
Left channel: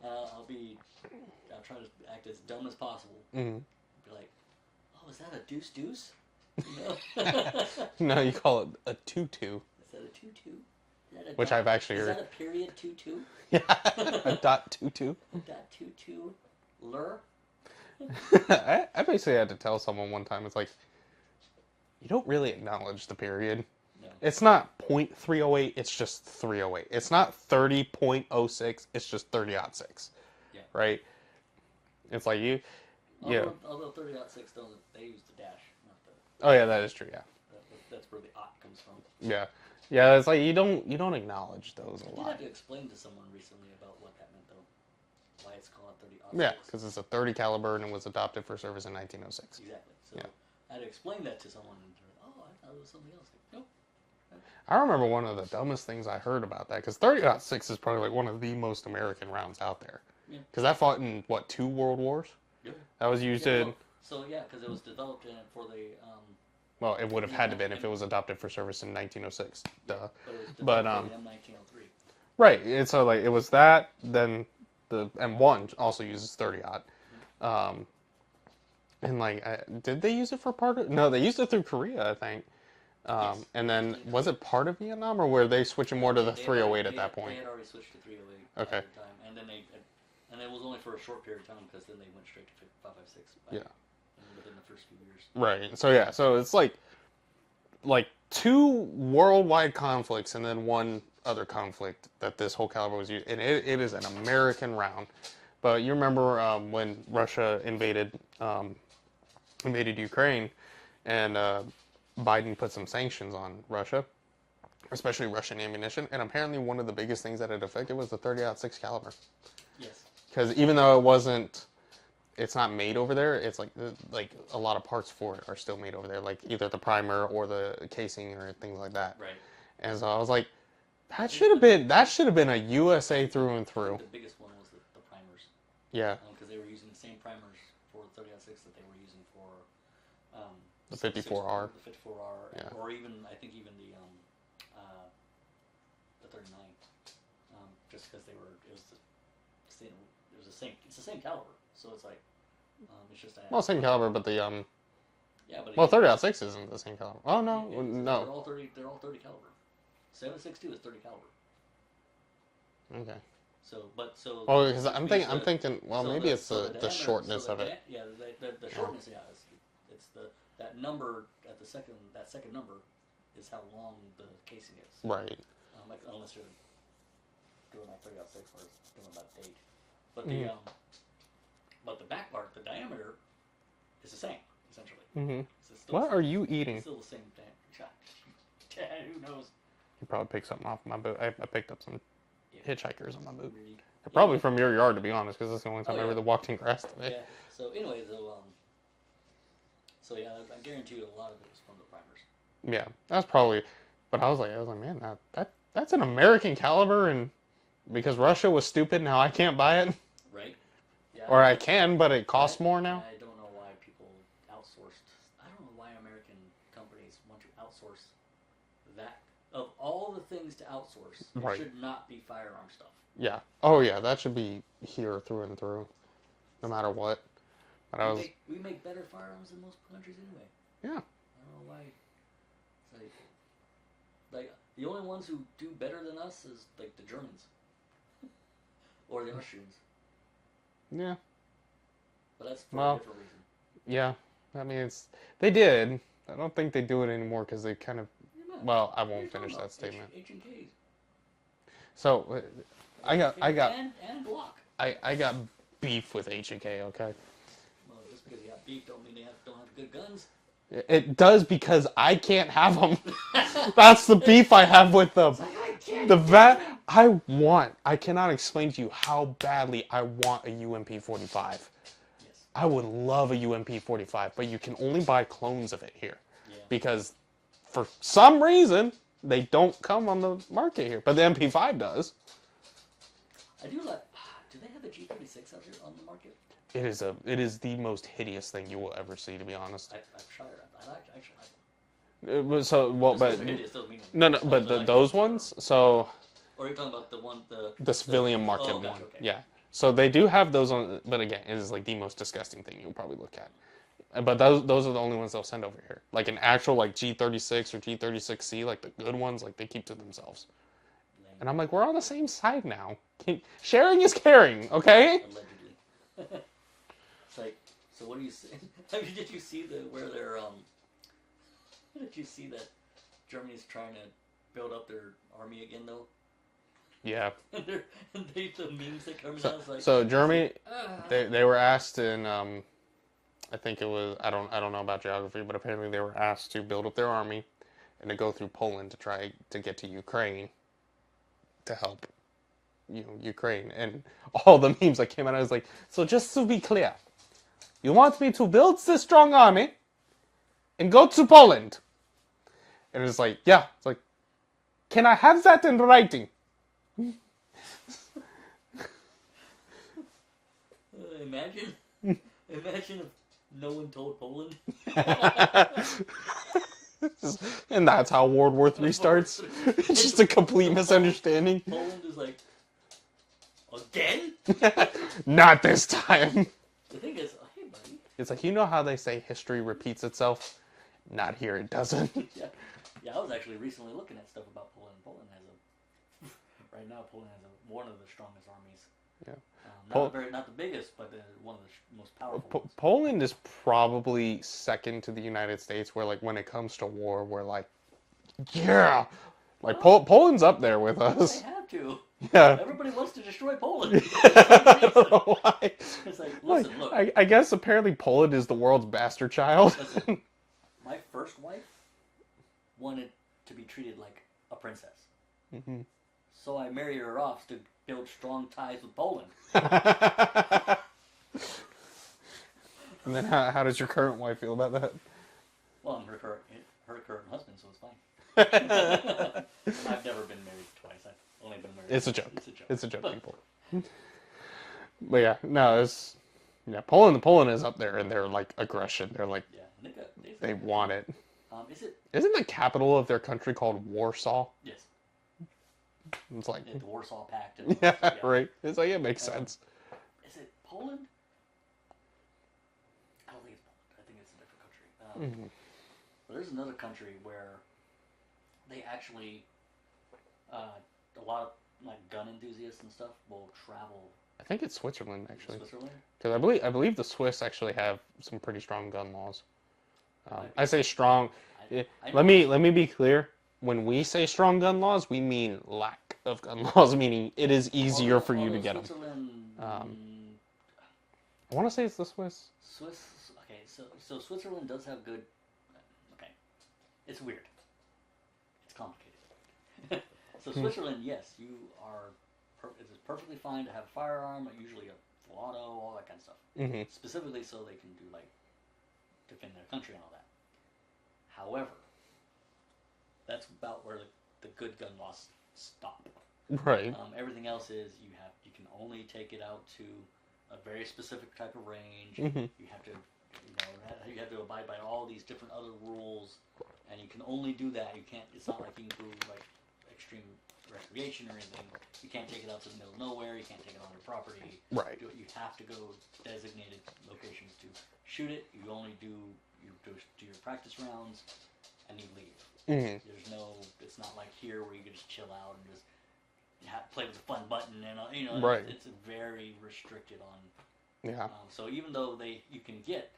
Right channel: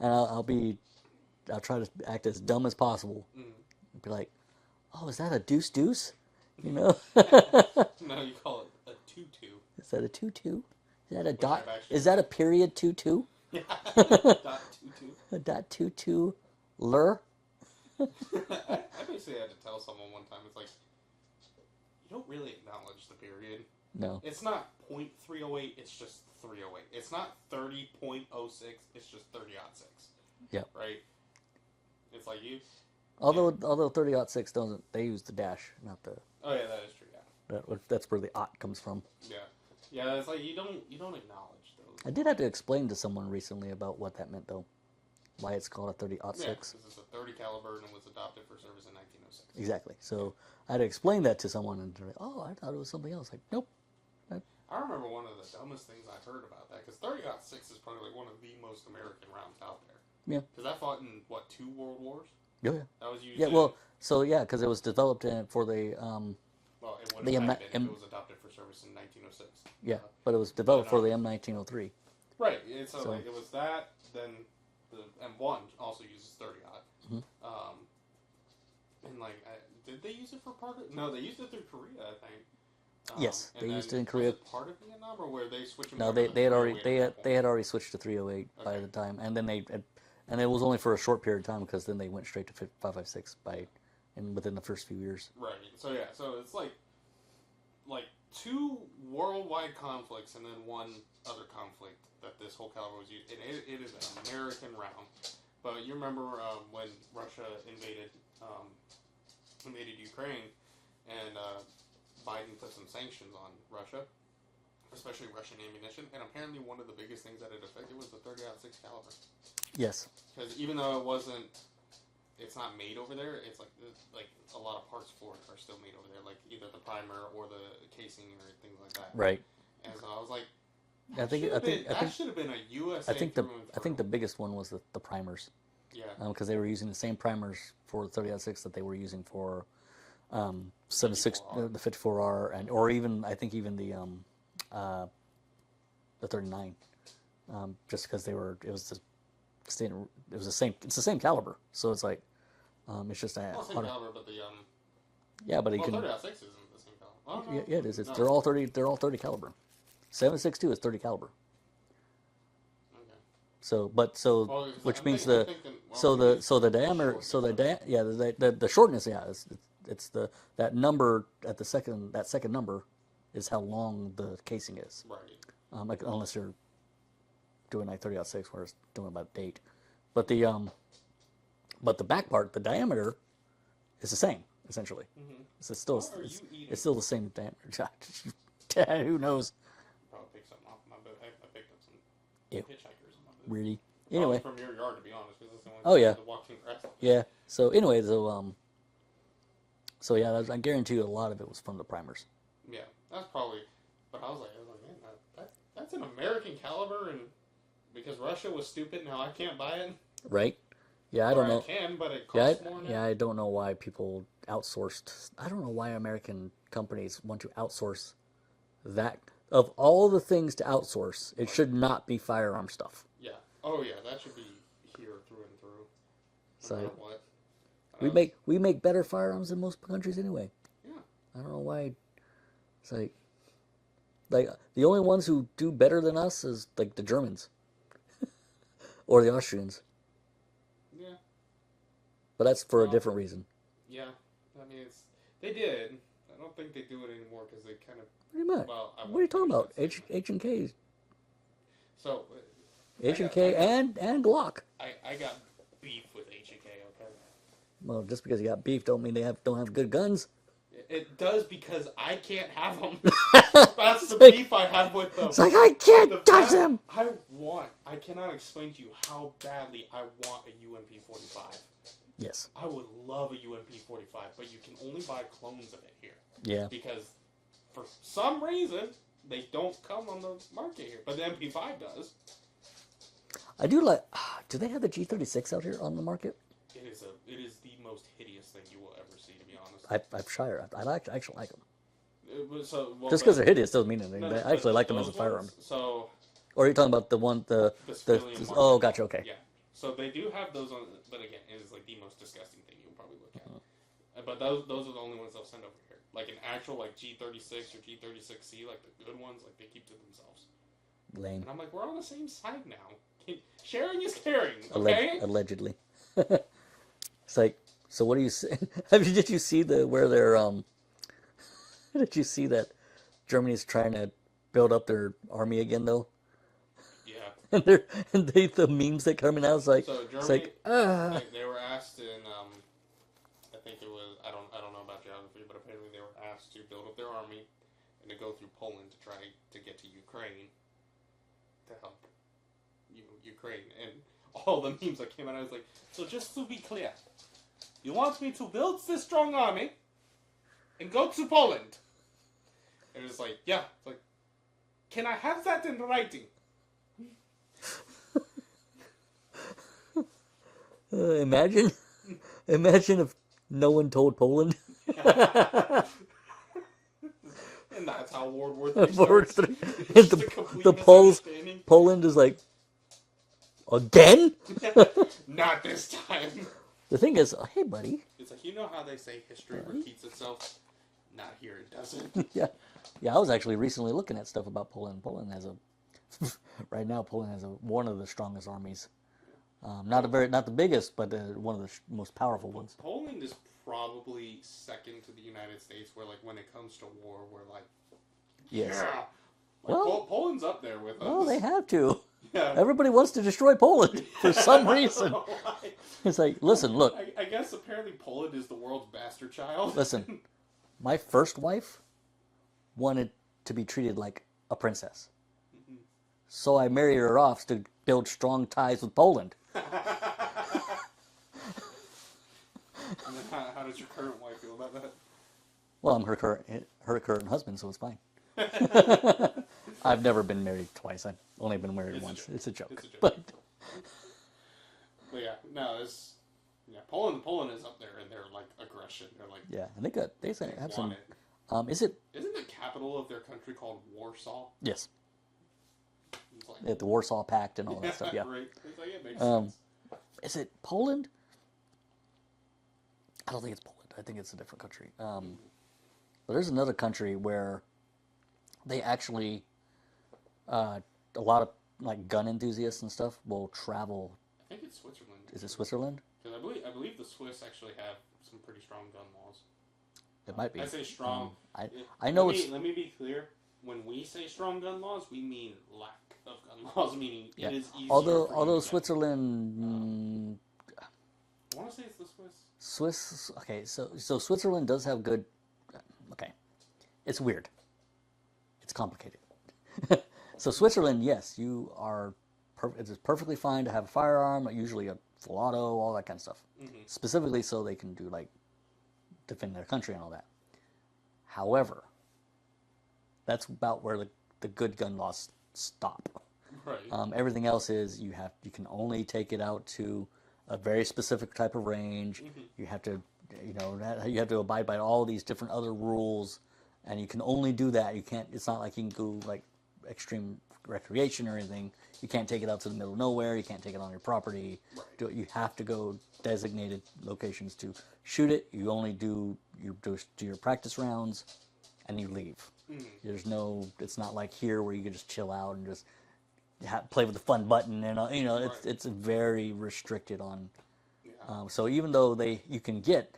And I'll try to act as dumb as possible. Mm-hmm. Be like, oh, is that a deuce? No, you call it a tutu. Is that a tutu? Is that a Which dot? I've actually Is heard. that a period tutu? Yeah. A dot tutu. A dot tutu lur? I basically had to tell someone one time, it's like, you don't really acknowledge the period. No. It's not .308, it's just 308. It's not 30.06, it's just 30.06. Yeah. Right? It's like you... Although 30.6 doesn't, they use the dash, not the. Oh yeah, that is true, yeah. That's where the ot comes from. Yeah. Yeah, it's like you don't acknowledge those. I did have to explain to someone recently about what that meant, though. Why it's called a 30-06. Yeah, because it's a 30 caliber and it was adopted for service in 1906. Exactly. So I had to explain that to someone, and they're like, "Oh, I thought it was something else." Like, nope. I remember one of the dumbest things I heard about that, because 30.6 is probably like one of the most American rounds out there. Yeah. Because that fought in, what, 2 world wars? Yeah. That was used Yeah. in... Well, because it was developed for the. Well, it would have the had M- to been if it was adopted for service in 1906. Yeah. Duh. But it was developed for the M1903. Right. It's so like it was that. Then the M1 also uses 30-aught. And like, did they use it for part of? No, they used it through Korea, I think. Yes. And they used it then in was Korea. it part of Vietnam, or were they switching more to the they had 308 already- at that point? They had already switched to 308 by Okay. the time, and then and it was only for a short period of time because then they went straight to 5.56 within the first few years. Right. So yeah. So it's like 2 worldwide conflicts and then one other conflict that this whole caliber was used. And it is an American round. But you remember when Russia invaded Ukraine, and Biden put some sanctions on Russia, especially Russian ammunition. And apparently one of the biggest things that it affected was the 30-06 caliber. Yes. Because even though it's not made over there, it's like a lot of parts for it are still made over there, like either the primer or the casing or things like that. Right. And so I was like, That should have been a USA through and I through. think the biggest one was the primers. Yeah. Because they were using the same primers for the 30-06 that they were using for The 54R. the 54R, and or even I think even the 39, just because it was the same. It's the same caliber, so it's like it's just Same caliber, but the yeah, but 30-06 isn't the same caliber. Oh no, yeah, it is. no. They're all 30. They're all 30 caliber. 7.62 is 30 caliber. Okay. So, because I'm thinking. Well, so maybe the diameter, the shortness, yeah, it's that number at the second number is how long the casing is. Right. Like, unless you're doing like 30-06 where it's doing by date, but the but the back part, the diameter, is the same essentially. Mm-hmm. It's still, What are you eating? It's still the same diameter. Who knows? You probably picked something off my boot. I picked up some hitchhikers on my boot. Really? Probably Anyway. from your yard, to be honest, because that's the only time Oh, I yeah. really walked in grass today. Yeah. So anyway, so yeah, I guarantee you a lot of it was from the primers. Yeah, that's probably. But I was like, man, that's an American caliber, and because Russia was stupid, now I can't buy it. Right? Yeah. Or I can, but it costs more now. Yeah, I don't know why people outsourced. I don't know why American companies want to outsource that. Of all the things to outsource, it should not be firearm stuff. Yeah. Oh yeah, that should be here through and through, no matter what. We make better firearms than most countries anyway. Yeah. I don't know why. It's like the only ones who do better than us is like the Germans or the Austrians. Yeah. But that's for a different reason. Yeah. I mean, they did. I don't think they do it anymore because they kind of. Well, I won't. What are you talking about? H&K. H&K. So, H&K and Glock. I got beef with H&K. Okay. Well, just because you got beef don't mean they don't have good guns. It does because I can't have them. That's the beef I have with them. It's like I can't touch them. I cannot explain to you how badly I want a UMP-45. Yes. I would love a UMP-45, but you can only buy clones of it here. Yeah. Because for some reason, they don't come on the market here. But the MP5 does. I do like... Do they have the G36 out here on the market? It is the most hideous thing you will ever see, to be honest. I'm sure. I actually like them. Just because they're hideous doesn't mean anything. No, but like those ones, so... Or are you talking about the civilian market? Oh, gotcha, okay. Yeah. So they do have those on, but again, it is like the most disgusting thing you'll probably look at. But those are the only ones they'll send over here. Like an actual like G36 or G36C, like the good ones, like they keep to themselves. Lame. And I'm like, we're on the same side now. Sharing is caring, okay? Allegedly. It's like, so what do you say? Did you see where they're Did you see that Germany's trying to build up their army again though? Yeah. And the memes that come out is like. So Germany, they were asked in I think it was I don't know about geography, but apparently they were asked to build up their army and to go through Poland to try to get to Ukraine to help Ukraine. And all the memes that came out, I was like, so just to be clear, you want me to build this strong army and go to Poland? And it was like, yeah. It's like, can I have that in writing? Imagine if no one told Poland. And that's how World War III starts. It's just a complete the misunderstanding. Poland is like, again? Not this time. The thing is, hey, buddy. It's like, you know how they say history repeats itself? Not here, it doesn't. Yeah. I was actually recently looking at stuff about Poland. Poland has right now, Poland has one of the strongest armies. Yeah. Not the biggest, but one of the most powerful ones. Poland is probably second to the United States, where like when it comes to war, we're like, yeah, like Poland's up there with us. Well, they have to. Yeah. Everybody wants to destroy Poland for some reason. Why? It's like, listen, look. I guess apparently Poland is the world's bastard child. Listen, my first wife wanted to be treated like a princess. Mm-hmm. So I married her off to build strong ties with Poland. And then how does your current wife feel about that? Well, I'm her current husband, so it's fine. I've never been married twice. I've only been married It's once. a joke. It's a joke. It's a joke, people. But yeah, no, Poland is up there in their like aggression. They're like Yeah, and they say they absolutely. want it. Is it? Isn't the capital of their country called Warsaw? Yes. It's like The Warsaw Pact and all yeah, that stuff. Yeah. right. It's like it makes sense. Is it Poland? I don't think it's Poland. I think it's a different country. But there's another country where they actually, a lot of like gun enthusiasts and stuff will travel. I think it's Switzerland. Actually. Is it Switzerland? Because I believe the Swiss actually have some pretty strong gun laws. Might be. I say strong. I know Let me be clear. When we say strong gun laws, we mean lack of gun laws, meaning it is easier for you to get Switzerland, them. I want to say it's the Swiss. Swiss. Okay, so Switzerland does have good. Okay, it's weird. It's complicated. So Switzerland, yes, you are. It is perfectly fine to have a firearm, usually a full auto, all that kind of stuff. Mm-hmm. Specifically, so they can do like defend their country and all that. However, that's about where the good gun laws stop. Right. Everything else is you can only take it out to a very specific type of range. Mm-hmm. You have to, you have to abide by all these different other rules, and you can only do that. You can't. It's not like you can do like extreme recreation or anything. You can't take it out to the middle of nowhere. You can't take it on your property. Right. You have to go designated locations to shoot it. You only do your practice rounds, and you leave. Mm-hmm. There's no. It's not like here where you can just chill out and just play with the fun button and Right. it's very restricted on. Yeah. So even though you can get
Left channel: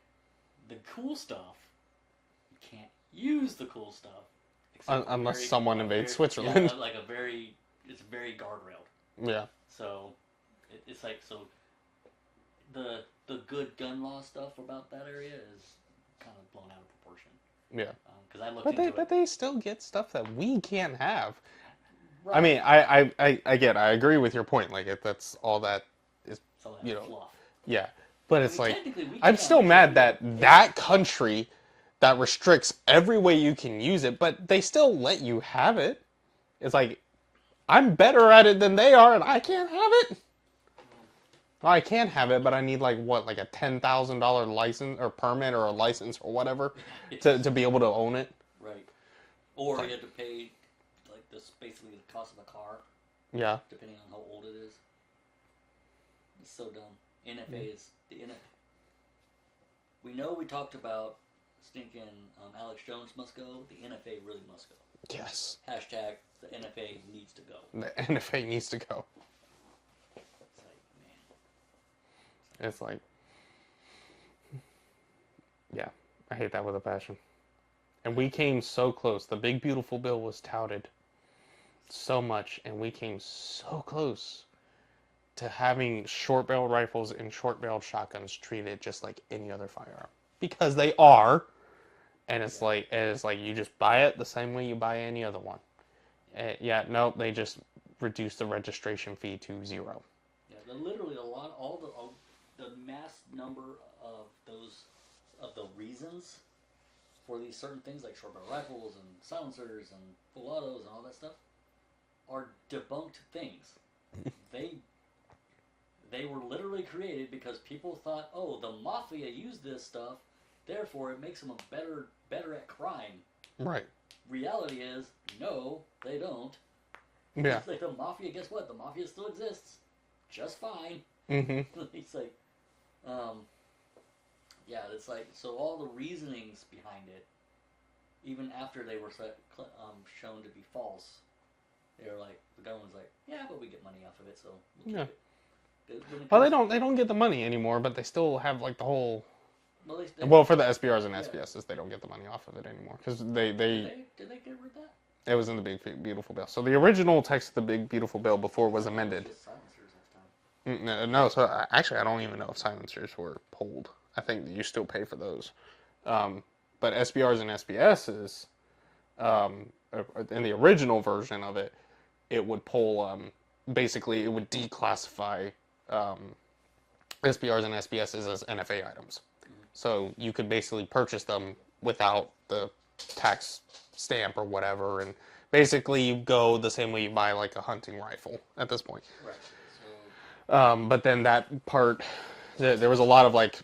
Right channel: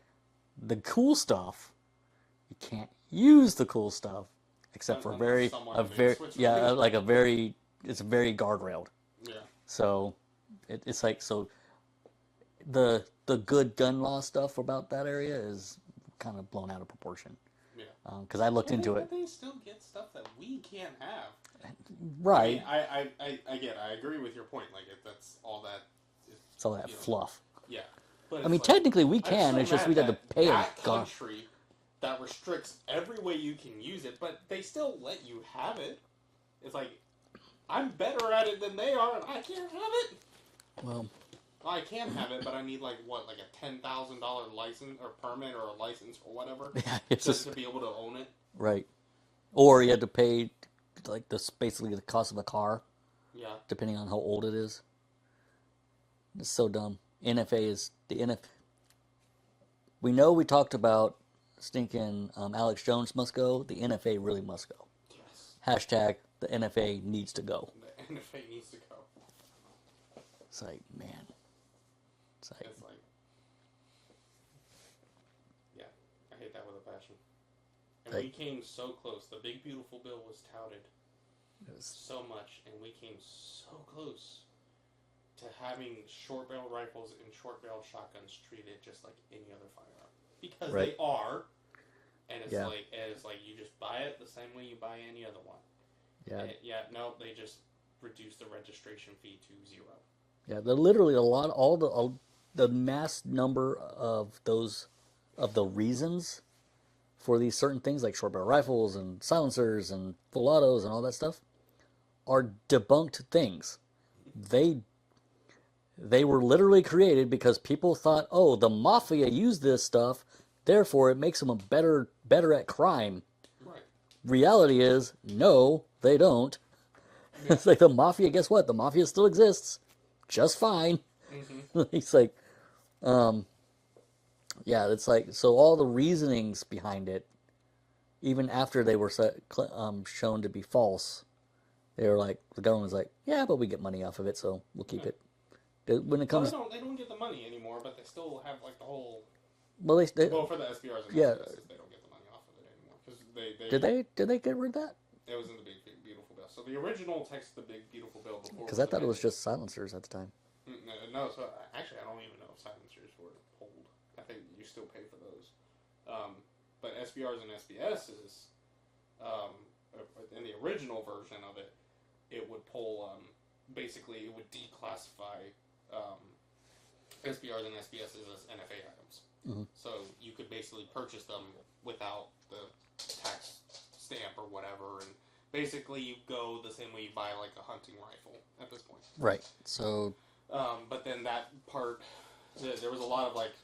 the cool stuff, you can't use the cool stuff except for unless someone invades Switzerland. Yeah, like it's very guardrailed. Yeah. So it's like the good gun law stuff about that area is kind of blown out of proportion. Yeah. Because I looked into it. But they still get stuff that we can't have. Right. I mean, I agree with your point. Like, that's all that is. It's all that fluff. Yeah. But it's like, technically we can. I'm still it's just mad we that gotta pay that it. country that restricts every way you can use it, but they still let you have it. It's like, I'm better at it than they are, and I can't have it. Well, I can have it, but I need like a $10,000 license or permit or a license or whatever to be able to own it. right. Or you have to pay like basically the cost of a car, Yeah. depending on how old it is. It's so dumb. NFA is the NF. We know we talked about stinking Alex Jones must go. The NFA really must go. Yes. Hashtag the NFA needs to go. The NFA needs to go. It's like, man. It's like, yeah, I hate that with a passion. And we came so close. The big beautiful bill was touted so much, and we came so close to having short-barreled rifles and short-barreled shotguns treated just like any other firearm, because they are. And it's like you just buy it the same way you buy any other one. Yeah. No, they just reduced the registration fee to 0. Yeah, they're literally all the mass number of the reasons for these certain things like short barrel rifles and silencers and full autos and all that stuff are debunked things. They were literally created because people thought, oh, the mafia used this stuff, therefore it makes them better at crime. Right. Reality is, no, they don't. Yeah. It's like the mafia, guess what? The mafia still exists just fine. Mm-hmm. It's like, yeah, it's like, so all the reasonings behind it, even after they were shown to be false, they were like, the government was like, yeah, but we get money off of it, so we'll keep it. When it comes, Well, they don't get the money anymore, but they still have like the whole. well, Well, for the SBRs and SBSs, they don't get the money off of it anymore because did they get rid of that? It was in the Big Beautiful Bill. So the original text of the Big Beautiful Bill before was amended. It was just silencers at the time. No, so actually, I don't even know if silencers were pulled. I think you still pay for those. But SBRs and SBSs, in the original version of it, it would pull, basically, it would declassify SBRs and SBSs as NFA items. Mm-hmm. So you could basically purchase them without the tax stamp or whatever, and basically you go the same way you buy like a hunting rifle at this point. Right. So But then that part, there was a lot of like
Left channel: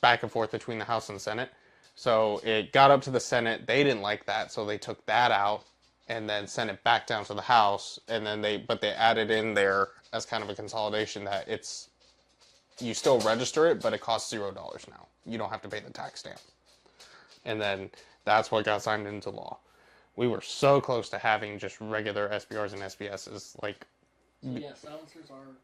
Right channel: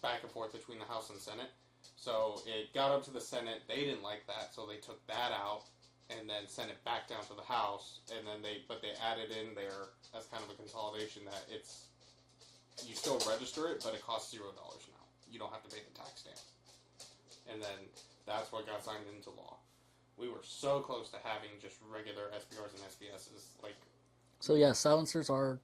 back and forth between the House and Senate. So it got up to the Senate. They didn't like that, so they took that out and then sent it back down to the House. And then they added in there as kind of a consolidation that you still register it, but it costs $0 now. You don't have to pay the tax stamp. And then that's what got signed into law. We were so close to having just regular SBRs and SBSs. So yeah, silencers are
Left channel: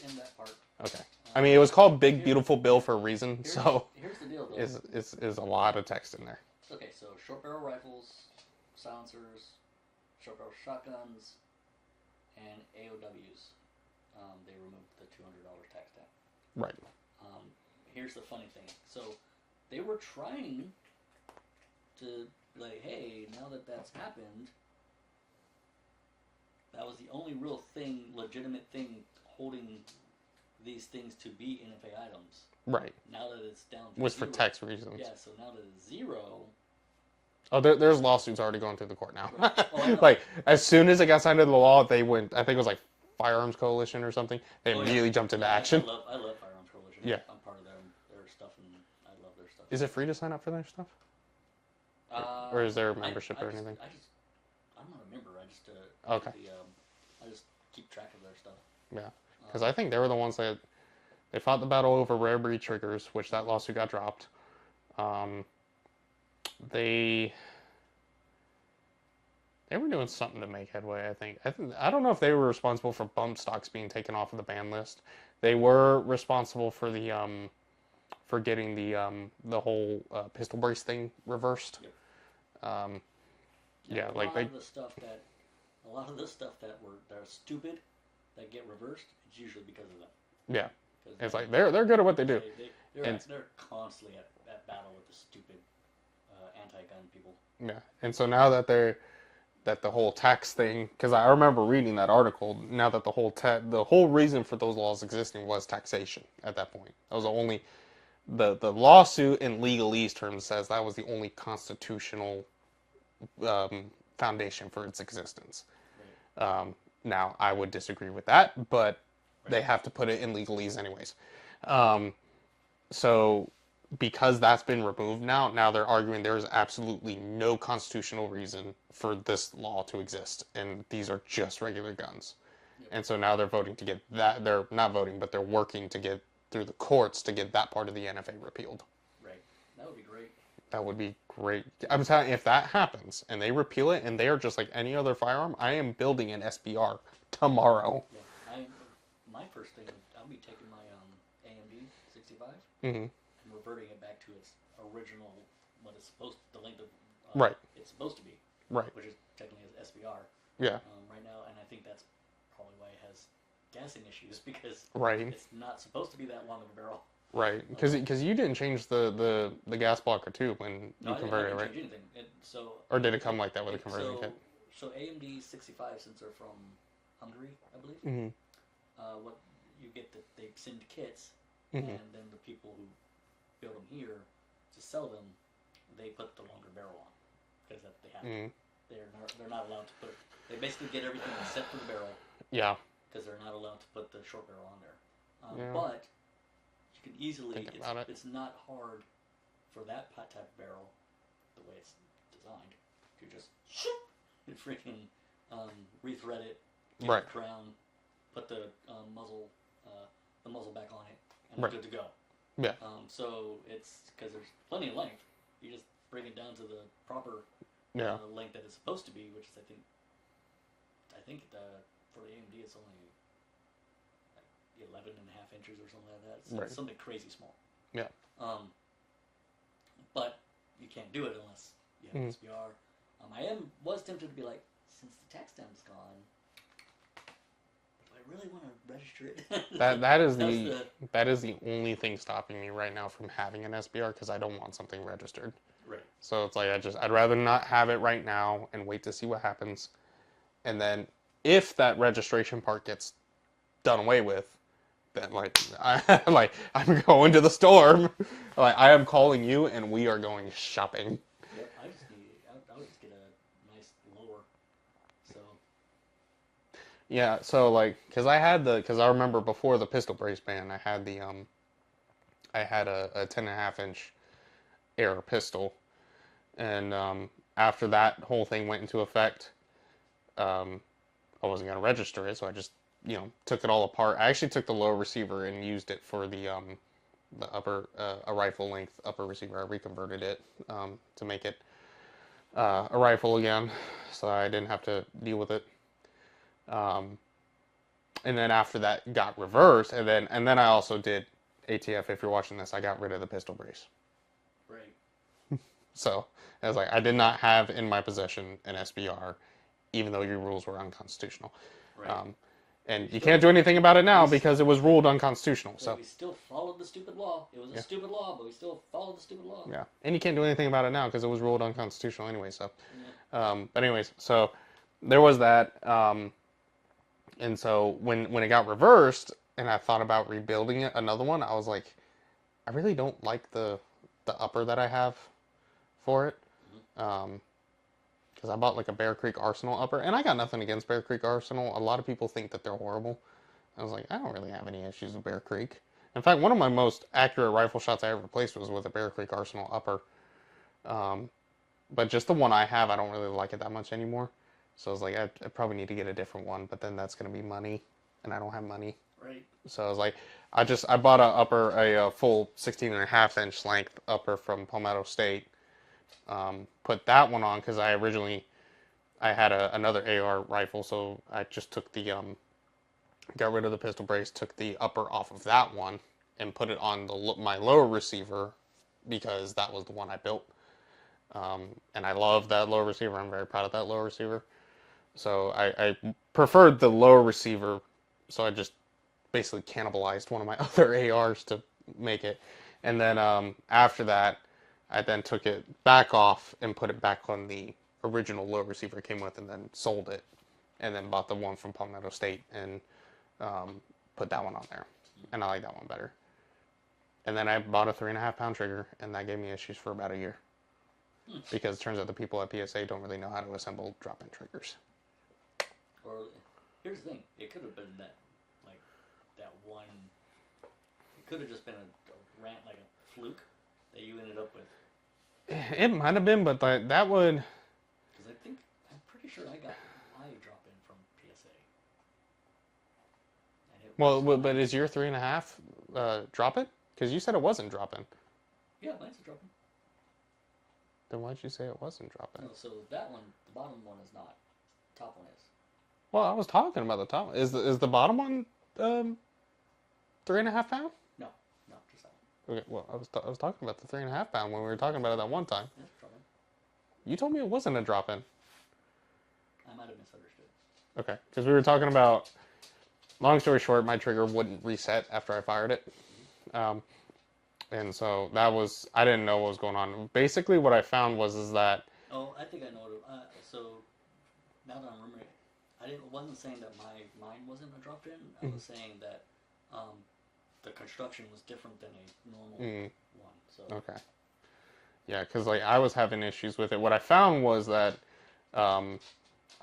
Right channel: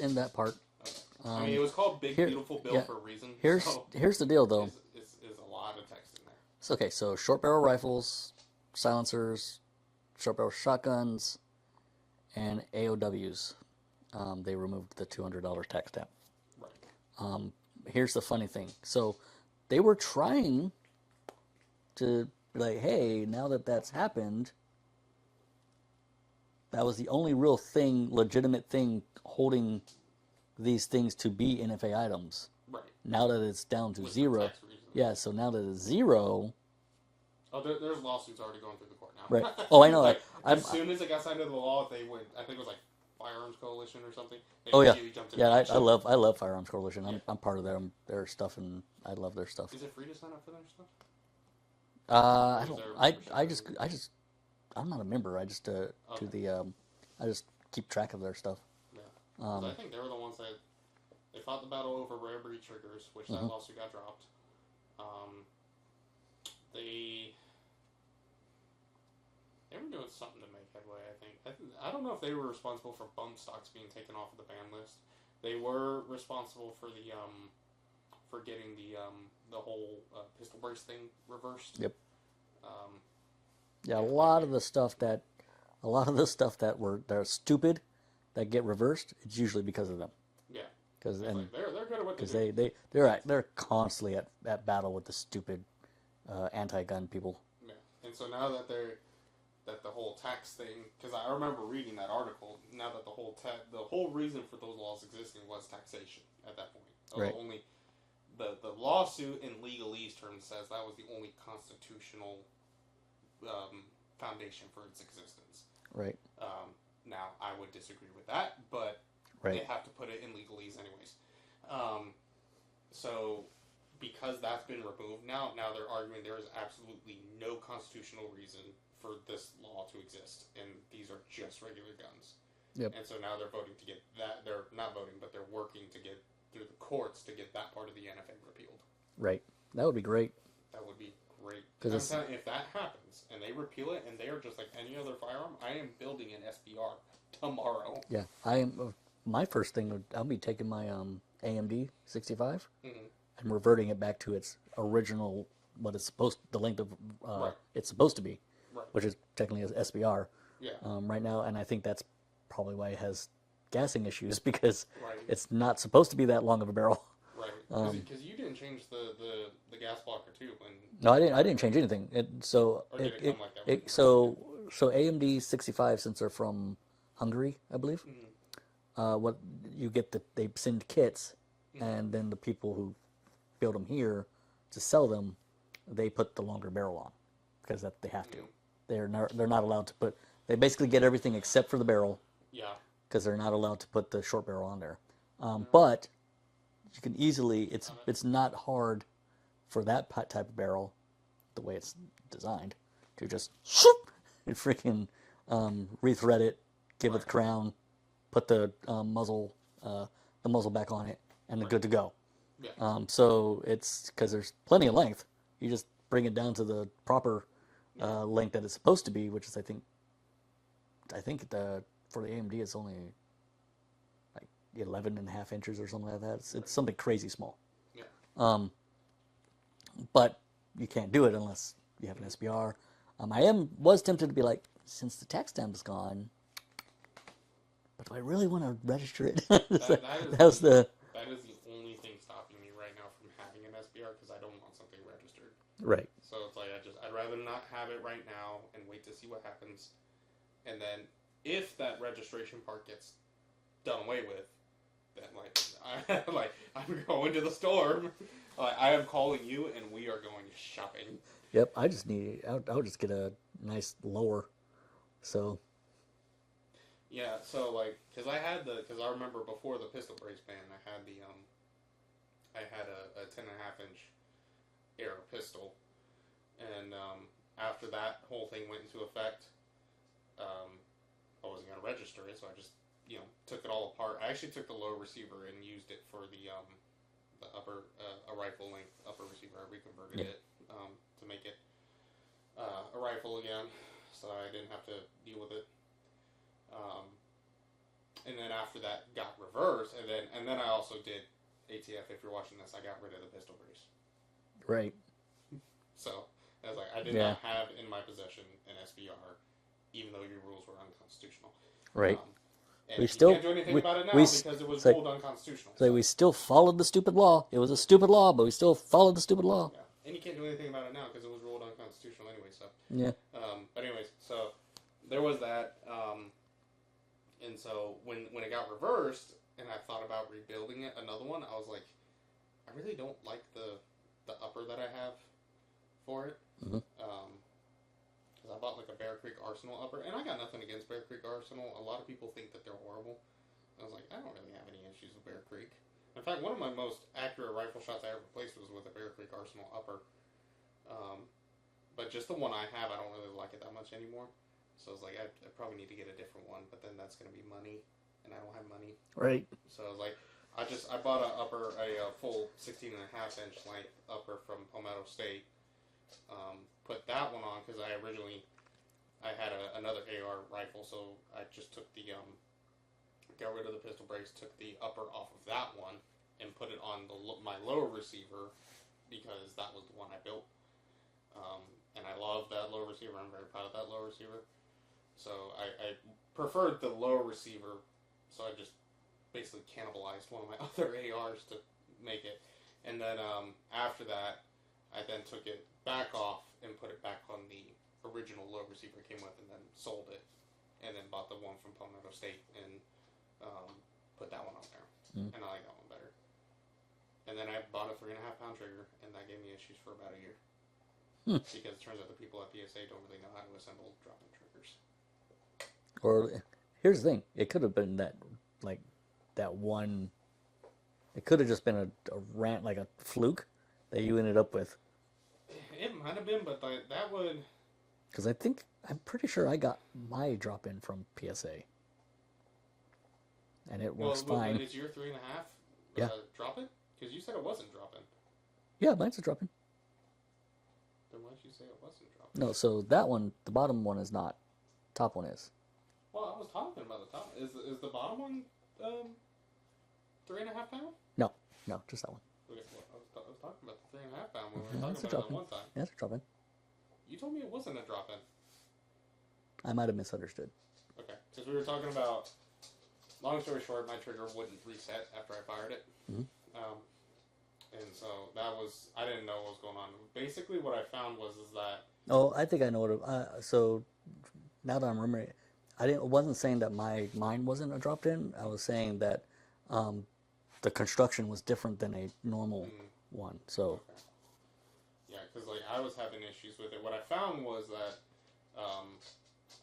in that part. Okay. I mean, it was called Big Beautiful Bill yeah. for a reason. Here's the deal, though. Is a lot of text in there. So, okay, so short barrel rifles, silencers, short barrel shotguns, and AOWs. They removed the $200 tax stamp. Right. Here's the funny thing. So they were trying to be like, hey, now that that's happened, that was the only real thing, legitimate thing holding these things to be NFA items. Right. Now that it's down to With zero. for tax reasons. Yeah, so now that it's zero. Oh, there's lawsuits already going through the court now. Right. Oh, I know. Like, as soon as it got signed into the law, they went, I think it was like Firearms Coalition or something. They immediately jumped into action. I love Firearms Coalition. Yeah. I'm part of their stuff, and I love their stuff. Is it free to sign up for their stuff? Or is there a membership or anything? I'm not a member. I just Okay. I just keep track of their stuff. Yeah. Because I think they were the ones that they fought the battle over rare breed triggers, which that lawsuit got dropped. They were doing something to make headway, I think. I don't know if they were responsible for bump stocks being taken off of the ban list. They were responsible for the for getting the whole pistol brace thing reversed. Yep. Yeah, a lot of the stuff that are stupid that get reversed, it's usually because of them. Yeah. Because it's like they're good at what they do. They're constantly at battle with the stupid anti-gun people. Yeah, and so now that the whole tax thing, because I remember reading that article. Now that the whole reason for those laws existing was taxation at that point. That was the only the lawsuit in legalese terms says that was the only constitutional foundation for its existence. Right. Now I would disagree with that, but they have to put it in legalese anyways. So because that's been removed now they're arguing there is absolutely no constitutional reason for this law to exist, and these are just regular guns. Yep. And so now they're voting to get that. They're not voting, but they're working to get through the courts to get that part of the NFA repealed. Right. That would be great. That would be great. I'm telling you, if that happens and they repeal it and they are just like any other firearm, I am building an SBR tomorrow. Yeah, I am. My first thing I'll be taking my AMD 65 and reverting it back to its original, the length of it's supposed to be, which is technically an SBR. Yeah. Right now, and I think that's probably why it has gassing issues because Right. it's not supposed to be that long of a barrel. Right, because you didn't change the gas blocker too when. No, I didn't change anything. Or did it come like that with the conversion? So AMD 65, since they're from Hungary, I believe. What you get they send kits, and then the people who build them here to sell them, they put the longer barrel on because that they have to. They're not allowed to put. They basically get everything except for the barrel. Yeah. Because they're not allowed to put the short barrel on there. But you can easily. It's not hard for that type of barrel, the way it's designed, to just and freaking rethread it, give it the crown, put the muzzle back on it, and they're good to go. Yeah. So it's because there's plenty of length. You just bring it down to the proper length that it's supposed to be, which is I think for the AMD it's only like 11.5 inches or something like that. It's something crazy small. Yeah. But you can't do it unless you have an SBR. I was tempted to be like, since the tax stamp is gone, but do I really want to register it? that is the only thing stopping me right now from having an SBR because I don't want something registered. Right. So it's like I'd rather not have it right now and wait to see what happens, and then if that registration part gets done away with, then I'm going to the store. Like I am calling you and we are going shopping. Yep. I'll just get a nice lower So Yeah, so like, cause I remember before the pistol brace ban, I had a 10.5 inch air pistol, and after that whole thing went into effect, um, I wasn't gonna register it, so I just took it all apart. I actually took the low receiver and used it for the upper a rifle length upper receiver. I reconverted it to make it a rifle again, so I didn't have to deal with it. Um, and then after that got reversed, and then I also did ATF. If you're watching this, I got rid of the pistol brace. right. So I was like, I did Yeah. not have in my possession an SBR, even though your rules were unconstitutional. Right. And We you still- can't do anything about it now we- because it was it's like- ruled unconstitutional. So So we still followed the stupid law. It was a stupid law, but we still followed the stupid law. yeah, and you can't do anything about it now because it was ruled unconstitutional anyway. So Yeah. but anyways, so there was that. And so when it got reversed, and I thought about rebuilding it, another one, I was like, I really don't like the upper that I have for it. Because I bought like a Bear Creek Arsenal upper, and I got nothing against Bear Creek Arsenal. A lot of people think that they're horrible. I was like, I don't really have any issues with Bear Creek. In fact, one of my most accurate rifle shots I ever placed was with a Bear Creek Arsenal upper. But just the one I have, I don't really like it that much anymore. So I was like, I probably need to get a different one, but then that's going to be money, and I don't have money. Right. So I was like, I bought a full 16.5 inch length upper from Palmetto State. Put that one on because I had another AR rifle, so I just took got rid of the pistol brace, took the upper off of that one, and put it on my lower receiver because that was the one I built. And I love that lower receiver. I'm very proud of that lower receiver. So I preferred the lower receiver, so I just basically cannibalized one of my other ARs to make it. And then after that, I then took it back off and put it back on the original low receiver it came with, and then sold it, and then bought the one from Palmetto State and put that one on there. And I like that one better. And then I bought a 3.5 pound trigger, and that gave me issues for about a year. Because it turns out the people at PSA don't really know how to assemble drop-in triggers. Or here's the thing: it could have been that, like, that one. It could have just been a rant, like a fluke, that you ended up with. It might have been, but that would. Because I'm pretty sure I got my drop-in from PSA. And it was Well, fine. but is your 3.5 drop-in? Because you said it wasn't drop-in. Yeah, mine's a drop-in. Then why'd you say it wasn't drop-in? No, so that one, the bottom one is not. Top one is. Well, I was talking about the top. Is the bottom one 3.5 pound? No, just that one. Okay, well, I was talking about the 3.5 pound when we were talking about it that one time. Yeah, it's a drop-in. You told me it wasn't a drop-in. I might have misunderstood. Okay, because we were talking about. Long story short, my trigger wouldn't reset after I fired it, and so I didn't know what was going on. Basically, what I found is that. Oh, I think I know what. So now that I'm remembering, I wasn't saying that mine wasn't a drop-in. I was saying that the construction was different than a normal one. So Okay. Yeah, because like I was having issues with it. What I found was that I'm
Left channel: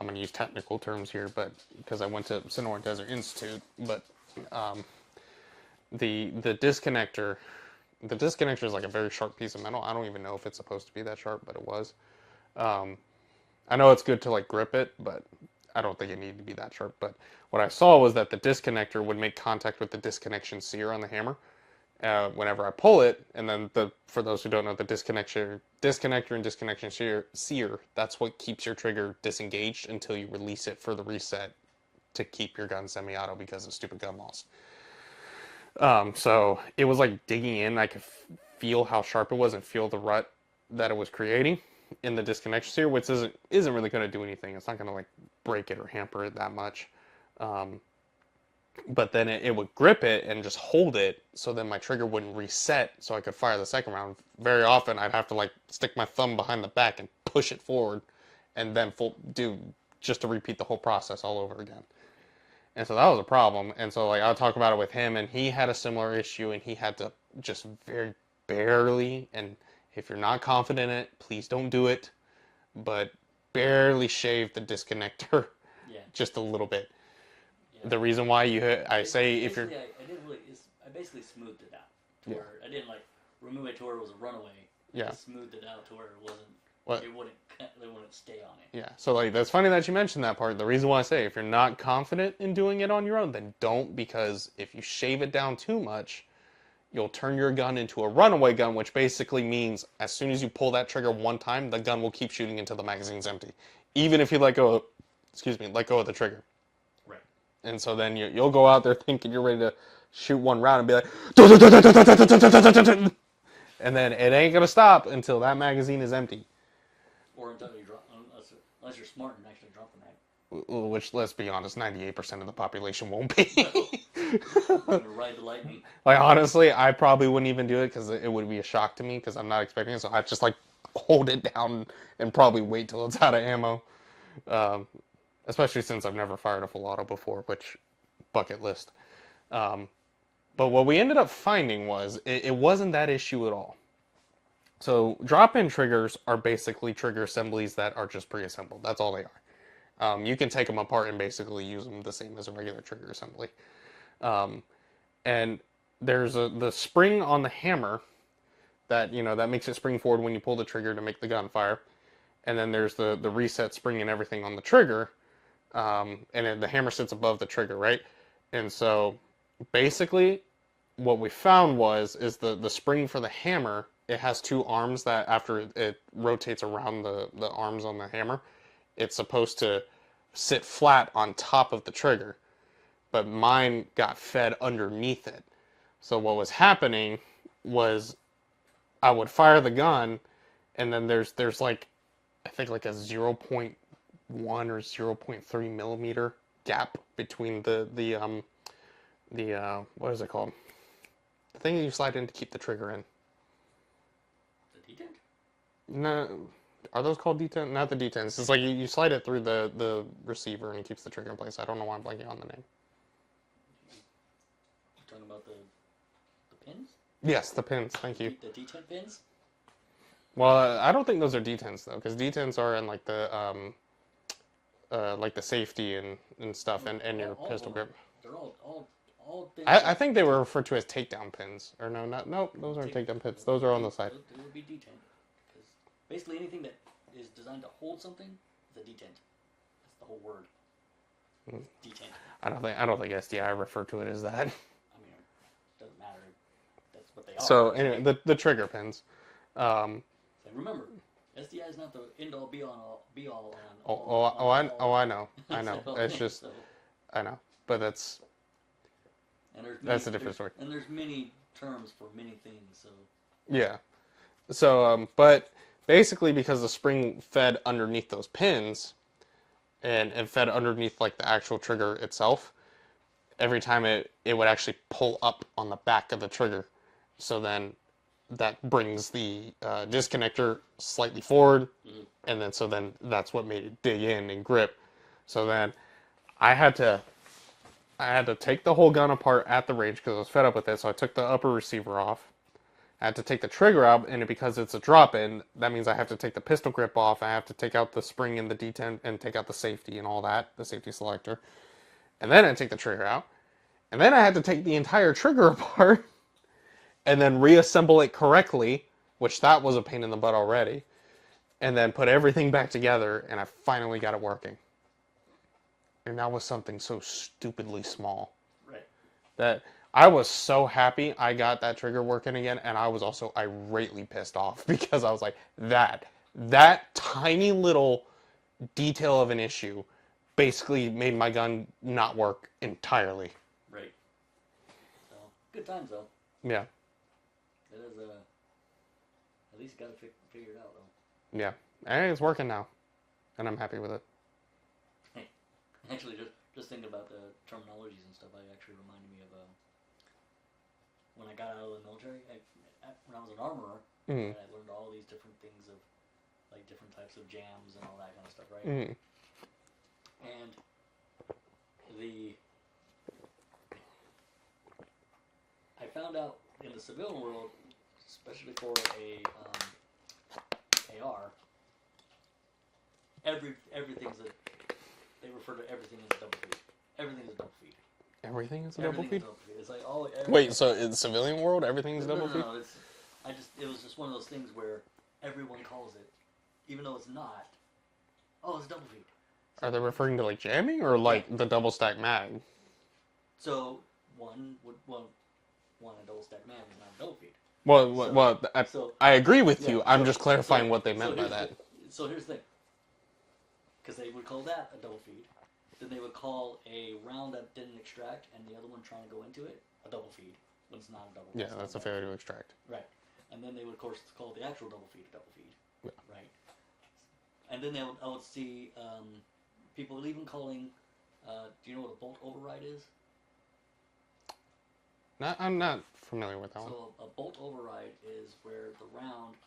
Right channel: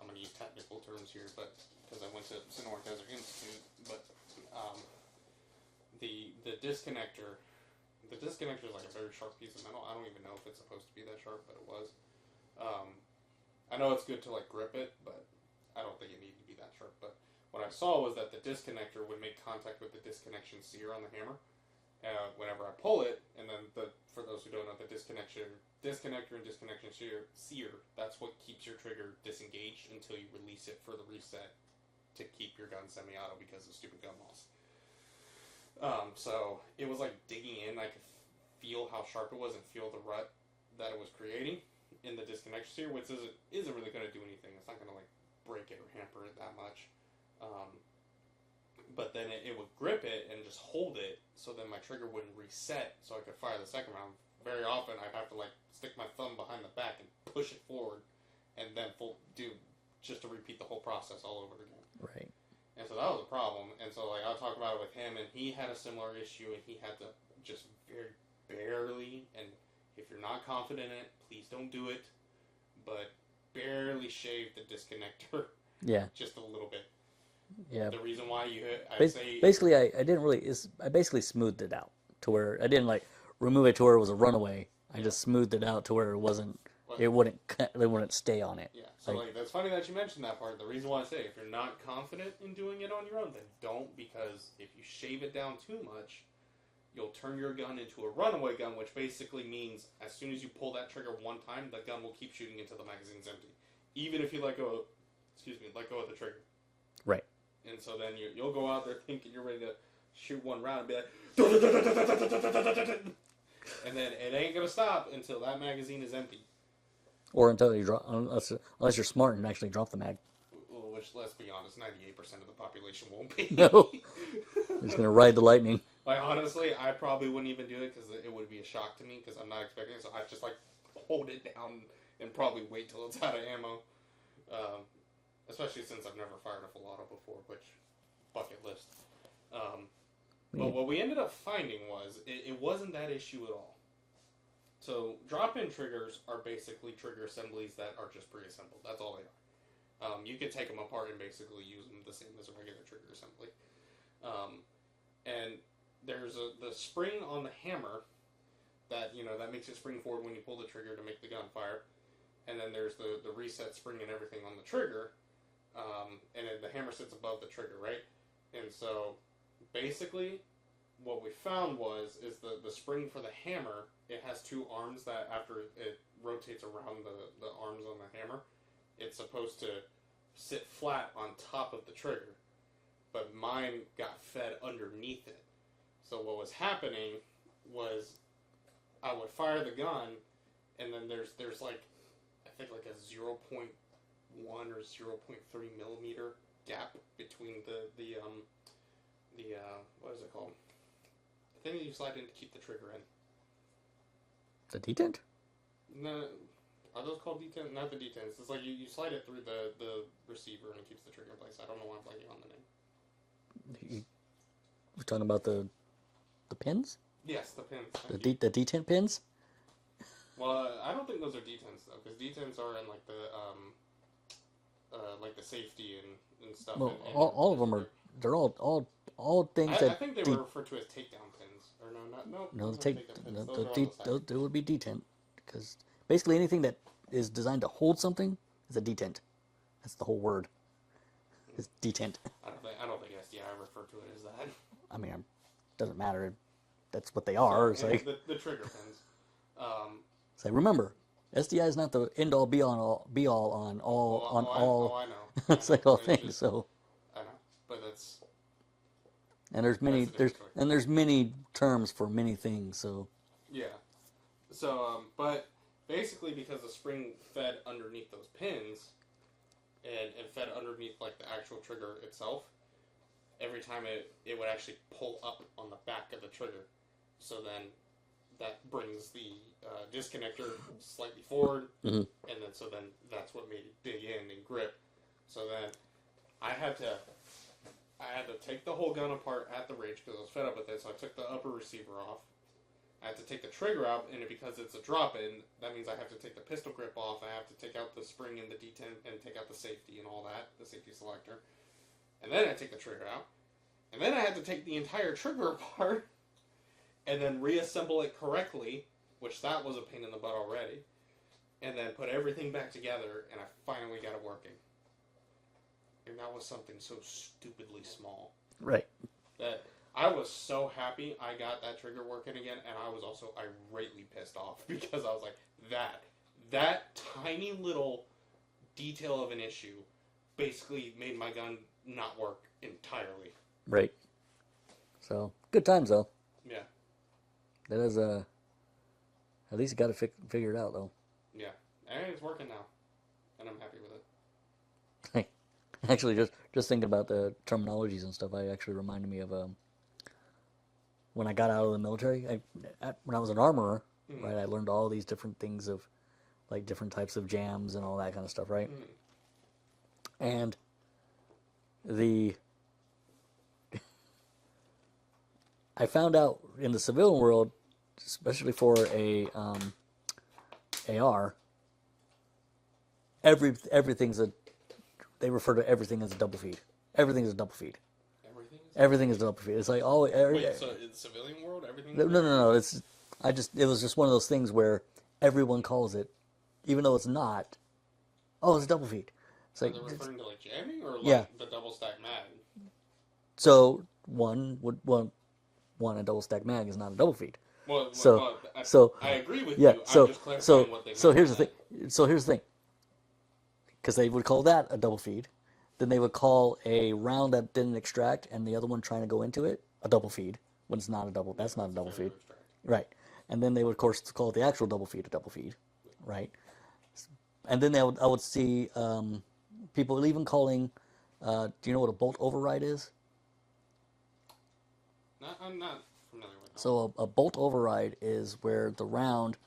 going to use technical terms here, but because I went to Sonora Desert Institute, but the disconnector is like a very sharp piece of metal. I don't even know if it's supposed to be that sharp, but it was. I know it's good to like grip it, but I don't think it needed to be that sharp. But what I saw was that the disconnector would make contact with the disconnection sear on the hammer whenever I pull it, and then for those who don't know, the disconnector and disconnection sear, that's what keeps your trigger disengaged until you release it for the reset to keep your gun semi-auto because of stupid gun laws. So it was like digging in. I could feel how sharp it was and feel the rut that it was creating in the disconnection sear, which isn't really going to do anything. It's not going to like break it or hamper it that much. But then it would grip it and just hold it, so then my trigger wouldn't reset, so I could fire the second round. Very often, I'd have to like stick my thumb behind the back and push it forward, and then just to repeat the whole process all over again. right. And so that was a problem. And so like I would talk about it with him, and he had a similar issue, and he had to just very barely. And if you're not confident in it, please don't do it. But barely shaved the disconnector Yeah. just a little bit. Yeah. The reason why I say basically, I didn't really. I basically smoothed it out to where I didn't like remove it to where it was a runaway. I just smoothed it out to where it wasn't. What? It wouldn't stay on it. Yeah. So like that's funny that you mentioned that part. The reason why I say if you're not confident in doing it on your own, then don't, because if you shave it down too much, you'll turn your gun into a runaway gun, which basically means as soon as you pull that trigger one time, the gun will keep shooting until the magazine's empty, even if you let go of the trigger. Right. And so then you'll go out there thinking you're ready to shoot one round and be like, and then it ain't gonna stop until that magazine is empty. Or until you drop, unless you're smart and actually drop the mag. Which, let's be honest, 98% of the population won't be. No. It's gonna ride the lightning. Like, honestly, I probably wouldn't even do it because it would be a shock to me because I'm not expecting it. So I'd just like hold it down and probably wait till it's out of ammo. Especially since I've never fired a full auto before, which bucket list. But what we ended up finding was it wasn't that issue at all. So drop-in triggers are basically trigger assemblies that are just pre-assembled. That's all they are. You can take them apart and basically use them the same as a regular trigger assembly. And there's the spring on the hammer that that makes it spring forward when you pull the trigger to make the gun fire. And then there's the reset spring and everything on the trigger. And then the hammer sits above the trigger, right? And so basically what we found is the spring for the hammer, it has two arms that after it rotates around the arms on the hammer, it's supposed to sit flat on top of the trigger. But mine got fed underneath it. So what was happening was I would fire the gun, and then there's like, I think like a 0.1 or 0.3 millimeter gap between the what is it called? The thing you slide in to keep the trigger in. The detent? No, are those called detent? Not the detents. It's like you slide it through the receiver and it keeps the trigger in place. I don't know why I'm blanking on the name. You're talking about the pins? Yes, the pins. Thank you. The detent pins? Well, I don't think those are detents though, because detents are in like the safety and stuff, Well, and all of them grip. they're all things. I think they were referred to as takedown pins, or no, those aren't takedown pins. Those are on the side. Those would be detent, because basically anything that is designed to hold something is a detent. That's the whole word. It's detent. I don't think SDI refer to it as that. I mean, it doesn't matter. That's what they are. So anyway, the trigger pins. So remember, SDI is not the end all be all on all. I know. It's just so. I know, but that's. And there's many terms for many things. So. Yeah. So, but basically, because the spring fed underneath those pins, and fed underneath like the actual trigger itself, every time it would actually pull up on the back of the trigger. So then that brings the disconnector slightly forward, and then that's what made it dig in and grip. So then I had to take the whole gun apart at the range because I was fed up with it. So I took the upper receiver off. I had to take the trigger out, and because it's a drop-in, that means I have to take the pistol grip off. I have to take out the spring and the detent and take out the safety and all that, the safety selector. And then I take the trigger out. And then I had to take the entire trigger apart and then reassemble it correctly, which that was a pain in the butt already. And then put everything back together, and I finally got it working. And that was something so stupidly small. Right. That I was so happy I got that trigger working again, and I was also irately pissed off because I was like, that tiny little detail of an issue basically made my gun not work entirely. Right. So, good times though. Yeah. That is at least you got it figured out though. Yeah. And it's working now, and I'm happy with it. Hey, actually, just thinking about the terminologies and stuff, I actually reminded me of when I got out of the military. When I was an armorer, right, I learned all these different things of like different types of jams and all that kind of stuff, right? And I found out in the civilian world, especially for a AR, everything's a. They refer to everything as a double feed. Everything is a double feed. Everything is Everything is a double feed. It's like all. Wait, so in the civilian world, everything is double feed? No. It was just one of those things where everyone calls it, even though it's not. Oh, it's a double feed. So are they referring to like jamming or like the double stack mag? So one a double stack mag is not a double feed. Well, I agree with you. I'm just clarifying what they meant by that. So here's the thing. Because they would call that a double feed. Then they would call a round that didn't extract and the other one trying to go into it a double feed. When it's not a double, that's not a double feed. To extract. Right. And then they would, of course, call the actual double feed a double feed. Yeah. Right. And then I would see people even calling, do you know what a bolt override is? I'm not familiar with that. So a bolt override is where the round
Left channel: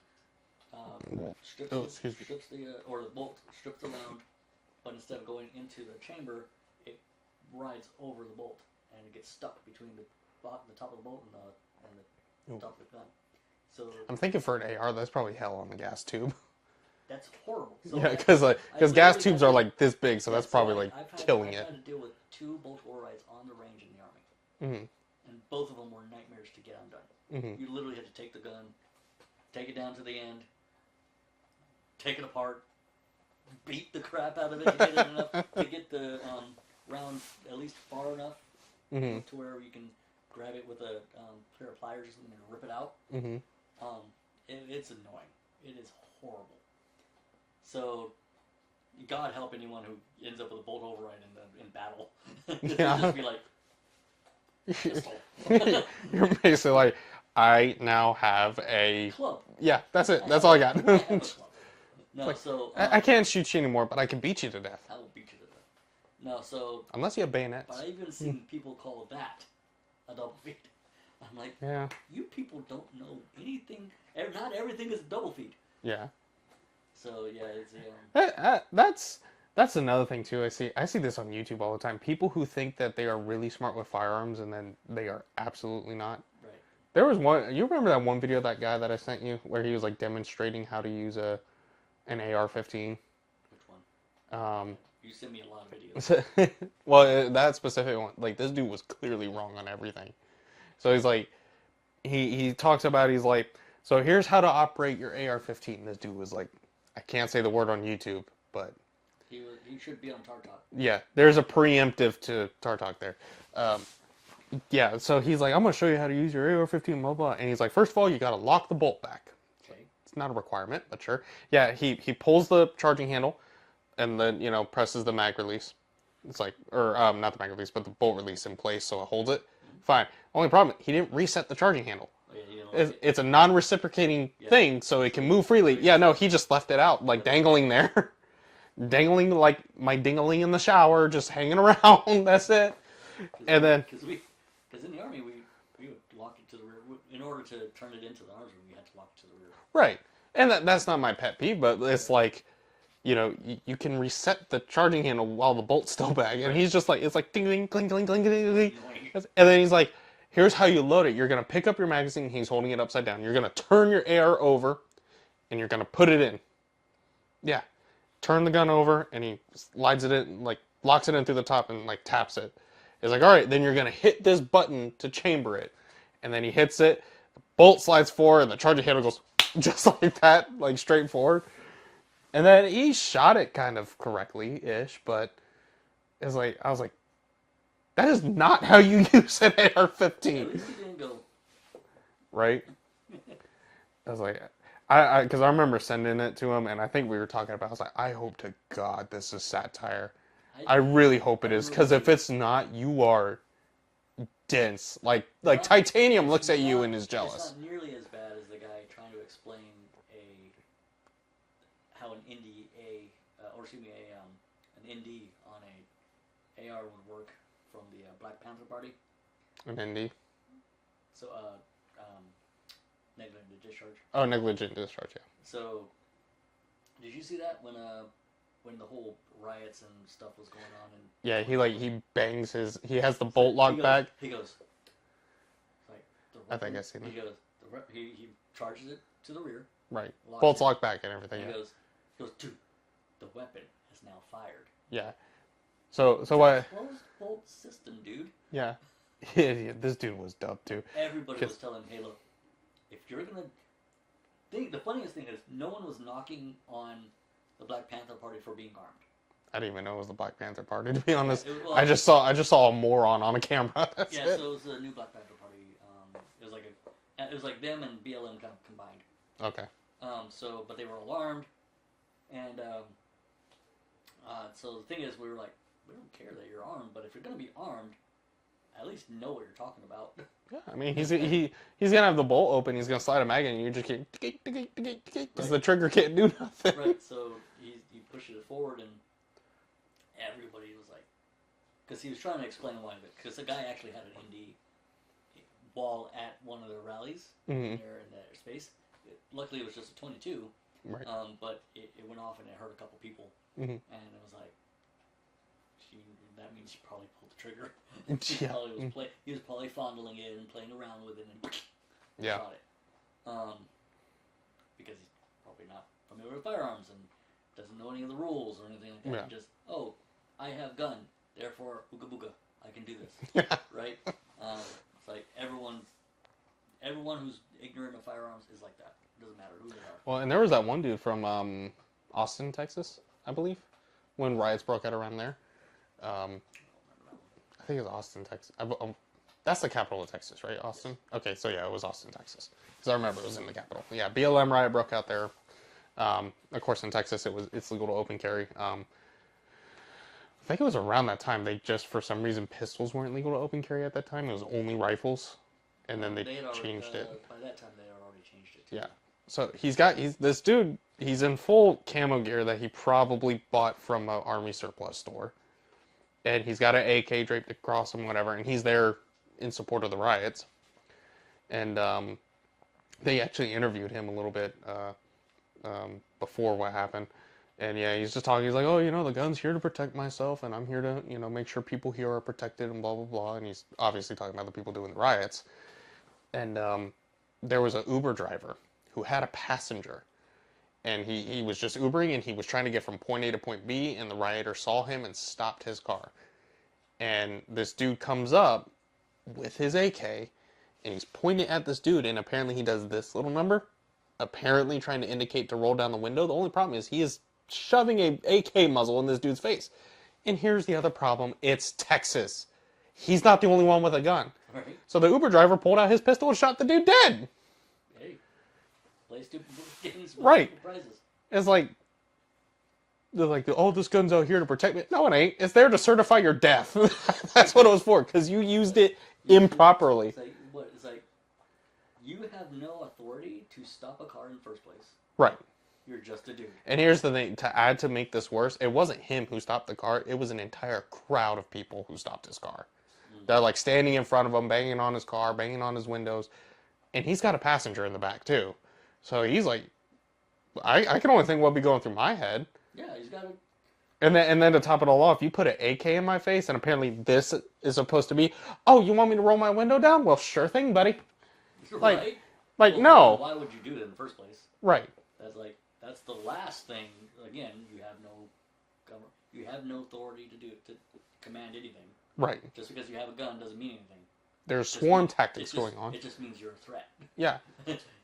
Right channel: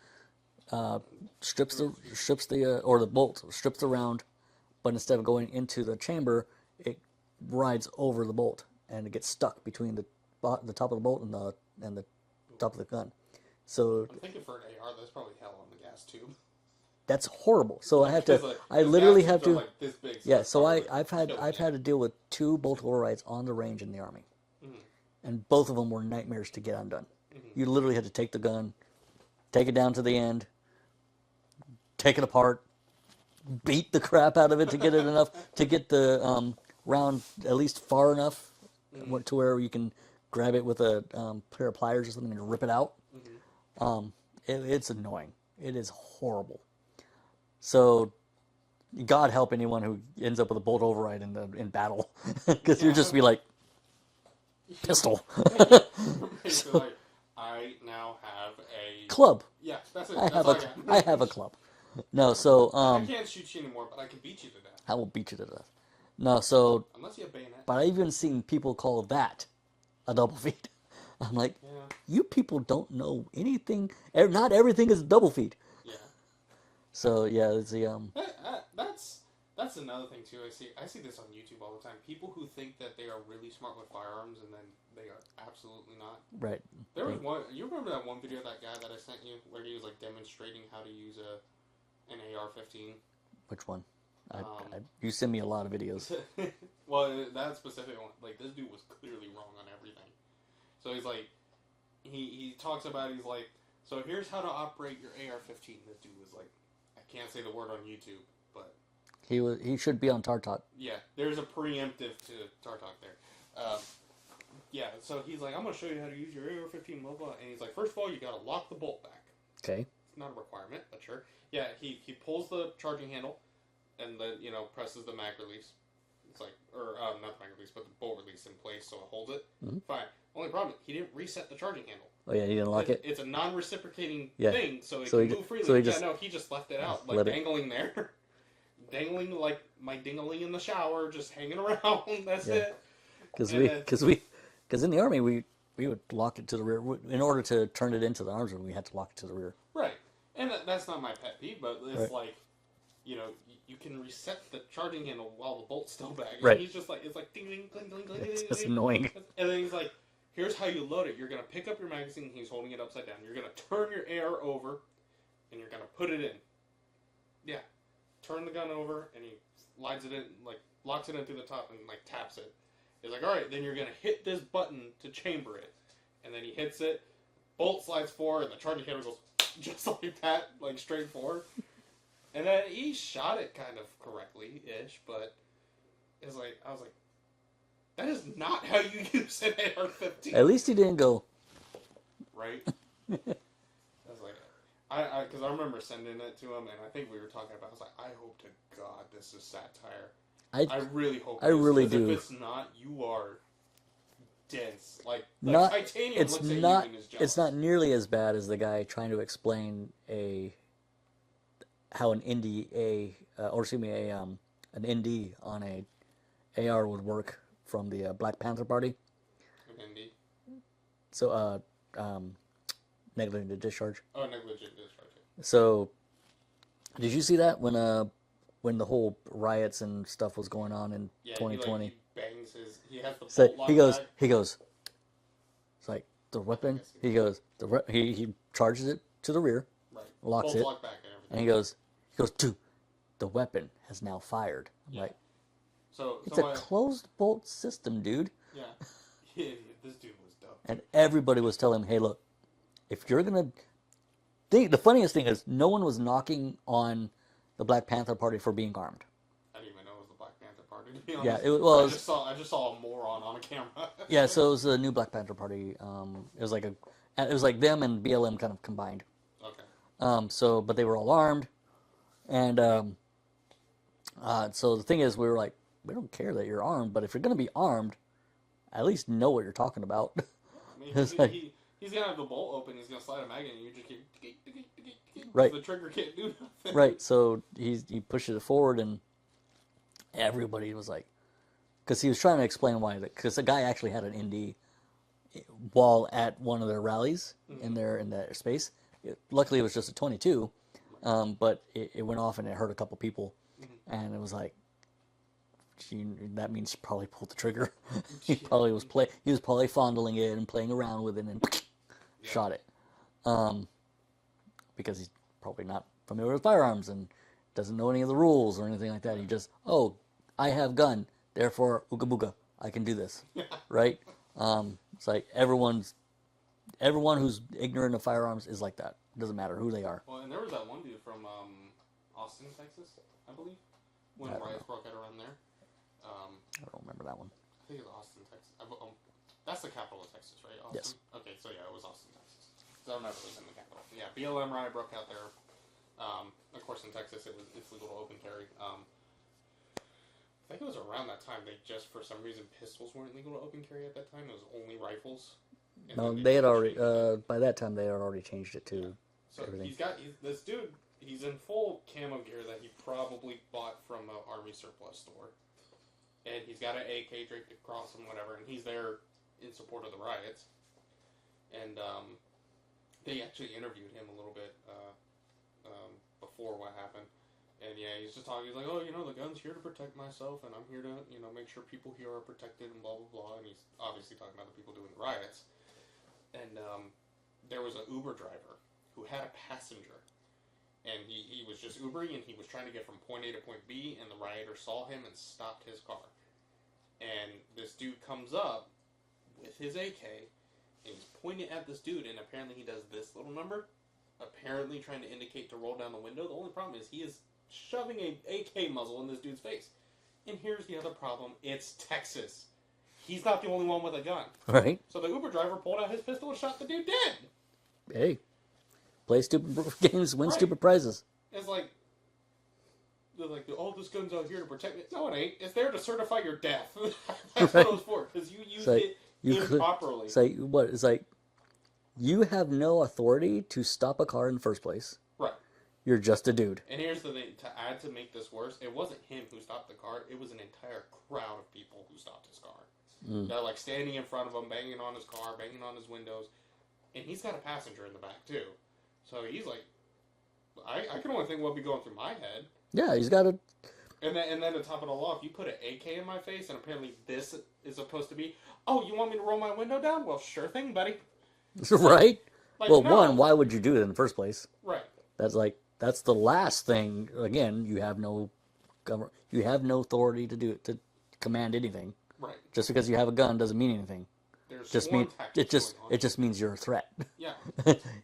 strips the bolt strips the round, but instead of going into the chamber, it rides over the bolt and it gets stuck between the top of the bolt and the top of the gun. So I'm thinking for an AR, that's probably hell on the gas tube. That's horrible. So because gas tubes are like this big, so that's probably I've had to deal with 2 bolt overrides on the range in the Army, and both of them were nightmares to get undone. You literally had to take the gun, take it down to the end, take it apart, beat the crap out of it to get it enough to get the round at least far enough to where you can grab it with a pair of pliers or something and rip it out. It's annoying. It is horrible. So, God help anyone who ends up with a bolt override in battle, because you'd just be like, pistol. You're basically like, I now have a club. Yeah, that's it. That's all I got. I have a club. No, so I can't shoot you anymore, but I can beat you to death. I will beat you to death. No, so unless you have bayonets. But I've even seen people call that a double feed. I'm like, you people don't know anything. Not everything is a double feed. Yeah. So yeah, it's the that's another thing too. I see this on YouTube all the time. People who think that they are really smart with firearms and then they are absolutely not. Right. There was one. You remember that one video of that guy that I sent you where he was like demonstrating how to use an AR-15? Which one? You send me a lot of videos. Well, that specific one, like this dude was clearly wrong on everything. So he's like, he talks about, he's like, so here's how to operate your AR-15. This dude was like, I can't say the word on YouTube, but he should be on Tartalk. Yeah, there's a preemptive to Tartalk there. Yeah, so he's like, I'm gonna show you how to use your AR-15, blah blah. And he's like, first of all, you gotta lock the bolt back. Okay. It's not a requirement, but sure. Yeah, he pulls the charging handle, and then presses the mag release. It's like, or not the mag release, but the bolt release in place, so it holds it. Fine. Only problem, he didn't reset the charging handle. Oh yeah, he didn't lock it. It's a non-reciprocating thing, so it can move freely. He just left it out, like dangling there, dangling like my dingling in the shower, just hanging around. That's it. Because in the Army we would lock it to the rear. In order to turn it into the arms room, we had to lock it to the rear. Right, and that's not my pet peeve, but it's like, you can reset the charging handle while the bolt's still back, and he's just like, it's like ding ding cling cling cling. It's annoying. And then he's like, here's how you load it. You're gonna pick up your magazine. He's holding it upside down. You're gonna turn your AR over, and you're gonna put it in. Yeah, turn the gun over, and he slides it in, like locks it in through the top, and like taps it. He's like, all right, then you're gonna hit this button to chamber it, and then he hits it. The bolt slides forward, and the charging handle goes just like that, like straight forward. And then he shot it kind of correctly-ish, but it's like, I was like, that is not how you use an AR-15. At least he didn't go. Right? I was like, because I remember sending it to him, and I think we were talking about, I was like, I hope to God this is satire. I really hope it is, because if it's not, you are dense. Like Titanium looks at you and is jealous. It's not nearly as bad as the guy trying to explain how an ND on a AR would work from the Black Panther Party. An ND? So, negligent discharge. Oh, negligent discharge, yeah. So, did you see that when the whole riots and stuff was going on in 2020? he bangs he has the bolt locked back. He goes, it's like the weapon. He charges it to the rear. Right. Locks Bolt's it, locked back and everything. And he goes, dude, the weapon has now fired. Yeah. Like, So it's why? a closed bolt system, dude. Yeah. Yeah, this dude was dumb too. And everybody was telling him, hey, look, if you're gonna, the funniest thing is no one was knocking on the Black Panther Party for being armed. I didn't even know it was the Black Panther Party, to be honest. Yeah, I just saw a moron on a camera. Yeah, so it was the new Black Panther Party. It was like them and BLM kind of combined. Okay. But they were all armed, and so the thing is, we were like, we don't care that you're armed, but if you're gonna be armed, at least know what you're talking about. Yeah, I mean, he's gonna have the bolt open. He's gonna slide a mag in, and you just keep because the trigger can't do nothing. Right. So he pushes it forward, and everybody was like, because he was trying to explain why. Because the guy actually had an ND while at one of their rallies in their space. Luckily, it was just a 22, right. But it went off and it hurt a couple people, and it was like, that means she probably pulled the trigger. He was probably fondling it and playing around with it and shot it, because he's probably not familiar with firearms and doesn't know any of the rules or anything like that. And just, I have gun, therefore ooga booga, I can do this, right? It's like everyone who's ignorant of firearms is like that. It doesn't matter who they are. Well, and there was that one dude from Austin, Texas, I believe, when riots broke out around there. I don't remember that one. I think it was Austin, Texas. That's the capital of Texas, right? Austin? Yes. Okay, so yeah, it was Austin, Texas. Because I remember it was in the capital. Yeah, BLM riot broke out there. Of course, in Texas, it's legal to open carry. I think it was around that time they just, for some reason, pistols weren't legal to open carry at that time. It was only rifles. And then they had already, by that time, they had already changed it too. Yeah. So this dude, he's in full camo gear that he probably bought from an army surplus store. And he's got an AK draped across him, whatever, and he's there in support of the riots. And they actually interviewed him a little bit before what happened. And yeah, he's just talking. He's like, the gun's here to protect myself, and I'm here to, make sure people here are protected, and blah, blah, blah. And he's obviously talking about the people doing the riots. And there was an Uber driver who had a passenger. And he was just Ubering, and he was trying to get from point A to point B, and the rioter saw him and stopped his car. And this dude comes up with his AK, and he's pointing at this dude, and apparently he does this little number, apparently trying to indicate to roll down the window. The only problem is he is shoving a AK muzzle in this dude's face. And here's the other problem. It's Texas. He's not the only one with a gun. Right. So the Uber driver pulled out his pistol and shot the dude dead. Hey. Play stupid games, win stupid prizes. It's like, they're like, this gun's out here to protect me. No, it ain't. It's there to certify your death. That's what it was for, because you used it improperly. It's like, you have no authority to stop a car in the first place. Right. You're just a dude. And here's the thing, to make this worse, it wasn't him who stopped the car. It was an entire crowd of people who stopped his car. They're like standing in front of him, banging on his car, banging on his windows. And he's got a passenger in the back, too. So he's like, I can only think what would be going through my head. Yeah, he's got a... And then to top it all off, you put an AK in my face, and apparently this is supposed to be, you want me to roll my window down? Well, sure thing, buddy. Right? Like no. Why would you do it in the first place? Right. That's the last thing. Again, you have no authority to do it, to command anything. Right. Just because you have a gun doesn't mean anything. There's swarm tactics going on. It just means you're a threat. Yeah.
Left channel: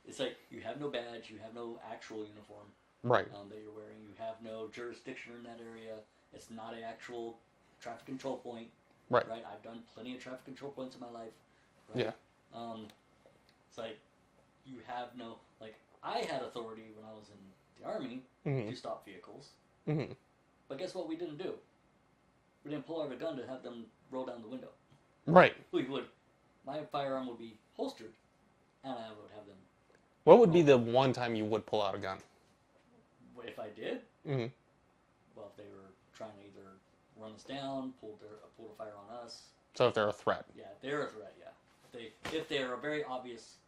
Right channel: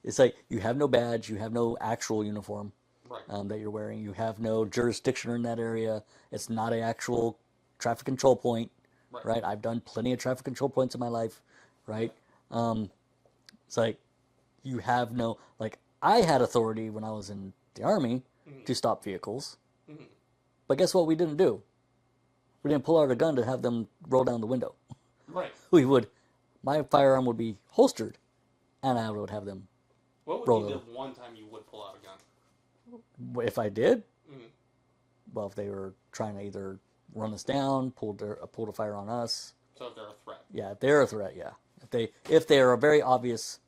It's like you have no badge, you have no actual uniform. Right. That you're wearing. You have no jurisdiction in that area. It's not an actual traffic control point. Right. Right. I've done plenty of traffic control points in my life. Right. Yeah. It's like you have no, like, I had authority when I was in the Army to stop vehicles. Mm-hmm. But guess what we didn't do? We didn't pull out a gun to have them roll down the window. Right. My firearm would be holstered, and I would have them. What would be the one time you would pull out a gun? If I did? Mm-hmm. Well, if they were trying to either run us down, pull a fire on us. So if they're a threat? Yeah, if they're a threat, yeah. If they're a very obvious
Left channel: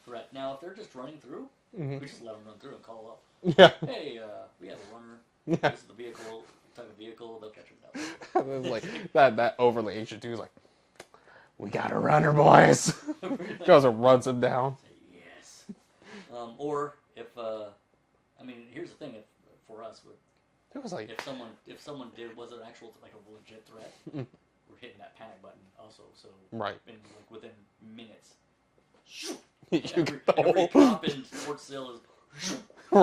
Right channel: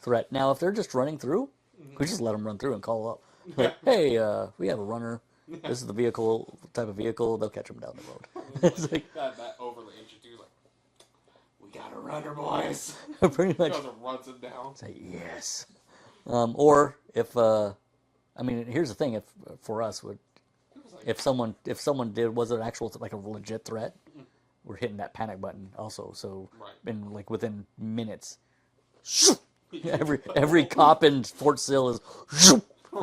threat. Now, if they're just running through, we just let them run through and call up. Yeah. Like, hey, we have a runner. Yeah. This is the type of vehicle. They'll catch them down the road. Like, that overly ancient dude is like, we got a runner, boys. Goes and runs him down. Say yes. Or if, here's the thing. If for us, It was like If someone was an actual like a legit threat, we're hitting that panic button also. So right. in like within minutes, every cop in Fort Sill is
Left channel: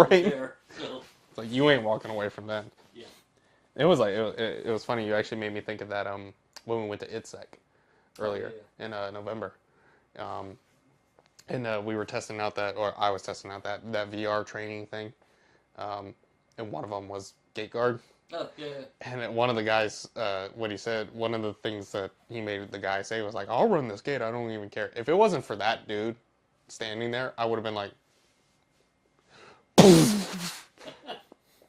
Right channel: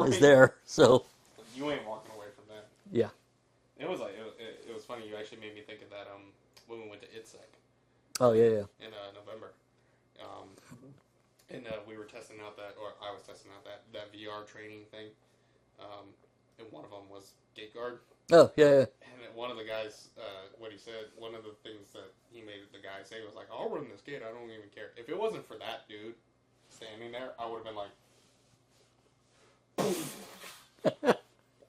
there. So it's like you ain't walking away from that. yeah. It was like it was funny. You actually made me think of that when we went to ITSEC. Oh yeah. In November, and we were testing out or I was testing out that VR training thing, and one of them was gate guard. Oh yeah. And one of the guys, what he said, one of the things that he made the guy say was like, "I'll run this gate. I don't even care." If it wasn't for that dude standing there, I would have been like,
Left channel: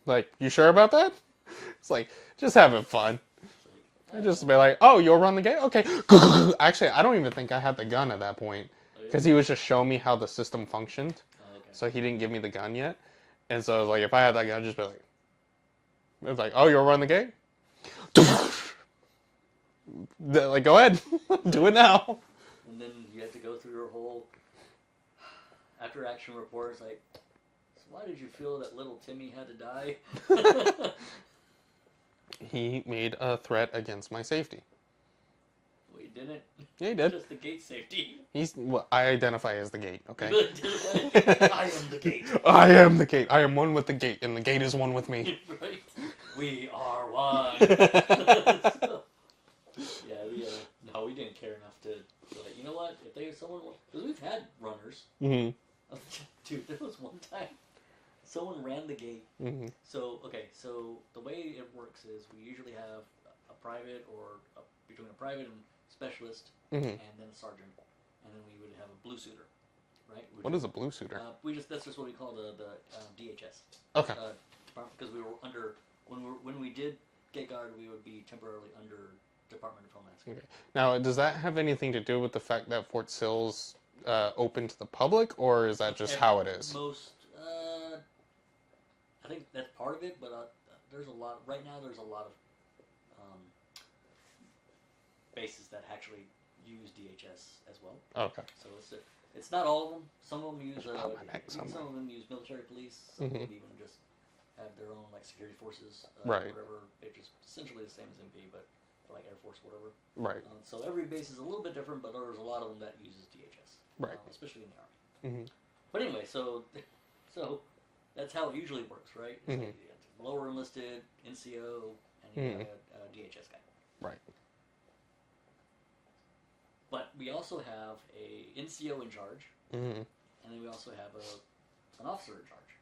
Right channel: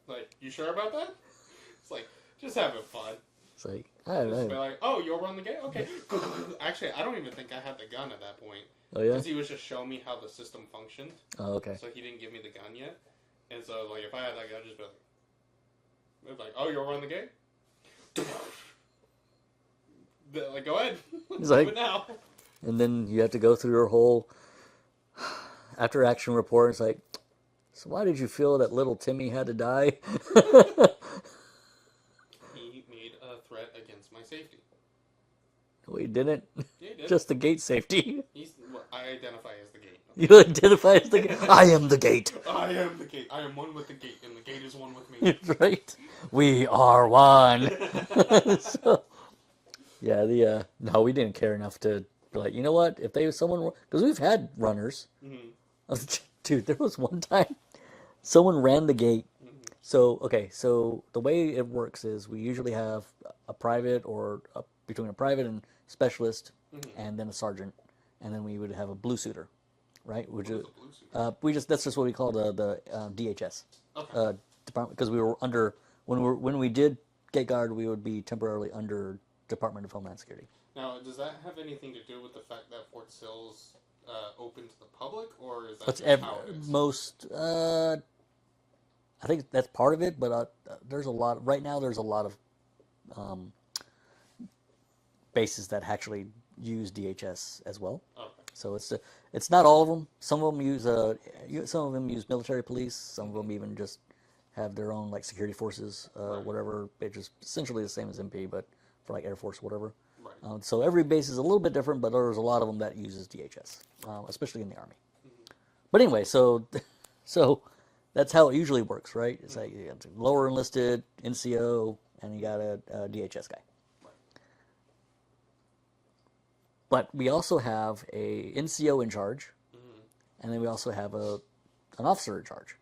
like, you sure about that? It's like, just having fun. It's like, just be like, oh, you'll run the gate? Okay. Actually, I don't even think I had the gun at that point. Oh, yeah? Because he was just showing me how the system functioned. Oh, okay. So he didn't give me the gun yet. And so, like, if I had that gun, I'd just be like, it's like, oh, you'll run the gate? Like, go ahead. Do it now. And then you have to go through your whole after-action report. It's like, so why did you feel that little Timmy had to die? He made a threat against my safety. No, he didn't. Yeah, he did. Just the gate safety. I identify as the gate. Okay? You identify as the gate. I am the gate. I am the gate. I am one with the gate, and the gate is one with me. Right? We are one. So, yeah, no, we didn't care enough to be like, you know what? If someone, because we've had runners. Mm-hmm. Dude, there was one time someone ran the gate. Mm-hmm. So the way it works is we usually have a private between a private and specialist, and then a sergeant, and then we would have a blue suiter, right? What is a blue suiter? That's just what we call the DHS. Okay. Department, because we were under when we did gate guard, we would be temporarily under Department of Homeland Security. Now, does that have anything to do with the fact that Fort Sill's open to the public, or is that just how it is? I think that's part of it, but there's a lot right now. There's a lot of bases that actually use DHS as well. Okay. So it's not all of them. Some of them use some of them use military police. Some of them even just have their own like security forces, whatever. It's just essentially the same as MP, but for like Air Force, whatever. Right. So every base is a little bit different, but there's a lot of them that uses DHS, especially in the Army. Mm-hmm. But anyway, so that's how it usually works, right? It's like you got lower enlisted, NCO, and you got a DHS guy. Right. But we also have a NCO in charge, and then we also have an officer in charge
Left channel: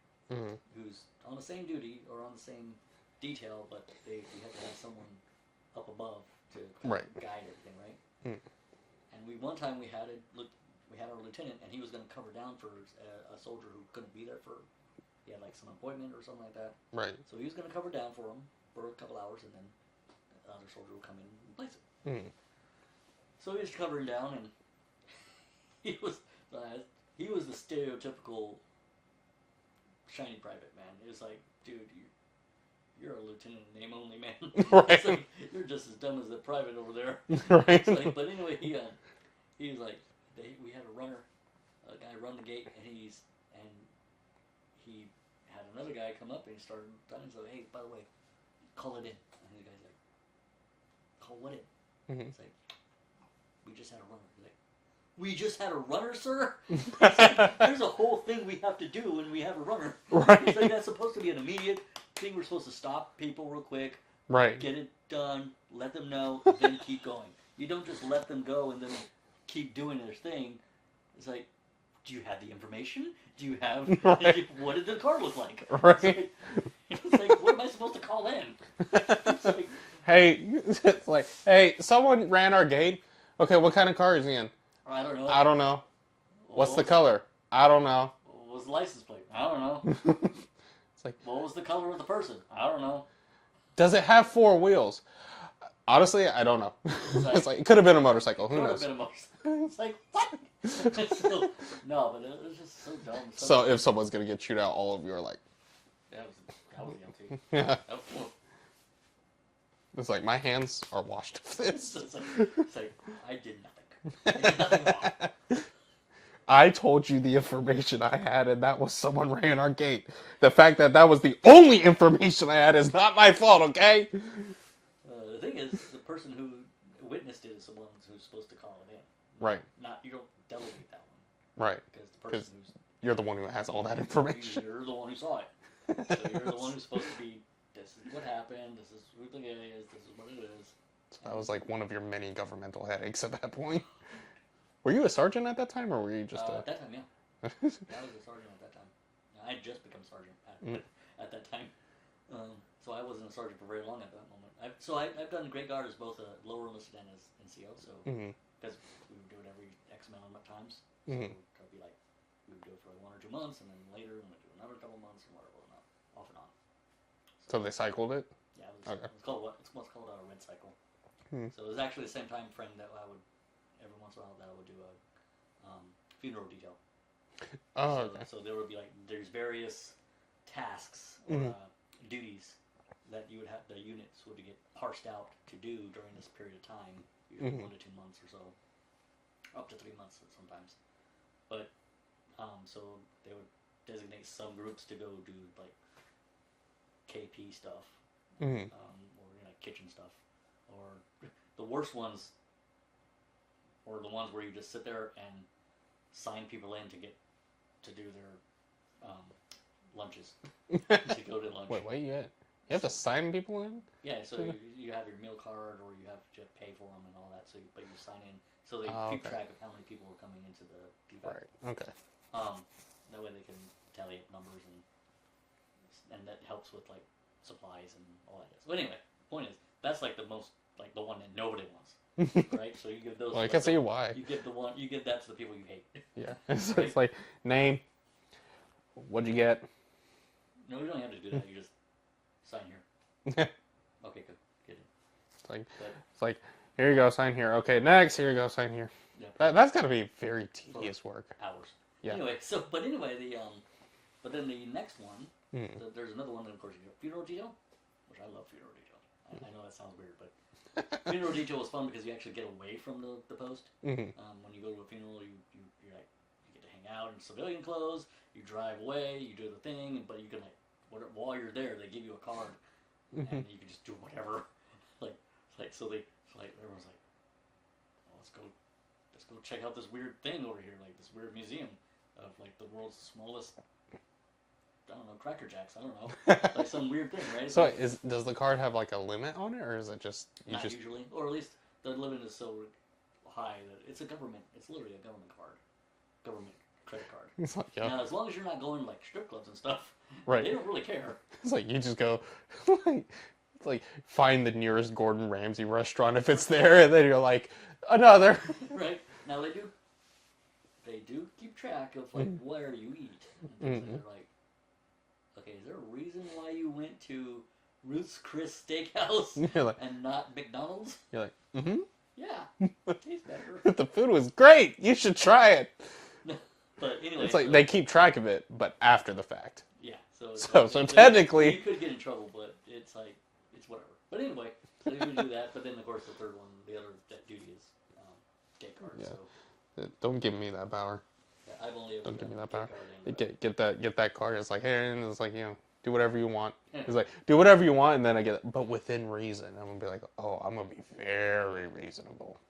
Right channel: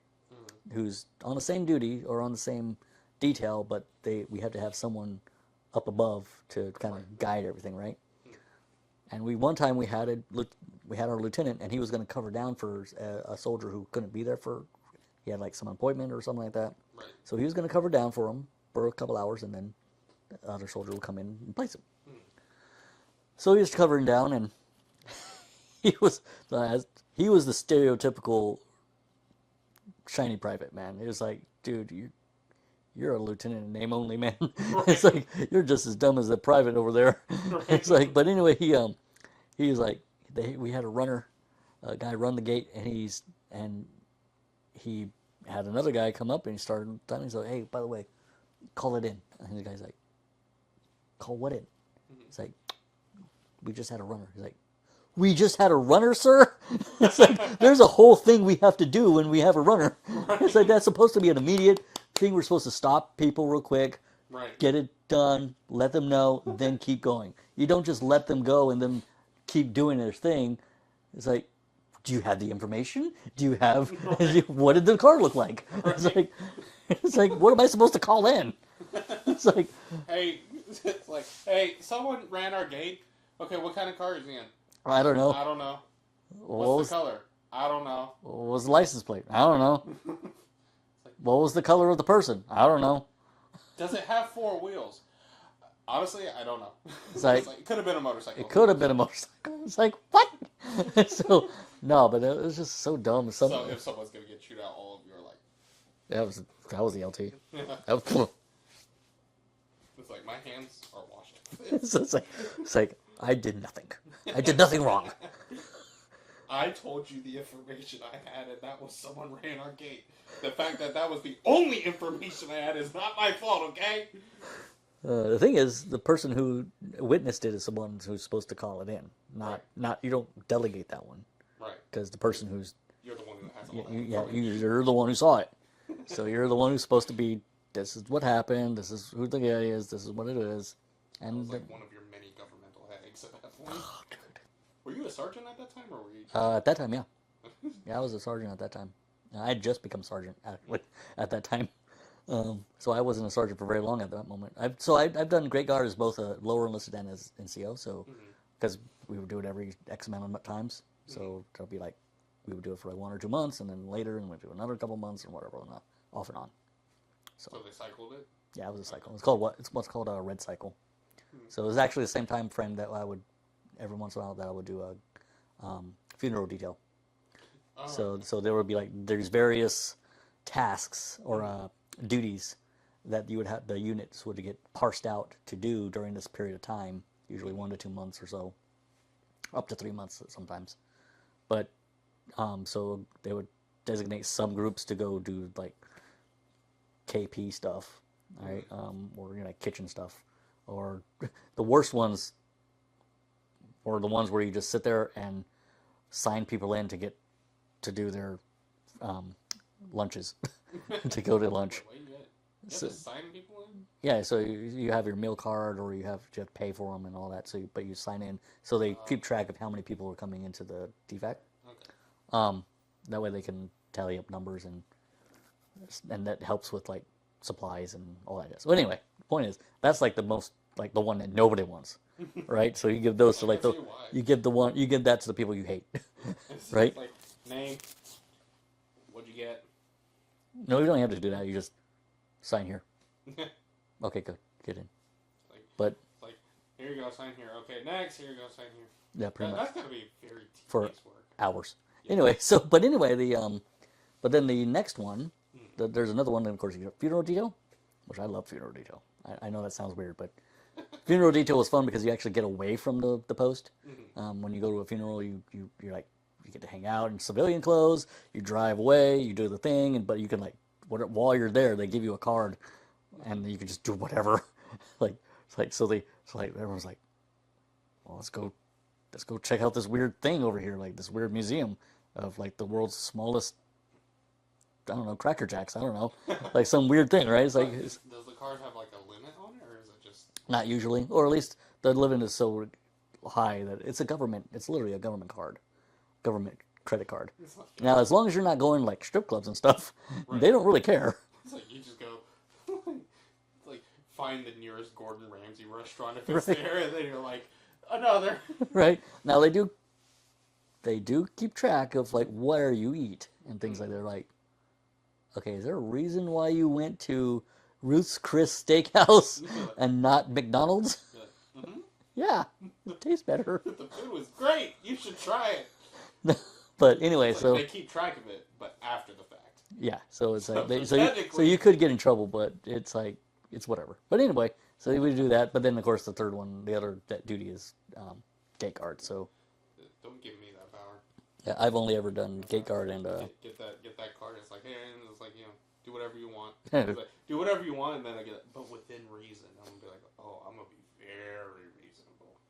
who's on the same duty or on the same detail, but we have to have someone up above to kind of guide everything, right? And one time we had our lieutenant, and he was going to cover down for a soldier who couldn't be there he had like some appointment or something like that. Right. So he was going to cover down for him for a couple hours, and then the other soldier would come in and replace him. So he was covering down, and he was the stereotypical shiny private, man. It was like, dude, you're a lieutenant in name only, man. Right. It's like, you're just as dumb as the private over there. Right. It's like, but anyway, he was like, we had a guy run the gate, and he had another guy come up, and he started telling him, so, hey, by the way, call it in. And the guy's like, call what in? It's like, we just had a runner. He's like, we just had a runner, sir? It's like, there's a whole thing we have to do when we have a runner. Right. It's like, that's supposed to be an immediate thing. We're supposed to stop people real quick, get it done, let them know, then keep going. You don't just let them go and then keep doing their thing. It's like, do you have the information? Do you have, what did the car look like? Right. It's like, what am I supposed to call in? It's like, hey, someone ran our gate. Okay, what kind of car is he in? I don't know. What's the color? I don't know. What was the license plate? I don't know. It's like, what was the color of the person? I don't know. Does it have 4 wheels? Honestly, I don't know. It's like, it could have been a motorcycle. It could have been a motorcycle. It's like, what? So, no, but it was just so dumb. So if someone's going to get chewed out, all of you are like... That was the LT. Yeah. It's like, my hands are washed. It's like, I did nothing. I did nothing wrong. I told you the information I had, and that was someone ran our gate. The fact that that was the only information I had is not my fault, okay? The thing is, the person who witnessed it is someone who's supposed to call it in. Right. Not you don't delegate that one. Right. Because the person who's you're the one who has all that information. You're the one who saw it. So you're the one who's supposed to be. This is what happened. This is who the guy is. This is what it is. And that was like one of your many governmental headaches at that point. Were you a sergeant at that time, or were you just? At that time, yeah. Yeah, I was a sergeant at that time. I had just become sergeant at that time. So I wasn't a sergeant for very long at that moment. I've done Great Guard as both a lower enlisted and as NCO. So because we would do it every X amount of times, so it'll be like we would do it for like 1 or 2 months, and then later, and we'd do another couple months, and whatever, and off and on. So they cycled it. Yeah, it was a cycle. Okay. It's called what's called a red cycle. So it was actually the same time frame that I would every once in a while that I would do a funeral detail. Oh, so there would be like there's various tasks or duties that you would have the units would get parsed out to do during this period of time, usually 1 to 2 months or so, up to 3 months sometimes. But so they would designate subgroups to go do like KP stuff, right? Or like kitchen stuff, or the worst ones, or the ones where you just sit there and sign people in to do their lunches, to go to lunch. Wait, you have to sign people in? Yeah, so you have your meal card, or you have to pay for them and all that. So, but you sign in, so they keep track of how many people are coming into the DFAC. Right. Okay. That way they can tally up numbers, and that helps with like supplies and all that. So anyway, the point is that's like the most like the one that nobody wants, right? So you give those well, to like I can see why. you give that to the people you hate. Yeah. Right? It's like name. What'd you get? No, you don't have to do that. You just sign here. Okay, good. Get in. It's like here you go, sign here. Okay, next. Here you go, sign here. Yeah, that's got to be very tedious work. Hours. Yeah. Anyway, but then the next one, there's another one. And of course, you got funeral detail, which I love funeral detail. I know that sounds weird, but funeral detail was fun because you actually get away from the post. When you go to a funeral, you're like you get to hang out in civilian clothes. You drive away, you do the thing, but you can like while you're there, they give you a card, and you can just do whatever. Everyone's like, well, let's go check out this weird thing over here, like this weird museum of like the world's smallest, I don't know, Cracker Jacks. I don't know, like some weird thing, right? It's like, does the card have like a limit on it, or is it just not usually, or at least the limit is so high that it's a government. It's literally a government card, government credit card. Like, now, as long as you're not going like strip clubs and stuff, right. They don't really care. It's like you just go, like find the nearest Gordon Ramsay restaurant if it's there, and then you're like another. Right now they do keep track of like where you eat and things like that. They're like, okay, is there a reason why you went to Ruth's Chris Steakhouse like, and not McDonald's? You're like, yeah, it tastes better. The food was great. You should try it. But anyway, it's like they keep track of it, but after the fact. Yeah, so technically, you could get in trouble, but it's like it's whatever. But anyway, so we do that. But then of course the third one, the other that duty is gate guard. Yeah. So don't give me that power. Yeah, I've only ever done gate guard and get that card. It's like, hey, and it's like, do whatever you want. It's like, do whatever you want, and then I get it, but within reason. I'm gonna be like, oh, I'm gonna be very reasonable.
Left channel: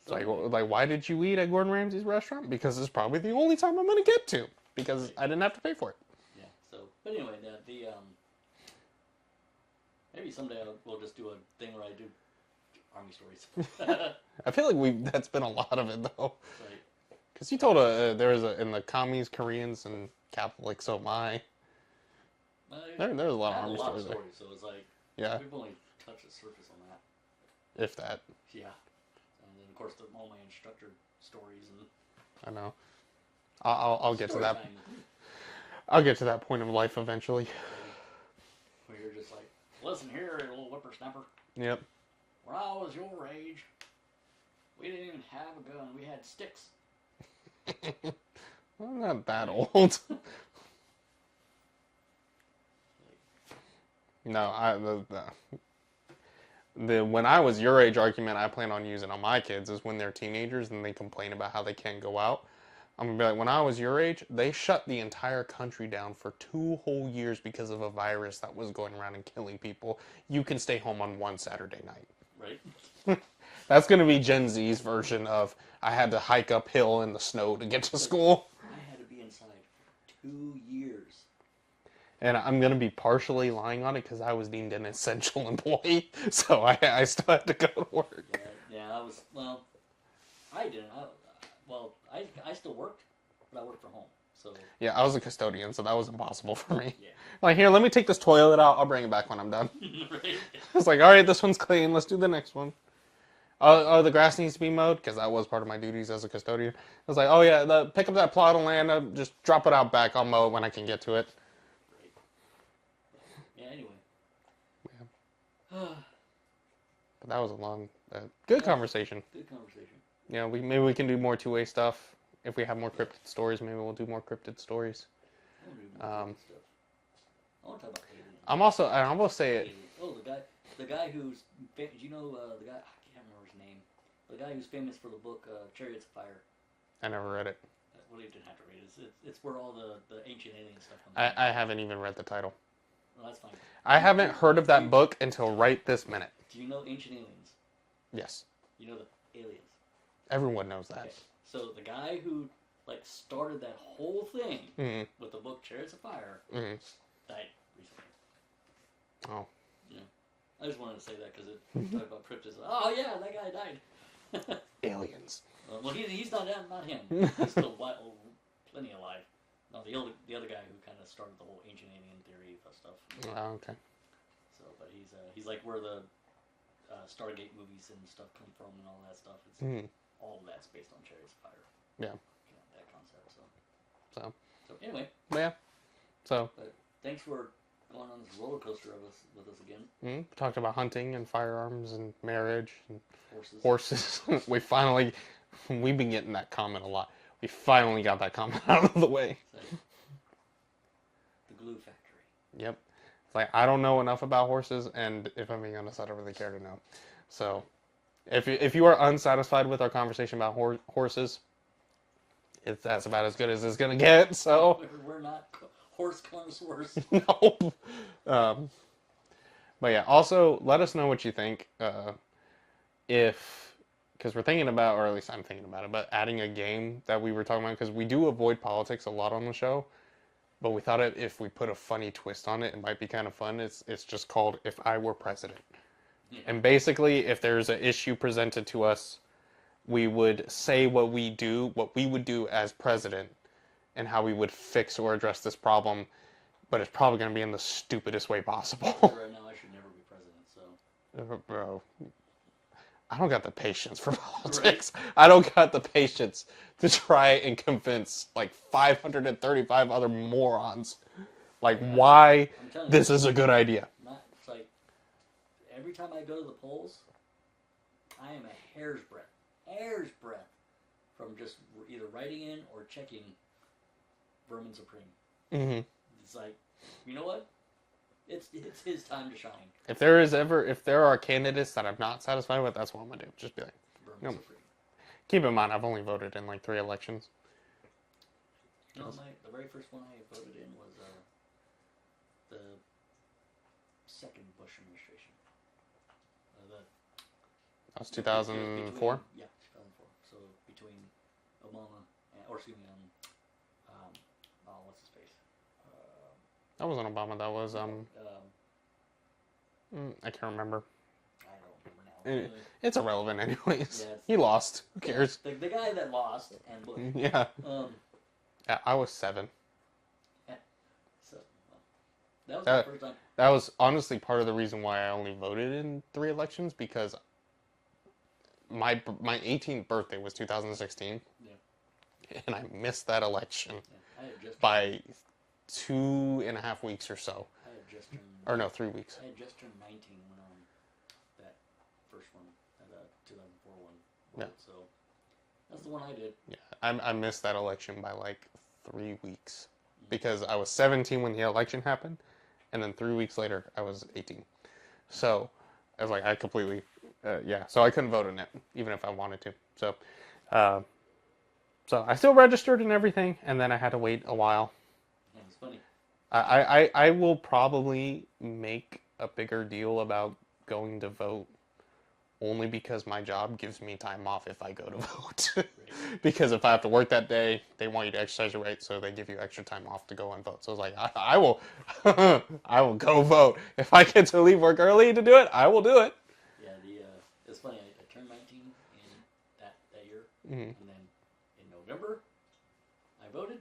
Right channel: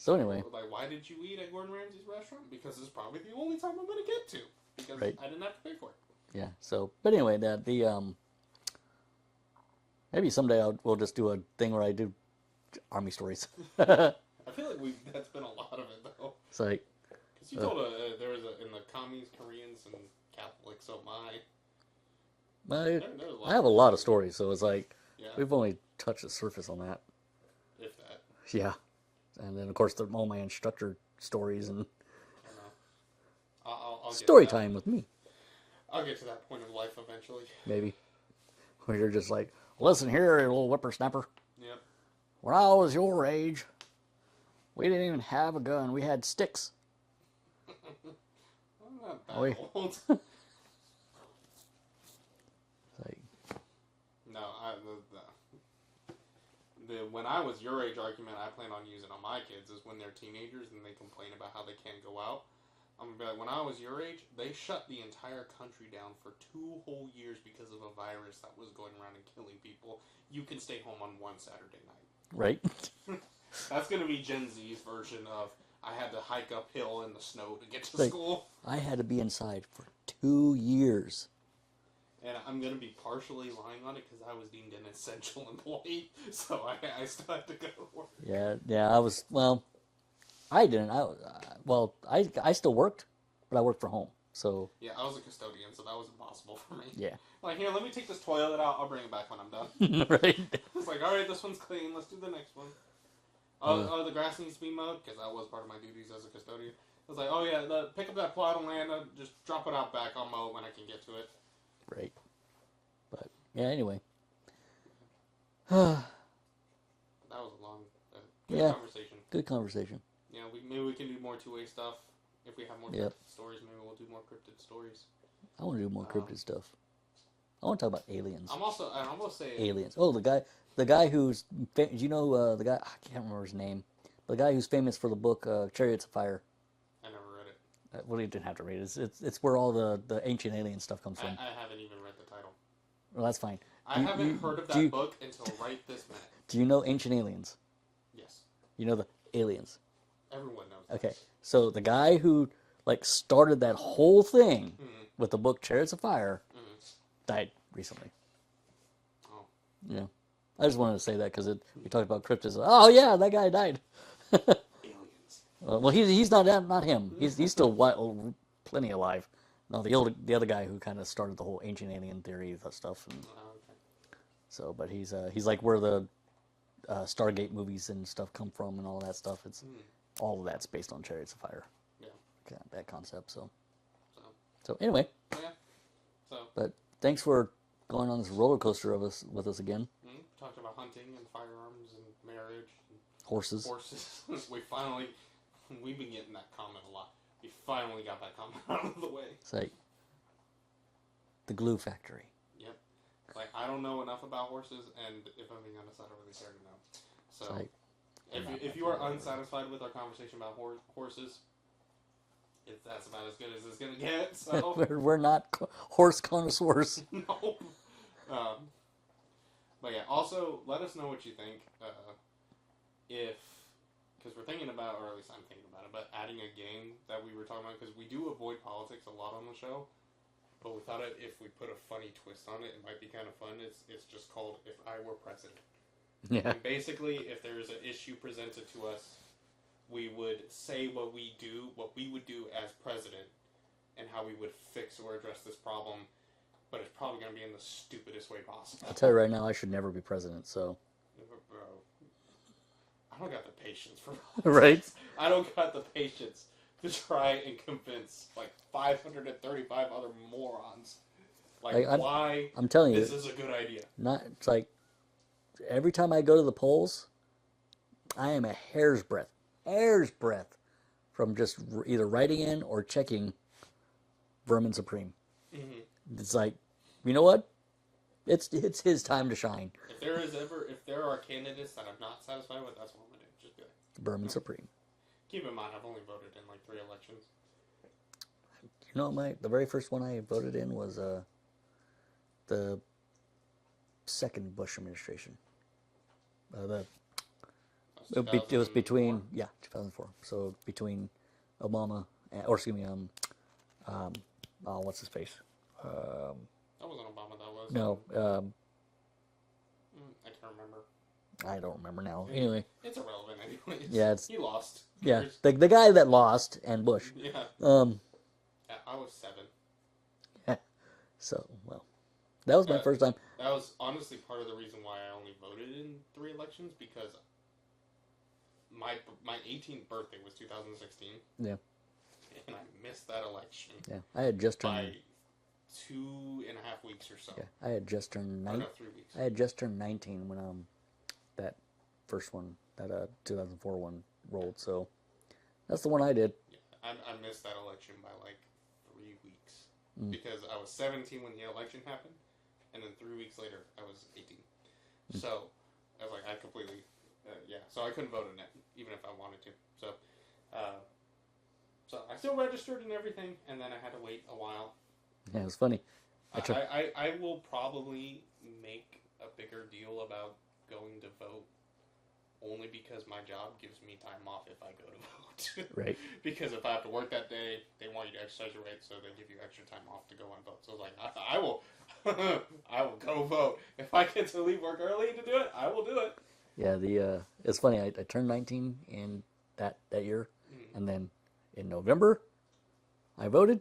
So anyway, like, why did you eat at Gordon Ramsay's restaurant? Because it's probably the only time I'm gonna get to, because I didn't have to pay for it. Yeah. So, but anyway, maybe someday we'll just do a thing where I do army stories. I feel like that's been a lot of it though. It's like because you told there was in the commies, Koreans, and Catholics. So there's a lot. I have a lot of stories, so it's like yeah, we've only touched the surface on that, if that. Yeah. And then, of course, all my instructor stories and I know. I'll get story to that. time with me. I'll get to that point of life eventually. Maybe. Where you're just like, listen here, you little whippersnapper. Yep. When I was your age, we didn't even have a gun. We had sticks. I'm not that old. Like, no, The when I was your age argument I plan on using on my kids is when they're teenagers and they complain about how they can't go out. I'm gonna be like, when I was your age, they shut the entire country down for 2 whole years because of a virus that was going around and killing people. You can stay home on one Saturday night. Right. That's gonna be Gen Z's version of I had to hike uphill in the snow to get to school. I had to be inside for 2 years. And I'm going to be partially lying on it because I was deemed an essential employee. So I still had to go to work. Yeah, I was, well, I didn't. I still worked, but I worked from home. So Yeah, I was a custodian, so that was impossible for me. yeah. Like, here, let me take this toilet out. I'll bring it back when I'm done. Right. It's like, all right, this one's clean. Let's do the next one. Oh, the grass needs to be mowed because that was part of my duties as a custodian. I was like, oh yeah, pick up that plot of land, just drop it out back. I'll mow it when I can get to it. Right. But yeah, anyway. But that was a long, good conversation. Good conversation. Yeah, maybe we can do more two-way stuff. If we have more cryptid stories, maybe we'll do more cryptid stories. I want to do more cryptid stuff. I want to talk about aliens. I'm gonna say aliens. Oh, the guy who's, do you know the guy? I can't remember his name. The guy who's famous for the book Chariots of Fire. I never read it. Well, you didn't have to read it. It's where all the ancient alien stuff comes from. I haven't even read the title. Well, that's fine. I haven't heard of that book until right this minute. Do you know Ancient Aliens? Yes. You know the aliens. Everyone knows that. Okay, so the guy who started that whole thing with the book Chariots of Fire died recently. Oh. Yeah. I just wanted to say that because you talked about cryptids. Oh yeah, that guy died. Aliens. Well, he's not him. He's still plenty alive. No, the other guy who kind of started the whole ancient alien theory stuff. Oh, okay. So, but he's like where the Stargate movies and stuff come from and all that stuff. It's all of that's based on Chariots of Fire. Yeah. That concept. So anyway. Yeah. So. But thanks for going on this roller coaster with us again. Talked about hunting and firearms and marriage and horses. We've been getting that comment a lot. We finally got that comment out of the way. It's like the glue factory. Yep. Like, I don't know enough about horses, and if I'm being honest, I don't really care to know. So, if you are unsatisfied with our conversation about horses, that's about as good as it's gonna get. So we're not horse connoisseurs. No. But yeah. Also, let us know what you think. Because we're thinking about, or at least I'm thinking about it, but adding a game that we were talking about, because we do avoid politics a lot on the show, but we thought if we put a funny twist on it, it might be kind of fun. It's just called If I Were President. Yeah. And basically, if there's an issue presented to us, we would say what we would do as president, and how we would fix or address this problem, but it's probably going to be in the stupidest way possible. I'll tell you right now, I should never be president, so. Bro. I don't got the patience for politics. Right? I don't got the patience to try and convince 535 other morons why I'm telling this is a good idea. It's like every time I go to the polls, I am a hair's breadth from just either writing in or checking Vermin Supreme. Mm-hmm. It's like, you know what? It's his time to shine. If there are candidates that I'm not satisfied with, that's what I'm gonna do. Just be like, Vermin Supreme. Keep in mind, I've only voted in 3 elections. You know, the very first one I voted in was the second Bush administration. That was 2004? It was between 2004. So between Obama what's his face? That wasn't Obama. That was I can't remember. I don't remember now. Anyway, it's irrelevant anyways. Yeah, he lost. Yeah, the guy that lost and Bush. Yeah. I was 7. So that was my first time. That was honestly part of the reason why I only voted in 3 elections, because my 18th birthday was 2016. Yeah. And I missed that election. Yeah, I had just by 2.5 weeks or so. Yeah, I had just turned. 3 weeks. I had just turned 19 when that first one, that 2004 one rolled. Yeah. So that's the one I did. Yeah, I missed that election by 3 weeks because I was 17 when the election happened, and then 3 weeks later I was 18. So I was like, I completely, yeah. So I couldn't vote in it, even if I wanted to. So, uh, so I still registered and everything, and then I had to wait a while. Yeah, it was funny. I will probably make a bigger deal about going to vote only because my job gives me time off if I go to vote. Right. Because if I have to work that day, they want you to exercise your right, so they give you extra time off to go and vote. So it's like, I will, I will go vote. If I get to leave work early to do it, I will do it. Yeah, it's funny. I turned 19 in that year, and then in November, I voted,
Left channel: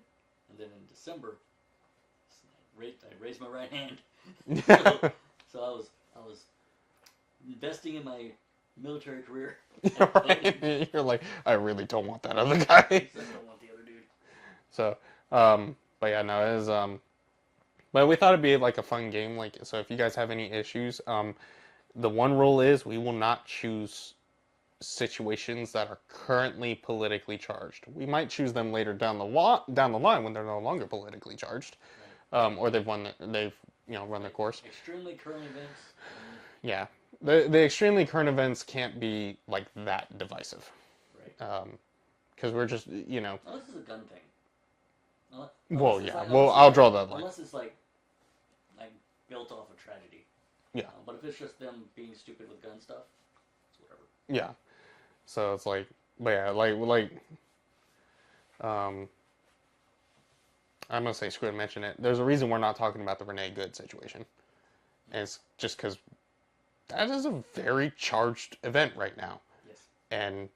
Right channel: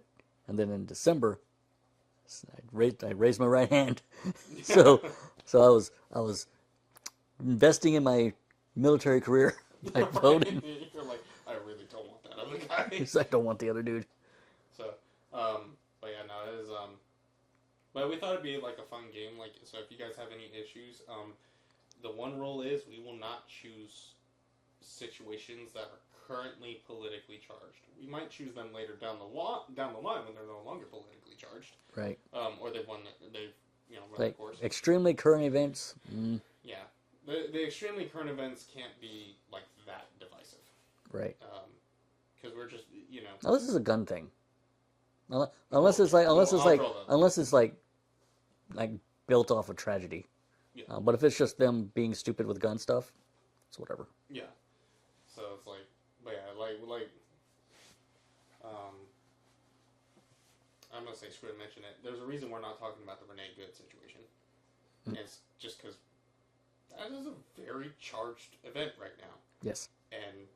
and then in December, I raised my right hand. so I was investing in my military career. I voted. Right. You're like, I really don't want that other guy. I don't want the other dude. So, but yeah, no, it is, but we thought it'd be like a fun game. Like, so if you guys have any issues, the one rule is we will not choose situations that are currently politically charged. We might choose them later down the line when they're no longer politically charged, Right. Or they've run their course. Extremely current events. Yeah, the extremely current events can't be like that divisive, Right. Because we're just Unless it's a gun thing. Unless Well, it's yeah. like Well, I'll draw that line. unless it's like built off a tragedy. Yeah. But if it's just them being stupid with gun stuff, it's whatever. Yeah. So it's like, but yeah, I'm gonna say screw it, mention it. There's a reason we're not talking about the Renee Good situation. And it's just because that is a very charged event right now. Yes. And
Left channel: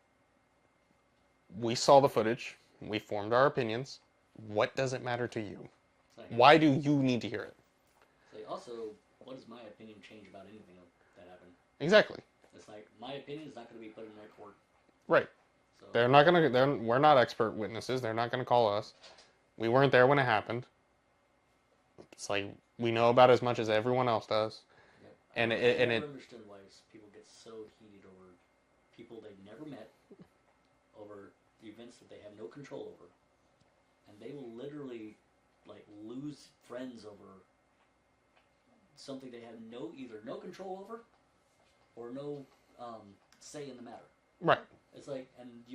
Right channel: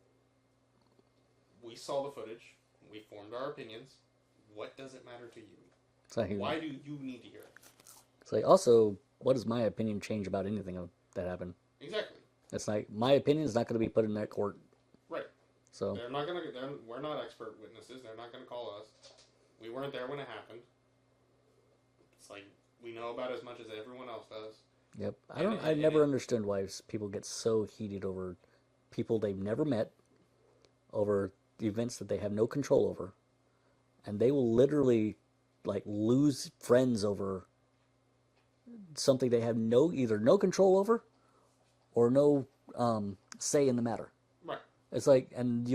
we saw the footage. We formed our opinions. What does it matter to you? Why do you need to hear it? It's like, also, what does my opinion change about anything that happened? Exactly. It's like, my opinion is not going to be put in that court. Right. So they're not gonna. We're not expert witnesses. They're not gonna call us. We weren't there when it happened. It's like we know about as much as everyone else does. Yep. I never understood why people get so heated over people they've never met, over events that they have no control over, and they will literally lose friends over something they have either no control over or no say in the matter. Right. It's like, and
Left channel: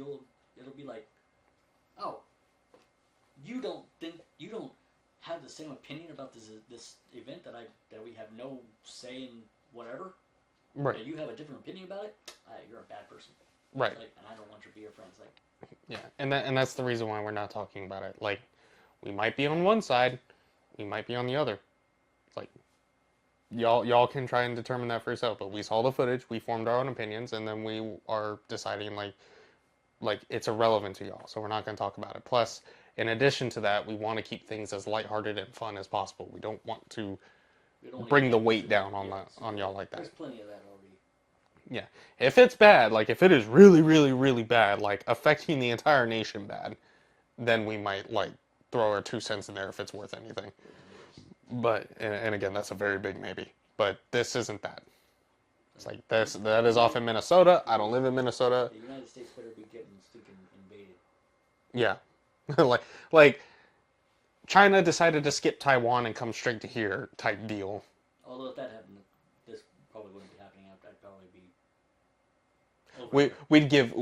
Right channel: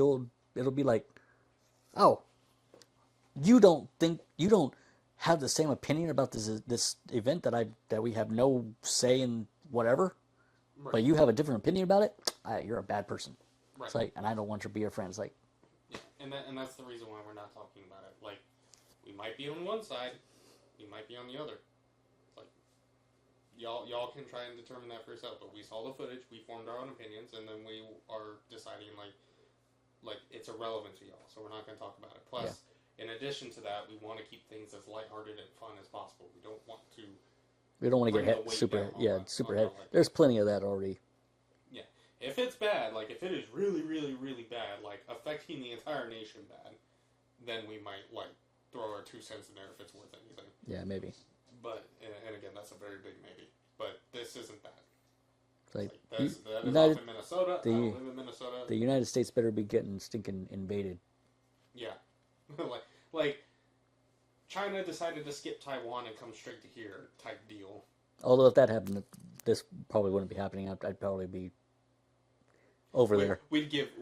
it'll be like, oh, you don't have the same opinion about this event that we have no say in whatever, right. But you have a different opinion about it. You're a bad person. Right. It's like, and I don't want to be your friend. It's like, yeah, and that's the reason why we're not talking about it. Like, we might be on one side, we might be on the other. Like, y'all can try and determine that for yourself. But we saw the footage, we formed our own opinions, and then we are deciding like it's irrelevant to y'all, so we're not going to talk about it. Plus, in addition to that, we want to keep things as lighthearted and fun as possible. We don't want to bring the weight down on y'all like that. There's plenty of that already. Yeah. If it's bad, like if it is really, really, really bad, like affecting the entire nation bad, then we might throw our 2 cents in there if it's worth anything. Yeah, maybe. But, and again, that's a very big maybe. But this isn't that. That is off in Minnesota. I don't live in Minnesota. The United States better be getting stinking invaded. Yeah. like China decided to skip Taiwan and come straight to here type deal. Although if that happened, this probably wouldn't be happening. I'd probably be over there. We'd give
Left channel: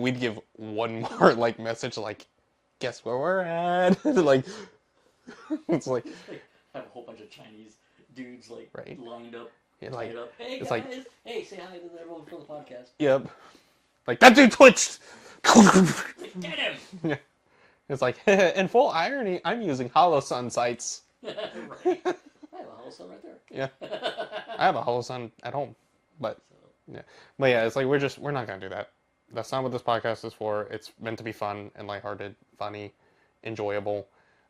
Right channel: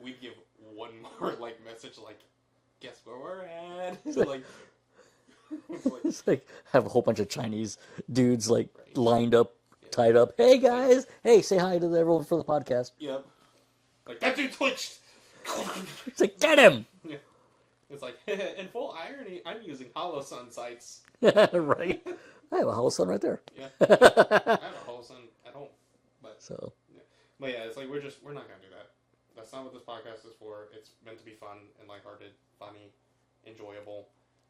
one more message guess where we're at. It's like have a whole bunch of Chinese dudes right. lined up, tied up. Hey guys, hey, say hi to everyone for the podcast. Yep. That dude twitched. It's like, get him. Yeah. It's like, in full irony, I'm using hollow sun sights. Right. I have a hollow sun right there. Yeah. I have a hollow sun at home. But yeah. But yeah, it's like we're not gonna do that. That's not what this podcast is for. It's meant to be fun and lighthearted, funny, enjoyable.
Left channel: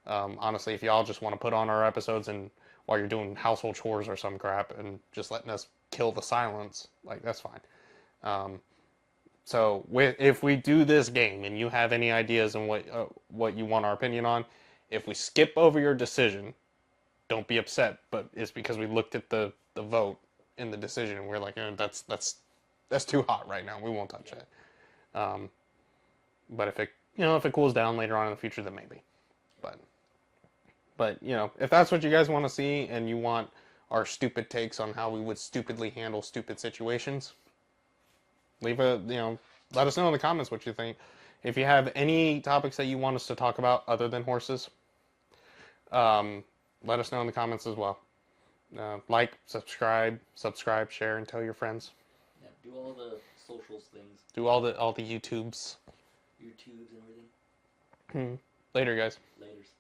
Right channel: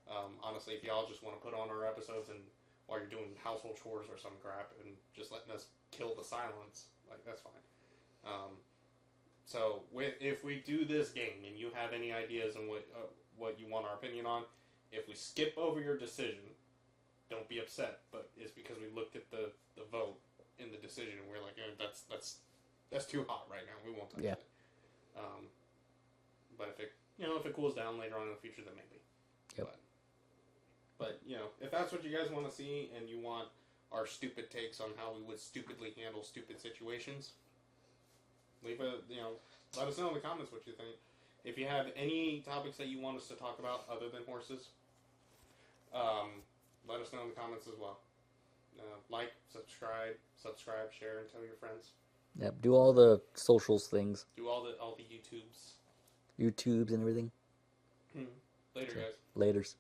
Honestly, if y'all just want to put on our episodes and while you're doing household chores or some crap and just letting us kill the silence, that's fine. So if we do this game and you have any ideas on what you want our opinion on, if we skip over your decision, don't be upset. But it's because we looked at the vote in the decision and we're like, that's too hot right now. We won't touch it. But if it cools down later on in the future, then maybe. Yep. But if that's what you guys want to see and you want our stupid takes on how we would stupidly handle stupid situations, Leave a, let us know in the comments what you think. If you have any topics that you want us to talk about other than horses, let us know in the comments as well. Like, subscribe, share, and tell your friends. Yep. Do all the socials things. Do all the YouTubes. YouTubes and everything. Later, guys. Laters.